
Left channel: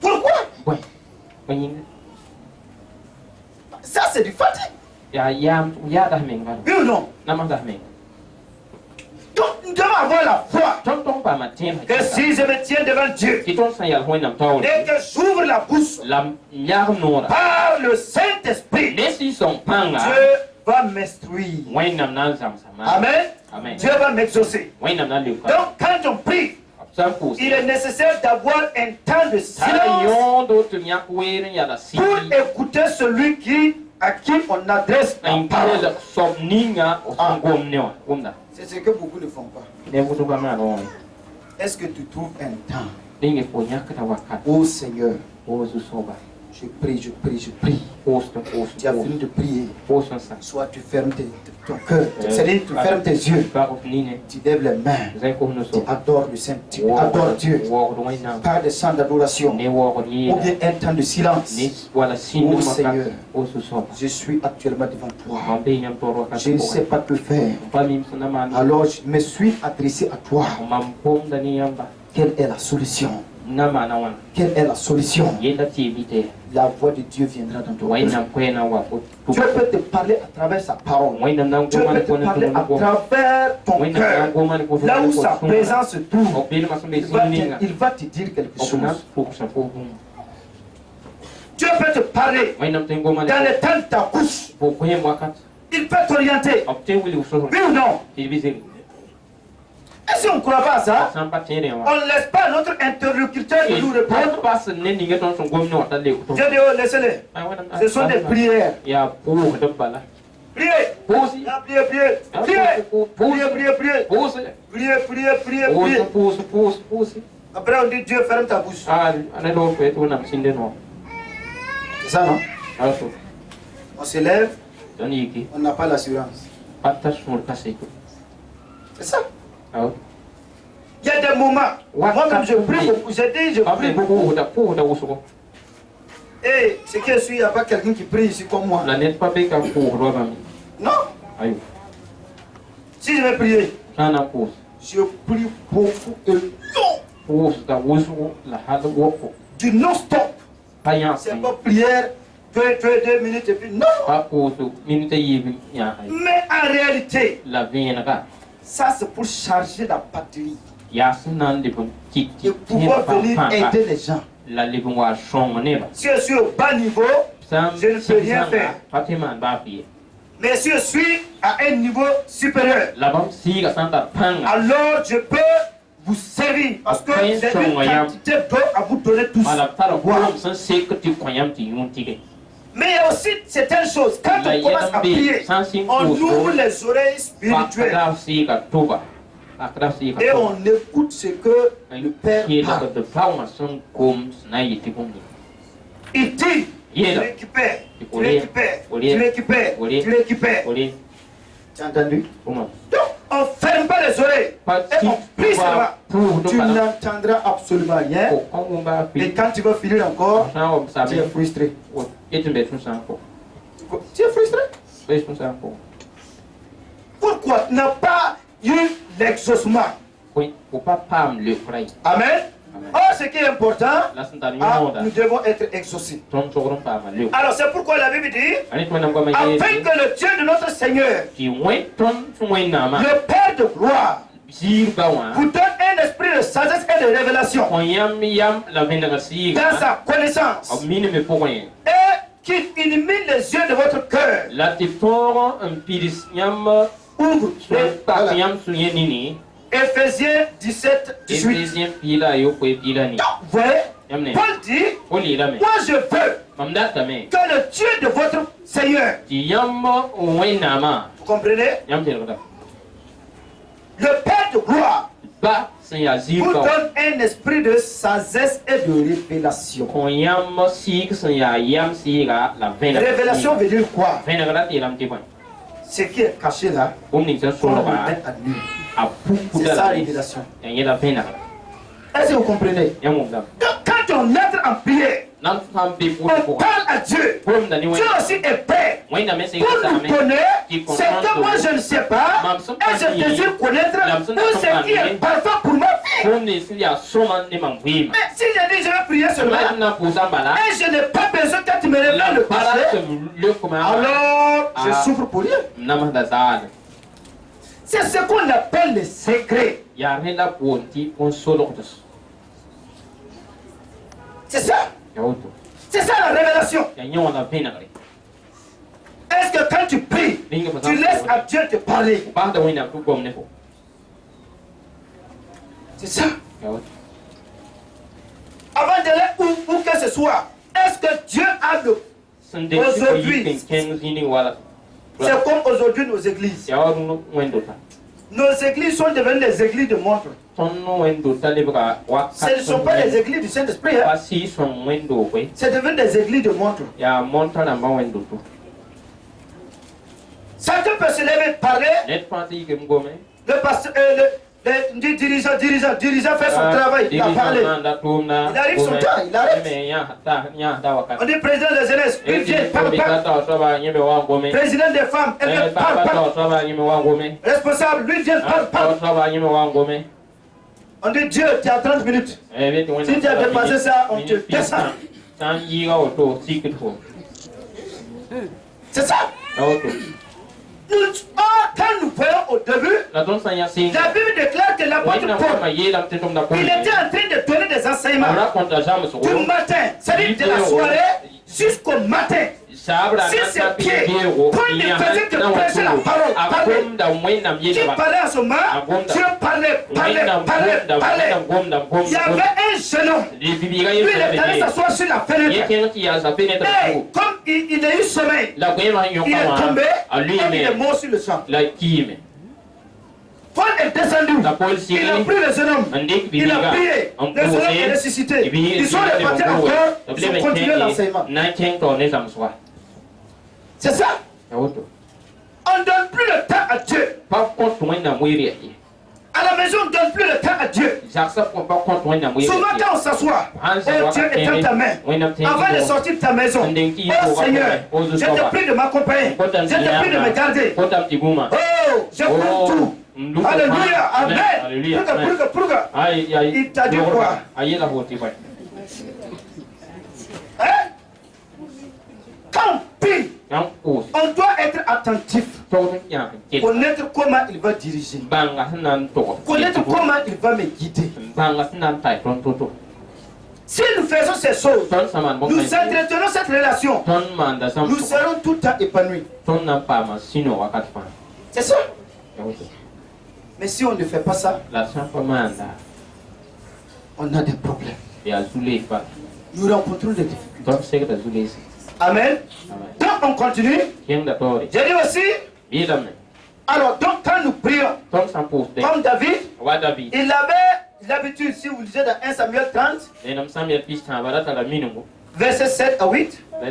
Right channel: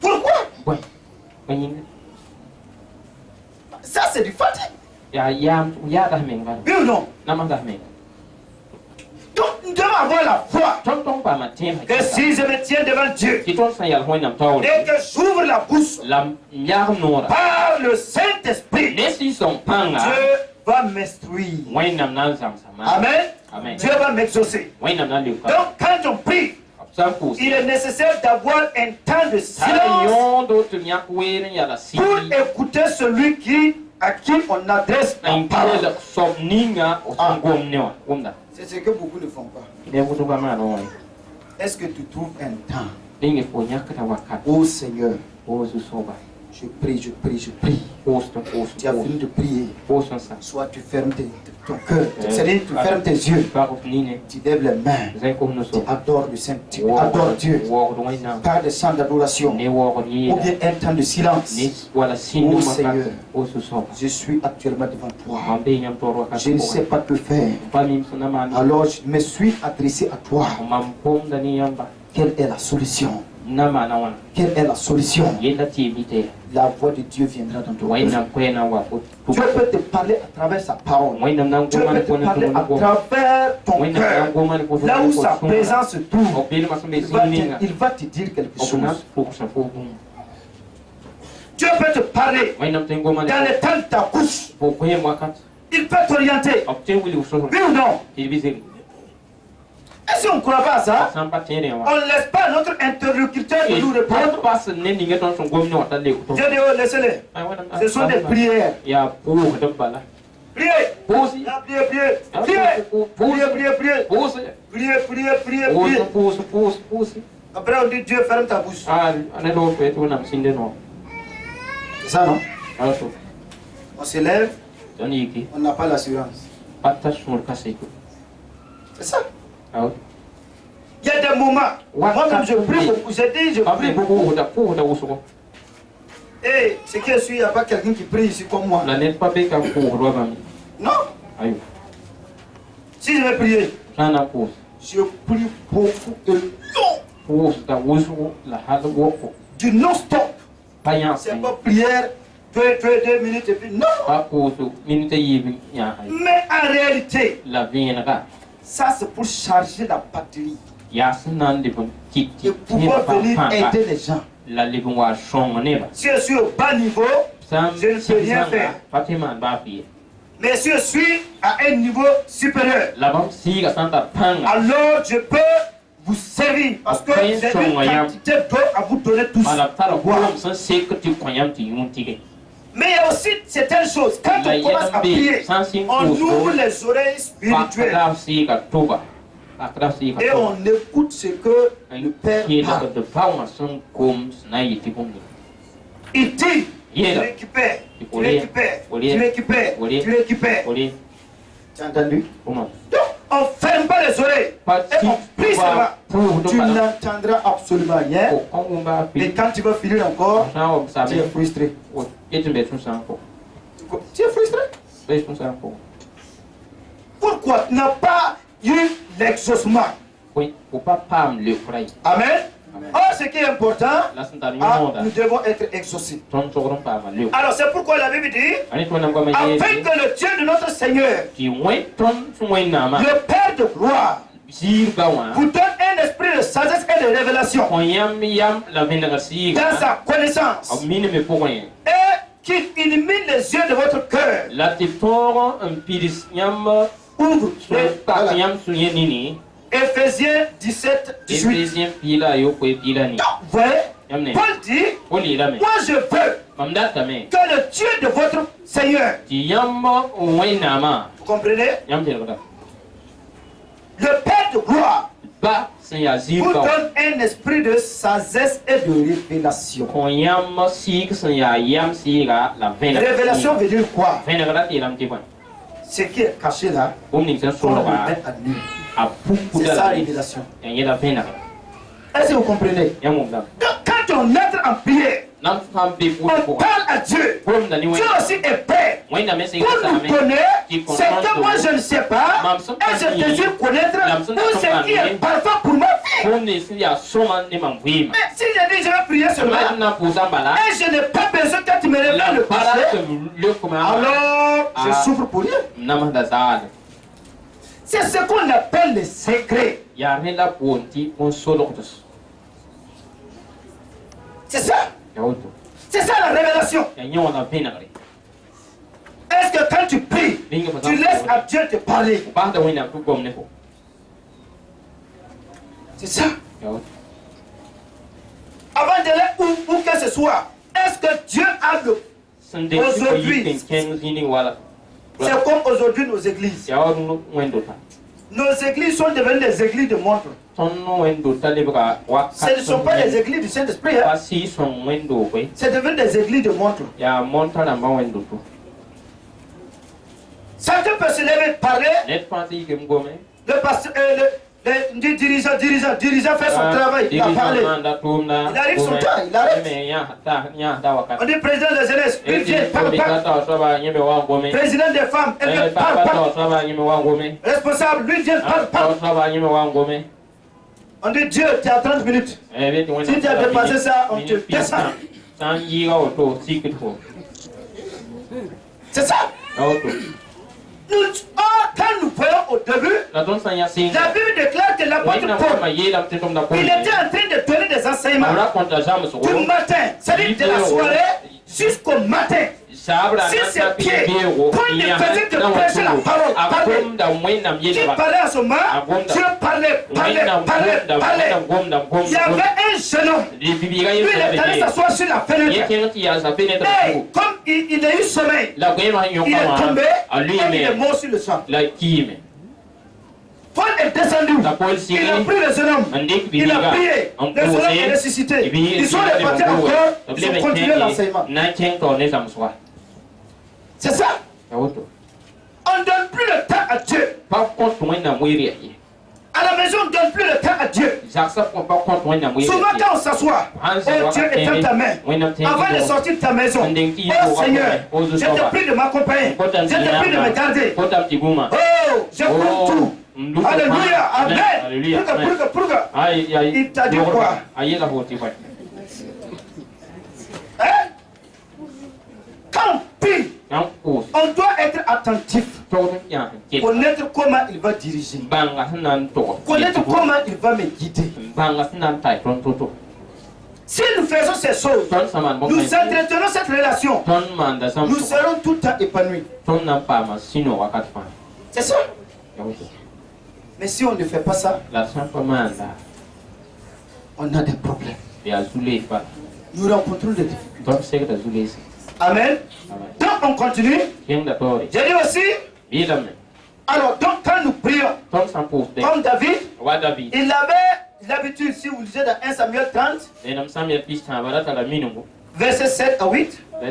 Pourquoi? Ça, c'est du fatigue. Oui ou non? Donc, nous devons avoir la foi que si je me tiens devant Dieu et que j'ouvre la bouche par le Saint-Esprit, Dieu va m'instruire. Amen. Dieu va m'exaucer. Donc, quand on prie, il est nécessaire d'avoir un temps de silence pour écouter celui à qui on adresse la parole. C'est ce que beaucoup ne font pas. Est-ce que tu trouves un temps? Oh Seigneur, je prie. Tu as fini de prier. Soit tu fermes ton cœur, c'est-à-dire tu fermes tes yeux, tu lèves les mains, tu adores le Saint, tu adores Dieu par des chants d'adoration ou bien un temps de silence. Oh Seigneur, je suis actuellement devant toi, je ne sais pas que faire, alors je me suis adressé à toi. Quelle est la solution? Quelle est la solution? La voix de Dieu viendra dans ton cœur. Dieu peut te parler à travers sa parole. Dieu peut te parler à travers ton cœur. Là où sa présence se trouve, il va te dire quelque chose. Dieu peut te parler dans le temps de ta couche. Il peut t'orienter. Oui ou non? Et si on ne croit pas à ça, on ne laisse pas notre interlocuteur de nous répondre. Dieu dit, oh, laissez-les. Ce sont des prières. Priez. Après on dit, Dieu ferme ta bouche. C'est ça, non? On se lève, on n'a pas l'assurance. C'est ça. Il y a des moments, moi-même je prie beaucoup, j'ai dit je prie beaucoup. Et ce qui est sûr, il n'y a pas quelqu'un qui prie ici comme moi. Non. Si je vais prier, je prie beaucoup et long. Du non-stop. C'est pas prière, 2 minutes et puis non. Mais en réalité, ça c'est pour charger la batterie et pouvoir venir aider les gens. Si je suis au bas niveau, je ne peux rien faire. Mais si je suis à un niveau supérieur, alors je peux vous servir parce que j'ai une quantité d'eau à vous donner tous. Mais il y a aussi certaines choses. Quand on commence à prier, on ouvre les oreilles spirituelles et on écoute ce que le Père parle. Il dit, tu récupères. Tu as entendu? Donc, on ne ferme pas les oreilles et on prie seulement. Tu n'entendras absolument rien. Et quand tu vas finir encore, tu es frustré. Tu es frustré? Pourquoi tu n'as pas eu l'exaucement? Amen. Oh ce qui est important, nous devons être exaucés. Alors c'est pourquoi la Bible dit, afin que le Dieu de notre Seigneur, le Père de gloire, vous donne un esprit de sagesse et de révélation dans sa connaissance, et qu'il illumine les yeux de votre cœur. Ouvre Éphésiens 17, 18. Donc, vous voyez, Paul dit, moi je veux que le Dieu de votre Seigneur, vous comprenez, le Père de gloire, vous donne un esprit de sagesse et de révélation. Révélation veut dire quoi? Ce qui est caché là, on le met à nu. C'est ça la révélation. Est-ce que vous comprenez? Donc quand on entre en prière, on parle à Dieu. Dieu aussi est prêt pour nous donner ce que moi je ne sais pas et je désire connaître tout ce qui est parfait pour ma vie. Mais si je dis je vais prier seulement et je n'ai pas besoin que tu me révèles le passé, alors je souffre pour rien. C'est ce qu'on appelle le secret. C'est ça. C'est ça la révélation. Est-ce que quand tu pries, tu laisses à Dieu te parler? C'est ça. Avant d'aller où que ce soit, est-ce que Dieu a le... Aujourd'hui, c'est comme aujourd'hui nos églises. Nos églises sont devenues des églises de montre. Ce ne sont pas des églises du Saint-Esprit. Hein? C'est devenu des églises de montre. Chacun peut se lever et parler. Le pasteur, le dirigeant fait son travail. Il a parlé. Il arrive son temps, il arrête. On dit président de la jeunesse, il vient, parle. Président des femmes, elle vient, parle. Responsable, lui vient, parle. On dit Dieu, tu as 30 minutes. Si tu as dépassé ça, on te descend. C'est ça. Quand nous voyons au début, la Bible déclare que l'apôtre Paul, il était en train de donner des enseignements du matin, c'est-à-dire de la soirée jusqu'au matin. Si ses pieds, quand il faisait de prêcher la parole, qui parlait à ce moment, Dieu parlait. Il y avait un jeune homme, lui il est allé s'asseoir sur la fenêtre. Et comme il a eu sommeil, il est tombé et il est mort sur le sang. Paul est descendu, il a pris le jeune homme, il a prié, le jeune homme est ressuscité. Ils sont repartis encore, ils ont continué l'enseignement. C'est ça. On ne donne plus le temps à Dieu. À la maison, on ne donne plus le temps à Dieu. Souvent quand on s'assoit, oh Dieu est dans ta main. Avant de sortir de ta maison, oh Seigneur, je te prie de m'accompagner. Je te prie de me garder. Oh, je prends tout. Alléluia, amen. Il t'a dit quoi? Hein? Quand on prie, on doit être attentif. Connaître comment il va diriger. Connaître comment il va me guider. Si nous faisons ces choses, nous entretenons cette relation, nous serons tout le temps épanouis. C'est ça. Mais si on ne fait pas ça, on a des problèmes. Nous rencontrons des difficultés. Amen. Donc on continue. J'ai dit aussi. Alors donc quand nous prions, comme David, il avait l'habitude, si vous lisez dans 1 Samuel 30, verset 7 à 8, on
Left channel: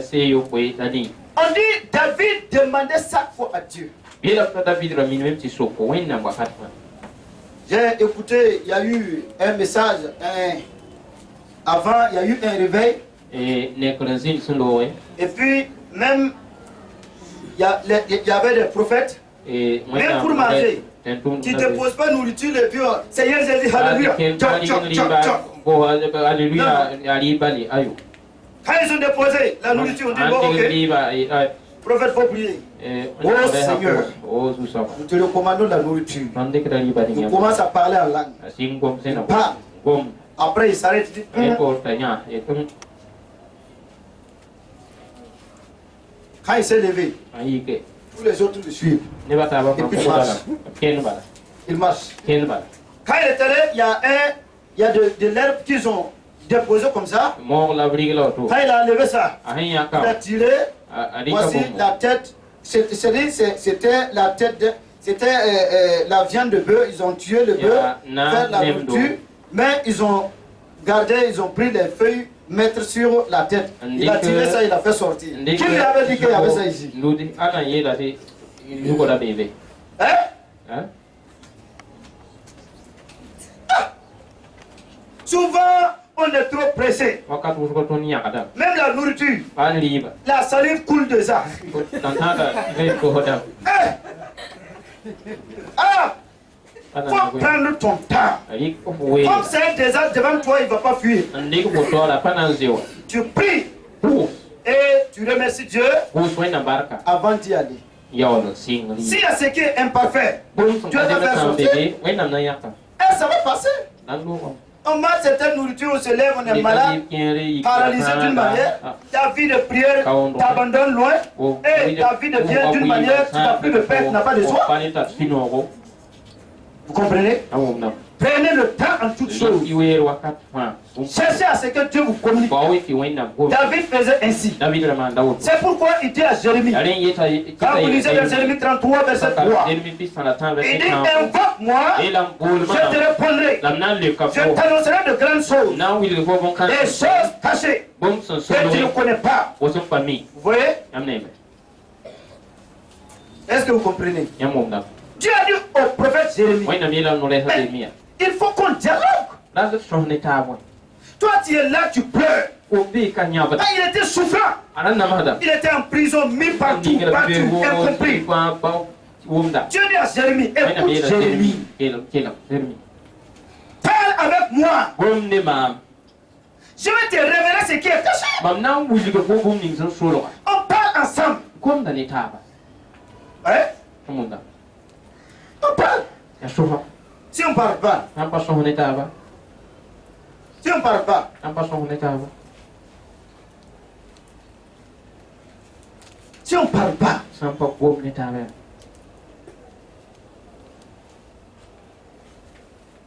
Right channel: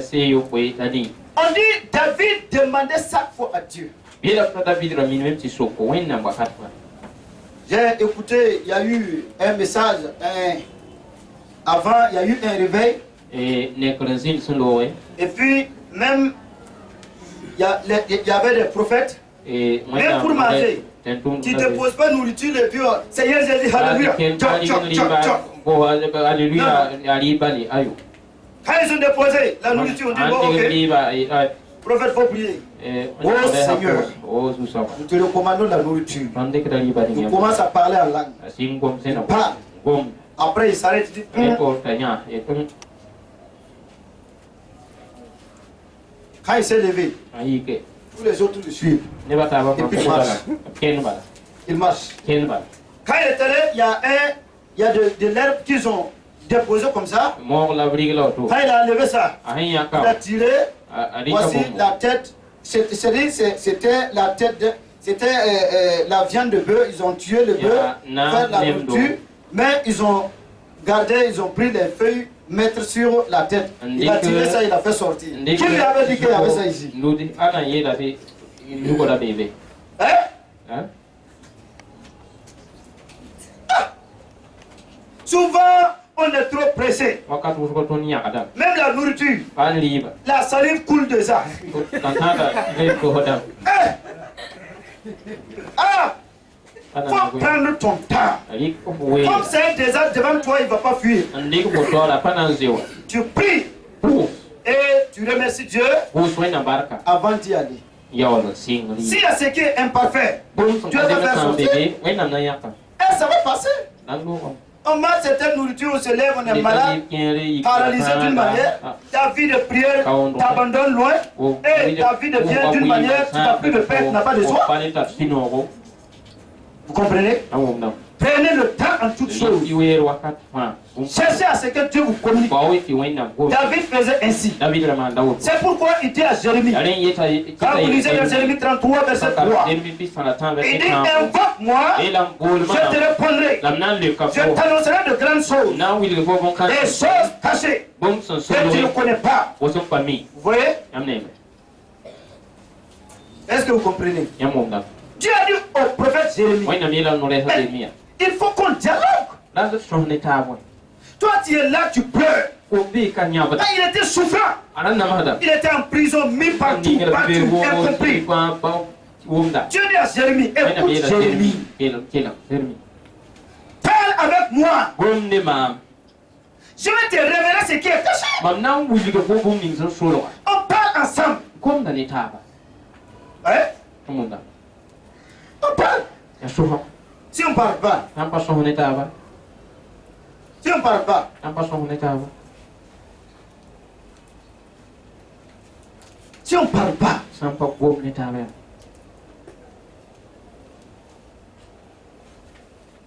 dit David demandait chaque fois à Dieu. J'ai écouté, il y a eu un message, avant il y a eu un réveil. Et puis même il y avait des prophètes. Même pour manger, Tu ne déposes pas nourriture et puis Seigneur Jésus, alléluia. Alléluia. Quand ils ont déposé la nourriture, on dit bon, ok. Prophète, faut prier. Oh Seigneur, nous te recommandons la nourriture. Nous commençons à parler en langue. Il parle. Après, il s'arrête, il dit. Quand il s'est levé, tous les autres le suivent. Et puis il marche. Quand il est allé, il y a de l'herbe qu'ils ont déposé comme ça. Quand il a enlevé ça, il a tiré. Voici la tête. C'était la tête. C'était la viande de bœuf. Ils ont tué le bœuf, fait la nourriture. Mais ils ont gardé, ils ont pris les feuilles, mettre sur la tête. Il a tiré ça, il a fait sortir. Qui lui avait dit qu'il y avait ça ici? Hein? Souvent, on est trop pressé. Même la nourriture, la salive coule de ça. Faut prendre ton temps. Comme c'est un désert devant toi, il ne va pas fuir. Tu pries et tu remercies Dieu avant d'y aller. S'il y a ce qui est imparfait, Dieu va faire sortir. Et ça va passer. On mange cette nourriture, on se lève, on est malade, paralysé d'une manière. Ta vie de prière t'abandonne loin. Et ta vie devient d'une manière, tu n'as plus de paix, tu n'as pas de joie. Vous comprenez? Prenez le temps en toutes choses. Cherchez à ce que Dieu vous communique. David faisait ainsi. C'est pourquoi il dit à Jérémie, quand vous lisez dans Jérémie 33, verset 3, il dit, invoque-moi, je te répondrai. Je t'annoncerai de grandes choses, des choses cachées que tu ne connais pas. Vous voyez? Est-ce que vous comprenez? Dieu a dit au prophète Jérémie, il faut qu'on dialogue. Toi, tu es là, tu pleures. Il était souffrant. Il était en prison, mis partout, incompris. Dieu dit à Jérémie, écoute Jérémie, parle avec moi. Je vais te révéler ce qui est caché. On parle ensemble. Hein? On parle. Si on ne parle pas, si on ne parle pas, si on ne parle pas,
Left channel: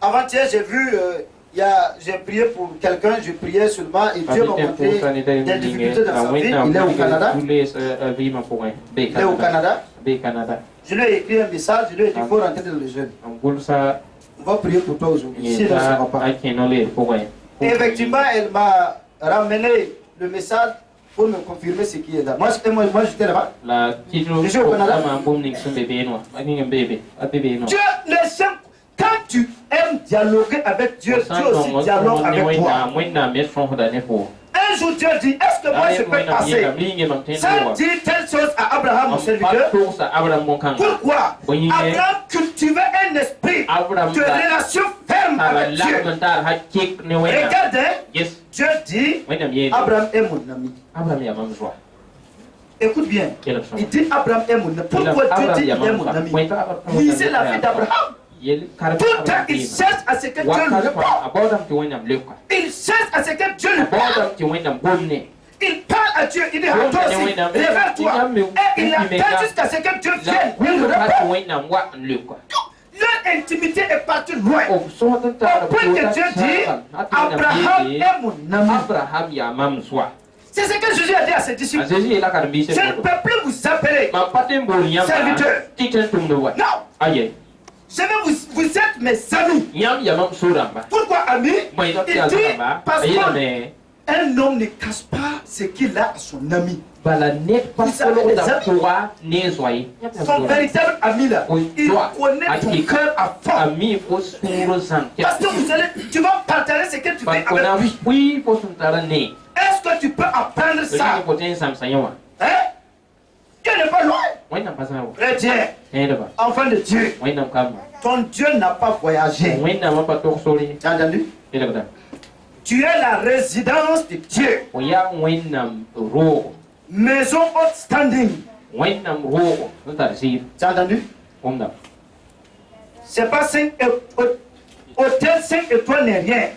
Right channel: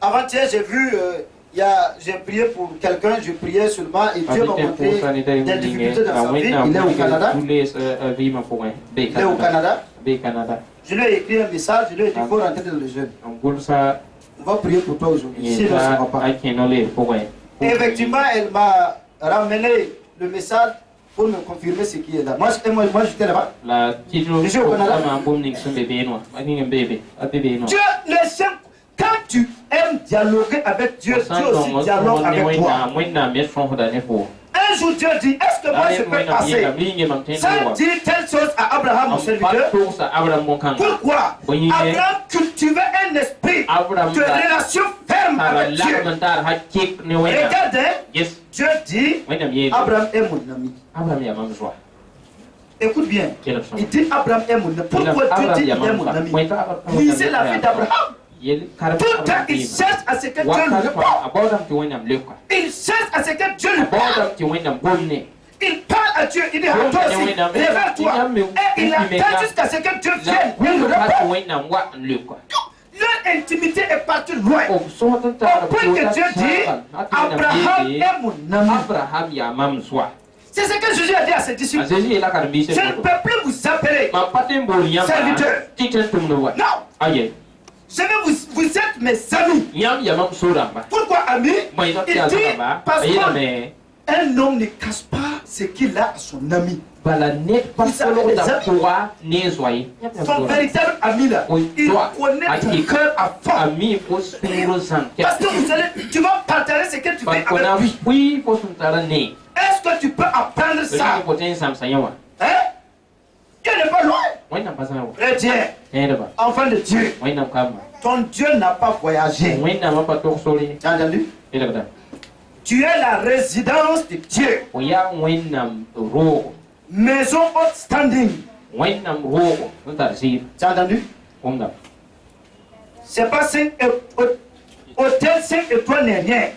avant-hier, j'ai vu, j'ai prié pour quelqu'un, je priais seulement et Dieu m'a montré des difficultés dans sa vie. Il est au Canada. Il est au Canada. Je lui ai écrit un message, je lui ai dit qu'il faut rentrer dans le jeûne. On va prier pour toi aujourd'hui. Sinon, ça ne va pas. Et effectivement, elle m'a ramené le message pour me confirmer ce qui est là. Moi j'étais là-bas. Je suis au Canada. Dieu, les gens, quand tu aimes dialoguer avec Dieu, Dieu aussi dialogue avec toi. Un jour Dieu dit, est-ce que moi je peux passer sans dire telle chose à Abraham, mon serviteur? Pourquoi? Abraham cultivait un esprit de relation ferme avec Dieu. Regardez, Dieu dit, Abraham est mon ami. Écoute bien, il dit Abraham est mon ami. Pourquoi Dieu dit il est mon ami? Lisez la vie d'Abraham. Tout le temps, il cherche à ce que Dieu lui réponde. Il cherche à ce que Dieu lui parle. Il parle à Dieu, il dit à toi aussi, révèle-toi. Et il attend jusqu'à ce que Dieu vienne lui répondre. Leur intimité est partie loin. Au point que Dieu dit, Abraham est mon ami. C'est ce que Jésus a dit à ses disciples. Je ne peux plus vous appeler serviteurs. Non. Vous êtes mes amis. Pourquoi amis? Il dit parce qu'un homme ne cache pas ce qu'il a à son ami. Son véritable ami là, il connaît ton cœur à fond. Parce que tu vas partager ce que tu fais avec lui. Est-ce que tu peux apprendre ça? Hein? Dieu n'est pas loin. chrétien, enfant de Dieu, ton Dieu n'a pas voyagé. Tu as entendu? Tu es la résidence de Dieu. Maison haute standing. Tu as entendu? C'est pas 5 hôtel 5 étoiles n'est rien.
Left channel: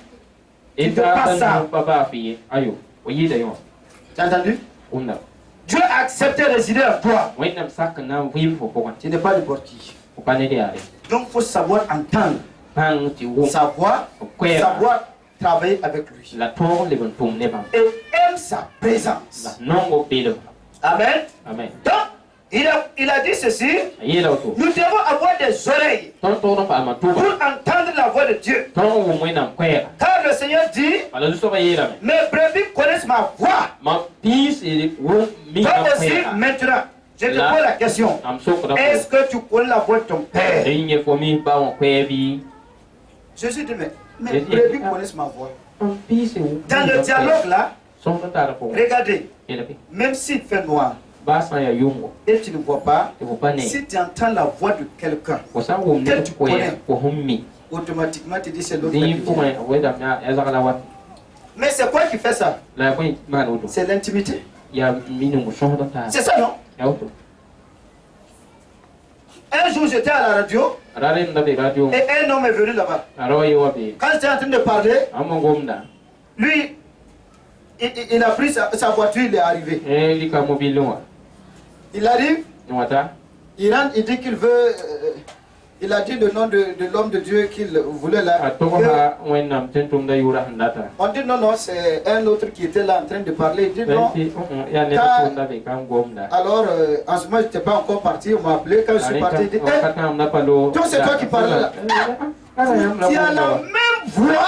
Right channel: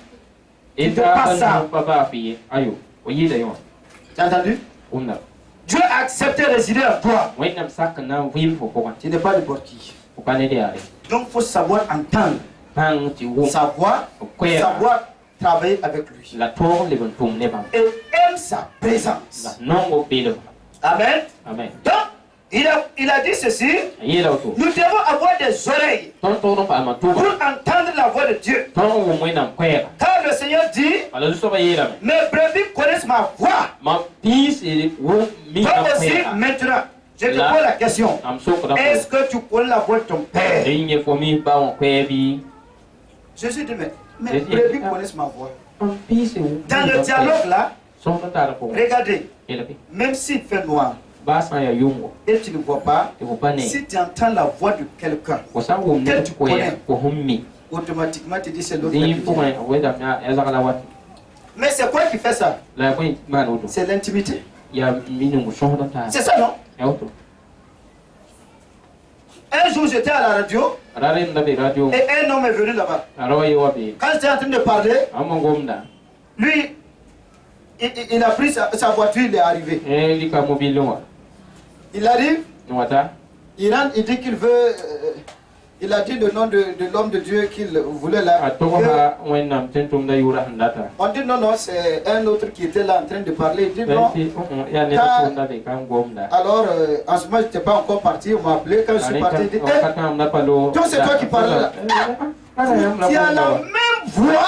Tu ne pas ça. Tu as entendu? Dieu a accepté de résider à toi. Tu n'es pas n'importe qui. Donc il faut savoir entendre. Savoir travailler avec lui. Et aime sa présence. Amen. Donc, il a dit ceci. Nous devons avoir des oreilles pour entendre la voix de Dieu. Car le Seigneur dit, mes brebis connaissent ma voix. Toi aussi, maintenant, je te pose la question. Est-ce que tu connais la voix de ton Père? Jésus dit, mais mes brebis connaissent ma voix. Dans le dialogue là, regardez, même s'il fait noir, et tu ne vois pas, si tu entends la voix de quelqu'un que tu connais, automatiquement tu dis c'est l'autre qui vient. Mais c'est quoi qui fait ça? C'est l'intimité. C'est ça, non? Un jour j'étais à la radio et un homme est venu là-bas. Quand j'étais en train de parler, lui, il a pris sa voiture, il est arrivé. Il arrive, il rentre, il dit qu'il veut, il a dit le nom de l'homme de Dieu qu'il voulait là. On dit non, c'est un autre qui était là en train de parler. Il dit non. Alors, en ce moment, je n'étais pas encore parti, on m'a appelé. Quand je suis parti, il dit donc c'est toi qui parles là. Tu as la même voix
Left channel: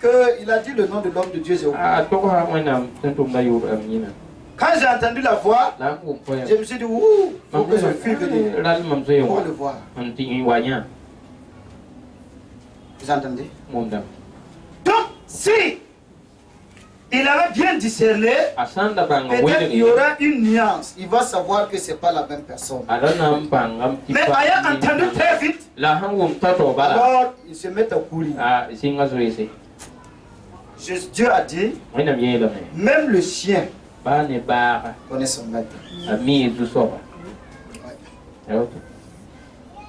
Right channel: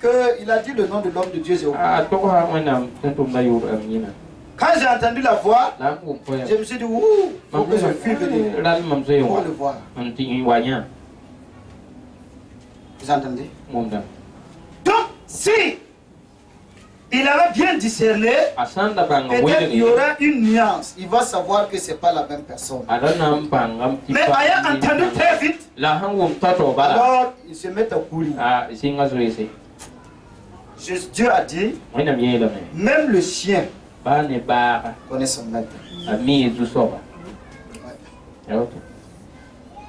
qu'il a dit le nom de l'homme de Dieu. Quand j'ai entendu la voix, je me suis dit, ouh, il faut que je fuis venir pour le voir. Vous entendez? Donc, si il avait bien discerné, peut-être il y aura une nuance. Il va savoir que ce n'est pas la même personne. Mais ayant entendu très vite, alors il se met à courir. Dieu a dit, même le chien connaît son maître.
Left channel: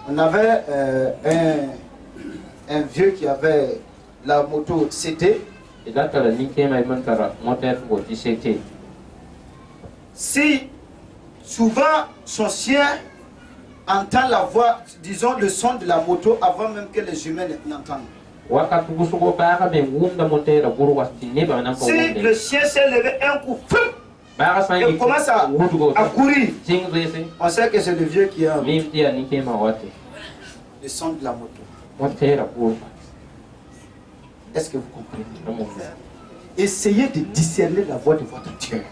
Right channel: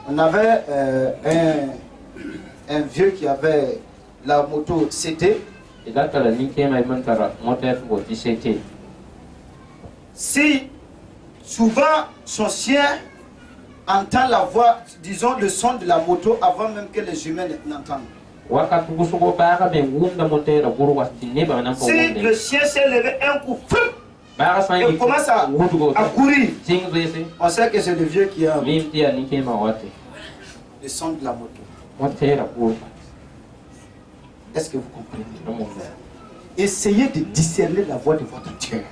On avait un vieux qui avait la moto CT. Si souvent son chien entend la voix, disons le son de la moto avant même que les humains n'entendent. Si le chien s'est levé un coup, il commence à courir. On sait que c'est le vieux qui a le son de la moto. Est-ce que vous comprenez? Essayez de discerner la voix de votre Dieu.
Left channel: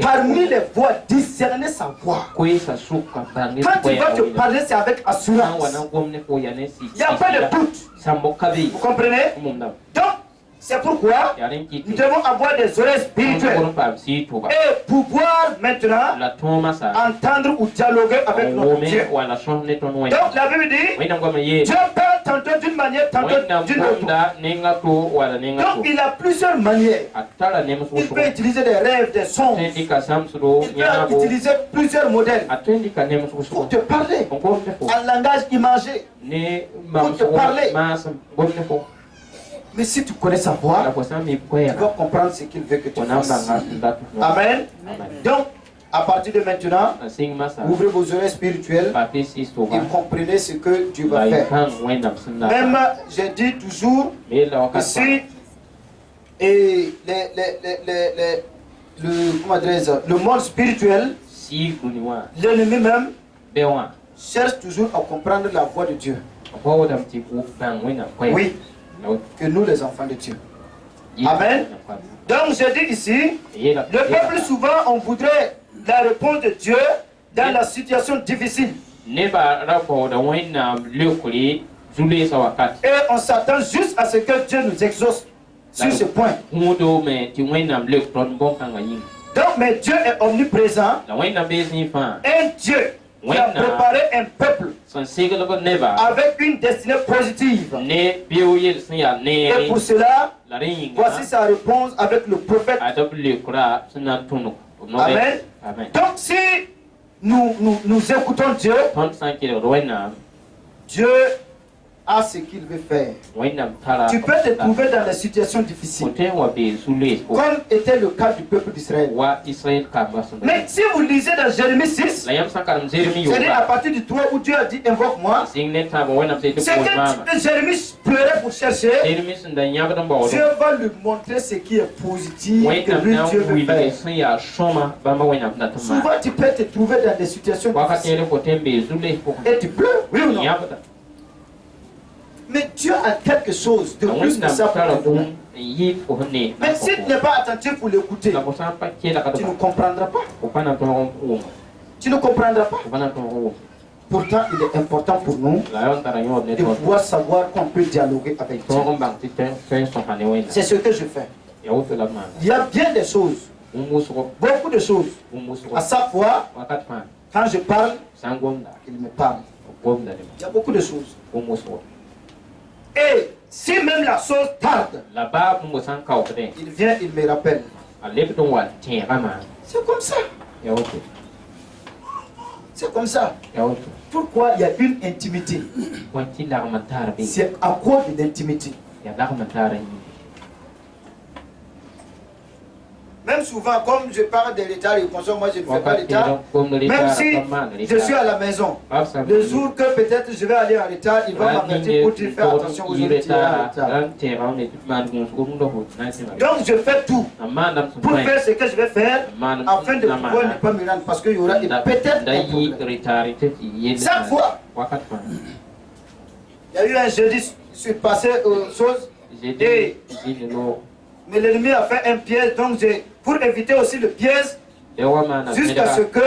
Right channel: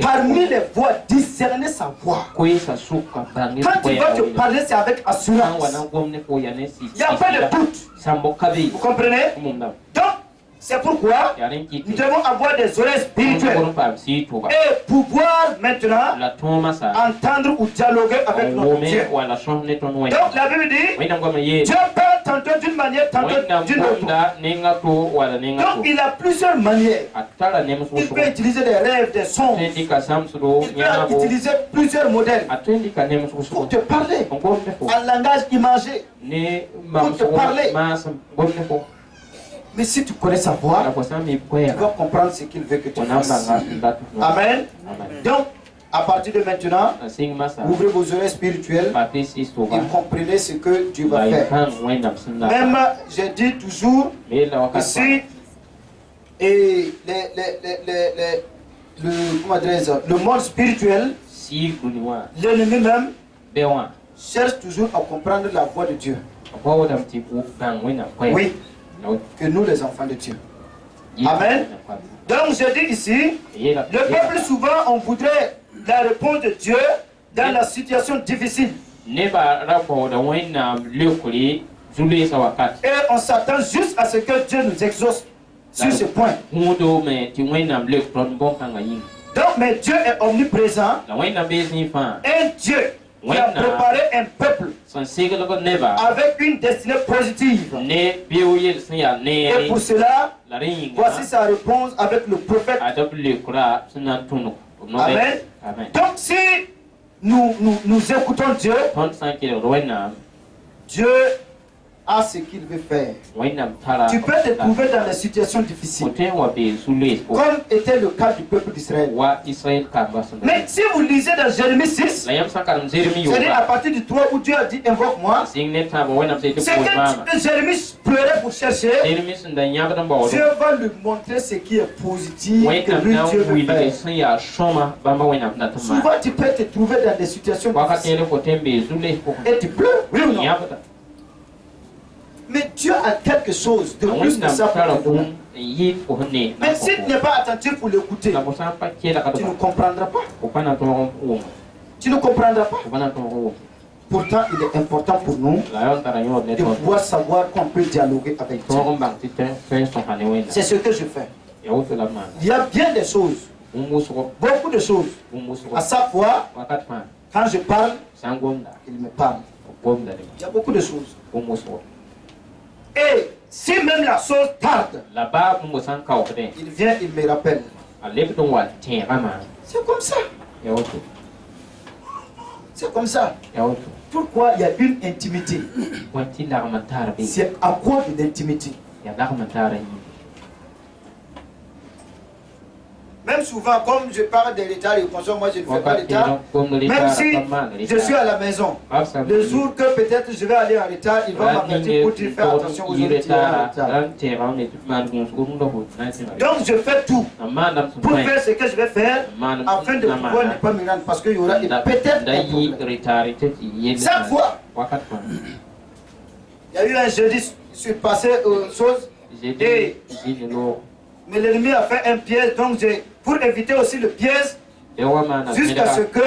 Parmi les voix, discernez sa voix. Quand il va te parler, c'est avec assurance. Il n'y a pas de doute. Vous comprenez? Donc, c'est pourquoi nous devons avoir des oreilles spirituelles et pouvoir maintenant entendre ou dialoguer avec notre Dieu. Donc la Bible dit, Dieu parle tantôt d'une manière, tantôt d'une autre. Donc il a plusieurs manières. Il peut utiliser des rêves, des sons. Il peut utiliser plusieurs modèles pour te parler en langage imagé. Pour te parler. Mais si tu connais sa voix, tu vas comprendre ce qu'il veut que tu fasses. Amen. Donc, à partir de maintenant, ouvrez vos oreilles spirituelles et comprenez ce que Dieu va faire. Même, j'ai dit toujours, ici, et le monde spirituel, l'ennemi même, cherche toujours à comprendre la voix de Dieu. Oui. Que nous les enfants de Dieu. Amen. Donc je dis ici, le peuple souvent on voudrait la réponse de Dieu dans la situation difficile. Et on s'attend juste à ce que Dieu nous exauce sur ce point. Donc, mais Dieu est omniprésent. Un Dieu qui a préparé un peuple avec une destinée positive. Et pour cela, voici sa réponse avec le prophète. Amen. Donc, si nous écoutons Dieu, Dieu a ce qu'il veut faire. Tu peux te trouver dans des situations difficiles, comme était le cas du peuple d'Israël. Mais si vous lisez dans Jérémie 6, c'est-à-dire à partir du 3 où Dieu a dit invoque-moi, c'est que Jérémie pleurait pour chercher. Dieu va lui montrer ce qui est positif que lui Dieu veut faire. Souvent tu peux te trouver dans des situations difficiles et tu pleures, oui ou non? Mais Dieu a quelque chose de plus que ça pour te donner. Mais si tu n'es pas attentif pour l'écouter, tu ne comprendras pas. Tu ne comprendras pas. Pourtant, il est important pour nous de pouvoir savoir qu'on peut dialoguer avec Dieu. C'est ce que je fais. Il y a bien des choses, beaucoup de choses. À chaque fois, quand je parle, il me parle. Il y a beaucoup de choses. Et si même la chose tarde, il vient, il me rappelle. C'est comme ça. C'est comme ça. Pourquoi il y a une intimité? C'est à cause de l'intimité. Même souvent, comme je parle de l'état, moi je ne fais pas l'état. Même si je suis à la maison, le jour que peut-être je vais aller en retard, il va m'avertir pour dire faire attention aujourd'hui, tu es en retard. Donc je fais tout pour faire ce que je vais faire afin de pouvoir ne pas me rendre, parce qu'il y aura peut-être un problème. Chaque fois, il y a eu un jeudi, je suis passé aux choses et mais l'ennemi a fait un piège, donc pour éviter aussi le piège, jusqu'à ce que,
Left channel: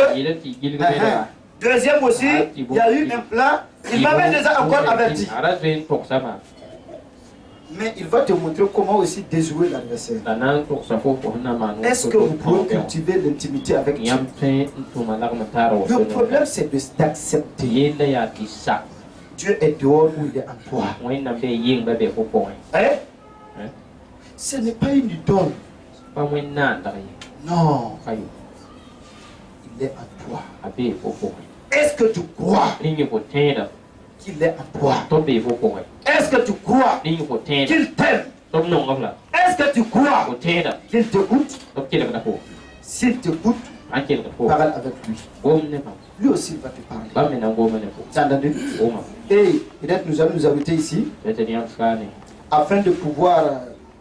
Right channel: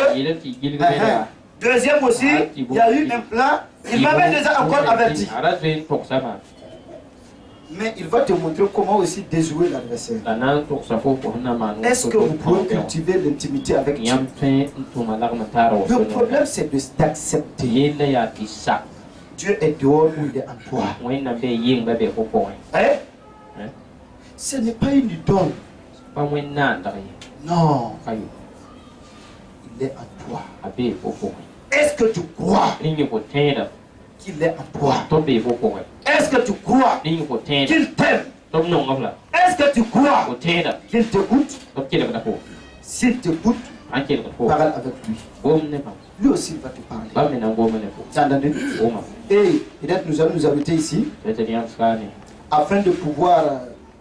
deuxième aussi, il y a eu un plan, il m'avait déjà encore averti. Mais il va te montrer comment aussi déjouer l'adversaire. Est-ce que vous pouvez cultiver l'intimité avec Dieu? Le problème c'est d'accepter. Dieu est dehors ou il est en toi. Hein? Ce n'est pas une idole. Non. Il est en toi. Est-ce que tu crois qu'il est en toi? Est-ce que tu crois qu'il t'aime? Est-ce que tu crois qu'il t'écoute? S'il t'écoute, parle avec lui. Lui aussi il va te parler. T'as entendu? Et peut-être nous allons nous arrêter ici afin de pouvoir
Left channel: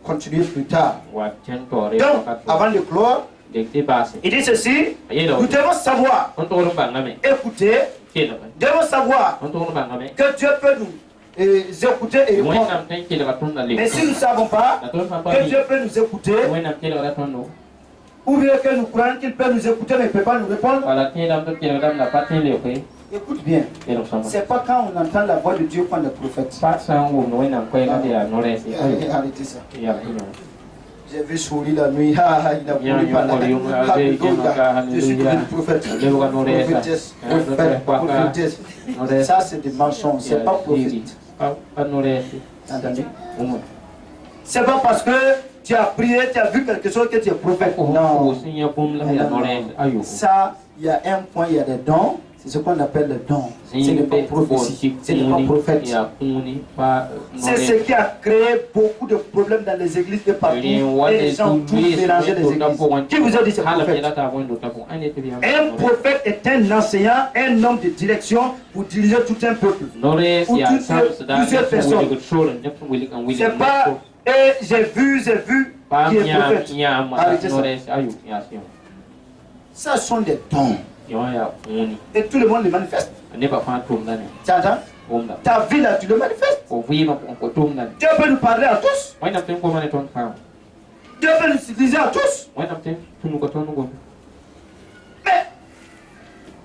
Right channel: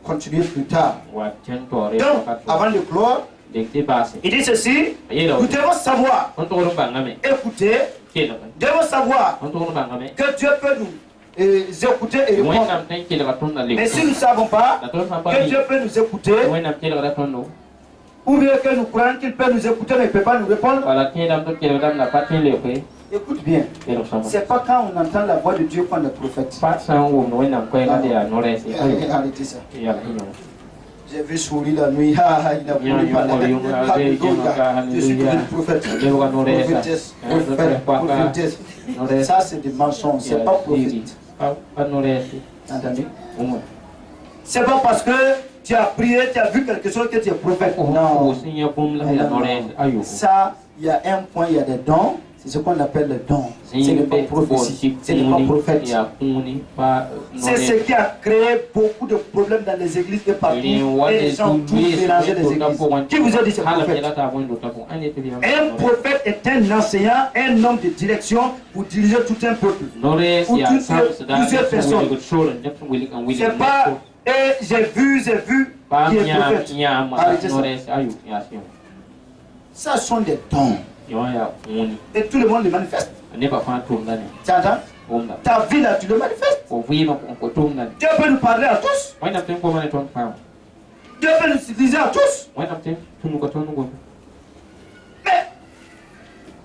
continuer plus tard. Donc, avant de clore, il dit ceci: nous devons savoir écouter, devons savoir que Dieu peut nous écouter et répondre. Mais si nous ne savons pas que Dieu peut nous écouter, ou bien que nous croyons qu'il peut nous écouter mais il ne peut pas nous répondre, écoute bien, c'est pas quand on entend la voix de Dieu qu'on est prophète. Arrêtez ça. J'ai vu Souli la nuit, il a voulu parler. Je suis devenu prophète. Prophétesse. Ça c'est des mensonges, c'est pas prophète. Entendez? C'est pas parce que tu as prié, tu as vu quelque chose que tu es prophète. Non. Ça, il y a un point, il y a des dons. C'est ce qu'on appelle le don. Ce n'est pas prophétie, ce n'est pas prophète. C'est ce qui a créé beaucoup de problèmes dans les églises et partout. Et les gens tous mélanger les églises. Qui vous a dit c'est prophète? Un prophète est un enseignant, un homme de direction pour diriger tout un peuple. Ou plusieurs personnes. C'est pas j'ai vu qui est prophète. Arrêtez ça. Ça sont des dons. Et tout le monde le manifeste. Tu entends? Ta vie là, tu le manifestes. Dieu peut nous parler à tous. Dieu peut nous utiliser à tous. Mais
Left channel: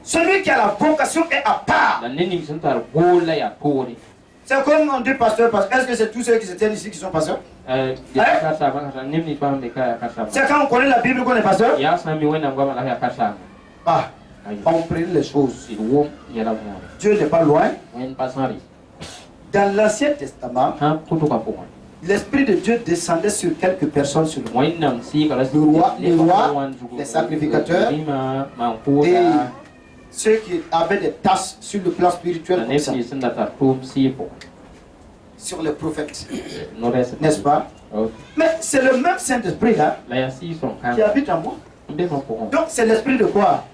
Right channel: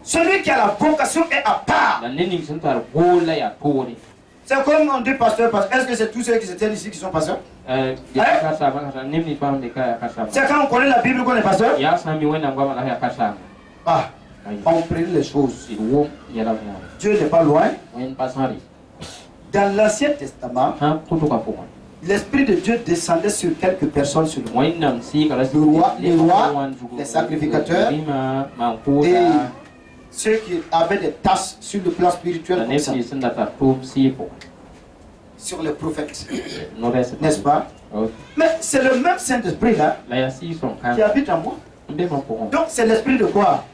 celui qui a la vocation est à part. C'est comme on dit pasteur. Est-ce que c'est tous ceux qui se tiennent ici qui sont pasteurs? C'est quand on connaît la Bible qu'on est pasteur? Ah, on prie les choses. Dieu n'est pas loin. Dans l'Ancien Testament, l'Esprit de Dieu descendait sur quelques personnes sur le monde. Les rois, les sacrificateurs et ceux qui avaient des tâches sur le plan spirituel comme ça. Sur les prophètes, n'est-ce pas? Mais c'est le même Saint-Esprit là qui habite en moi. Donc c'est l'esprit de quoi?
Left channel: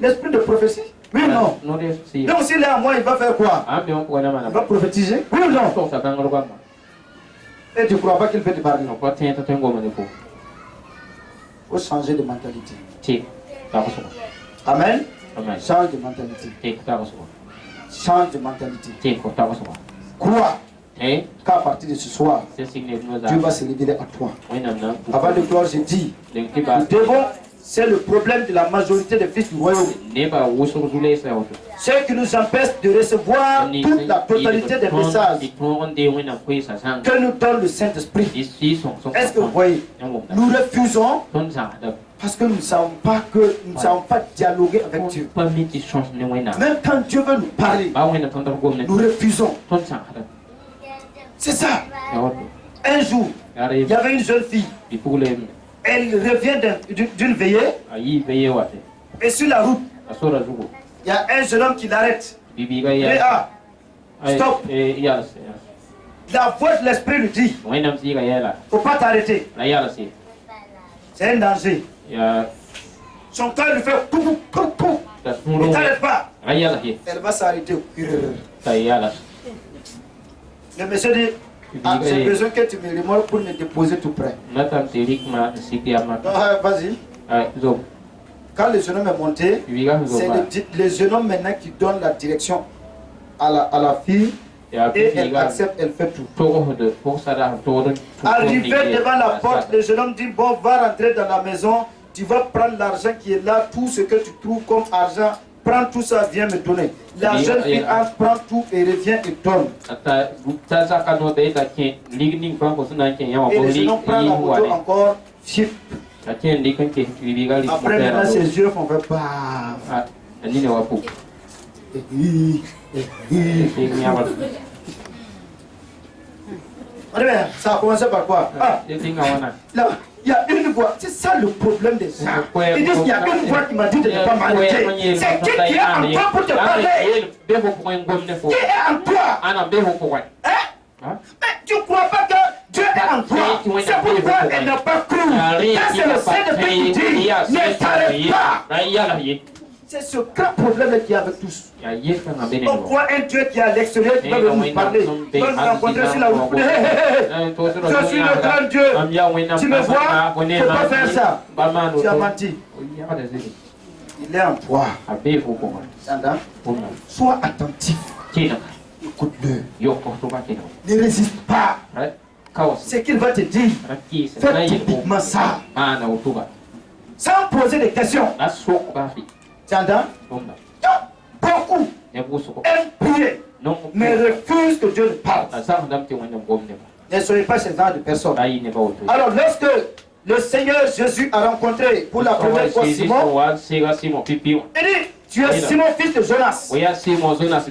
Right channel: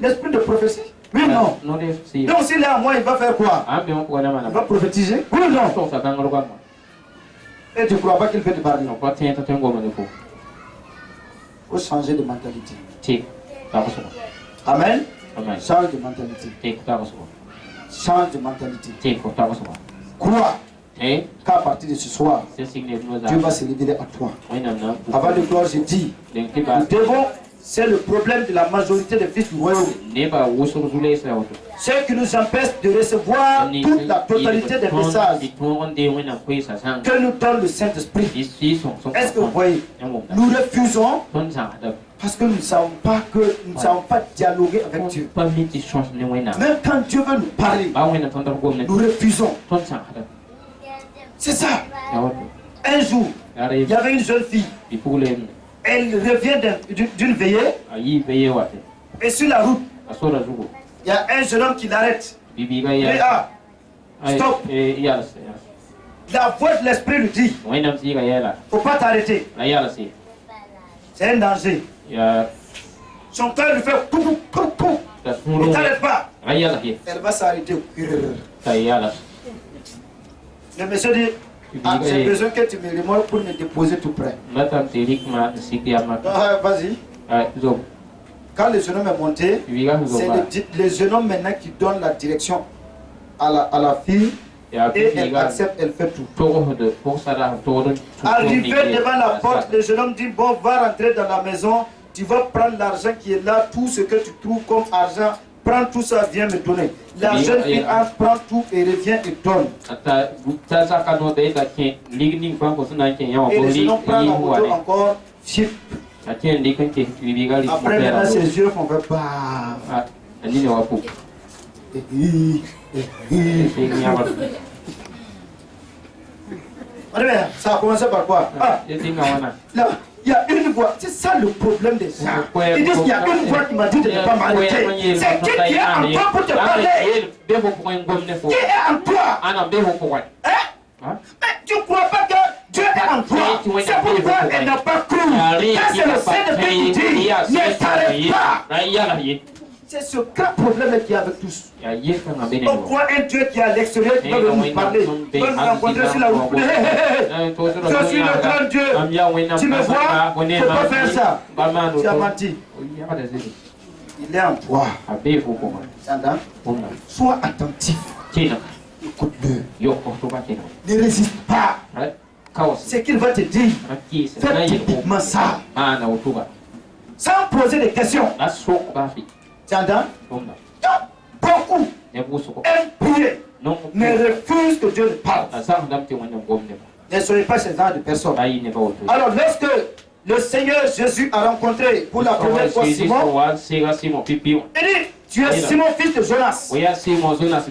L'esprit de prophétie? Oui ou non? Donc s'il est en moi, il va faire quoi? Il va prophétiser? Oui ou non? Et tu ne crois pas qu'il fait du pardon? Il faut changer de mentalité. Amen. Change de mentalité. Change de mentalité. Crois qu'à partir de ce soir, Dieu va se révéler à toi. Avant de clore, j'ai dit, nous devons, c'est le problème de la majorité des fils du royaume. Ce qui nous empêche de recevoir toute la totalité des messages que nous donne le Saint-Esprit. Est-ce que vous voyez? Nous refusons parce que nous ne savons pas dialoguer avec Dieu. Même quand Dieu veut nous parler, nous refusons. C'est ça. Un jour, il y avait une jeune fille. Elle revient d'une veillée. Et sur la route, il y a un jeune homme qui l'arrête. Stop. La voix de l'esprit lui dit, faut pas t'arrêter. C'est un danger. Son cœur lui fait pou pou pou. Ne t'arrête pas. Elle va s'arrêter. Le monsieur dit, j'ai besoin que tu me remorques pour me déposer tout près. Vas-y. Quand le jeune homme est monté, c'est le jeune homme maintenant qui donne la direction à la fille. Et elle accepte, elle fait tout. Arrivé devant la porte, le jeune homme dit, bon, va rentrer dans la maison, tu vas prendre l'argent qui est là, tout ce que tu trouves comme argent, prends tout ça, viens me donner. La jeune fille prend tout et revient et donne. Et le jeune homme prend la moto encore, chip. Après maintenant ses yeux font faire bah. Ça a commencé par quoi? Là, il y a une voix, c'est ça le problème des gens. Ils disent qu'il y a une voix qui m'a dit de ne pas m'arrêter. C'est qui est en toi pour te parler? Qui est en toi? Mais tu ne crois pas que Dieu est en toi? C'est pourquoi elle n'a pas cru. Quand c'est le Saint-Esprit qui dit, ne t'arrête pas. C'est ce grand problème qu'il y a avec tous. On croit un Dieu qui est à l'extérieur qui va nous parler. Il va nous rencontrer sur la route. Je suis le grand Dieu. Tu me vois? Il ne faut pas faire ça. Tu as menti. Il est en toi. Sois attentif. Écoute-le. Ne résiste pas. Ce qu'il va te dire, fais typiquement ça. Sans poser des questions. Tu entends? Beaucoup aiment prier, mais refusent que Dieu ne parle. Ne soyez pas ce genre de personnes. Alors, lorsque le Seigneur Jésus a rencontré pour la première fois Simon, il dit, tu es Simon, fils de Jonas.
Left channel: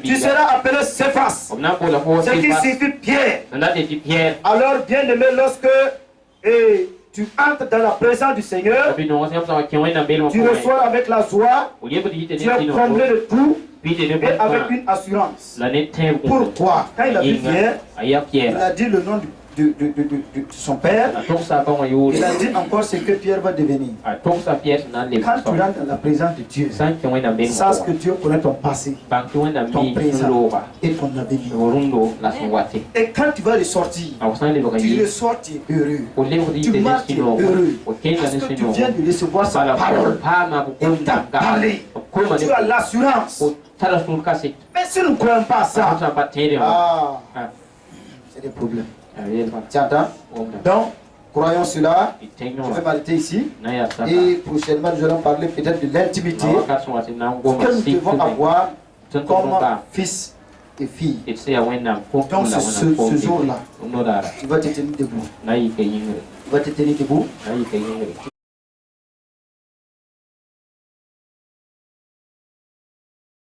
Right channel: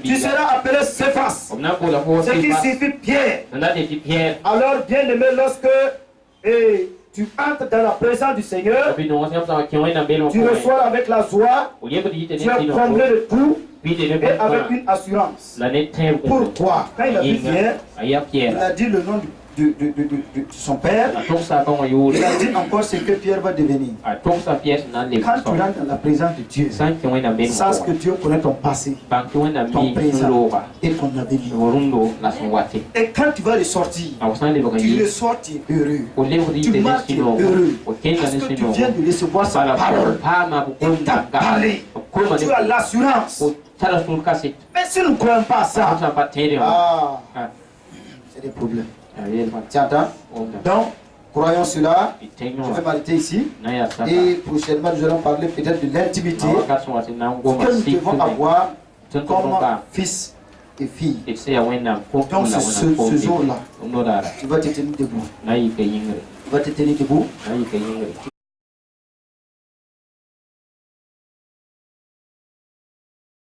Tu seras appelé Céphas, ce qui signifie Pierre. Alors, bien aimé, lorsque tu entres dans la présence du Seigneur, tu reçois avec la joie, tu es comblé de tout et avec une assurance. Pourquoi? Quand il a vu Pierre, il a dit le nom de son père. Il a dit encore ce que Pierre va devenir. Quand tu rentres dans la présence de Dieu, sache que Dieu connaît ton passé, ton présent et ton avenir. Et quand tu vas ressortir, tu ressors, tu es heureux. Tu marches, tu es heureux. Parce que tu viens de recevoir sa parole. Il t'a parlé. Tu as l'assurance. Mais si nous ne croyons pas à ça, c'est des problèmes. Tu entends? Donc, croyons cela. Je vais m'arrêter ici. Et prochainement, nous allons parler peut-être de l'intimité que nous devons avoir comme fils et filles. Donc ce jour-là, tu vas te tenir debout. Tu vas te tenir debout.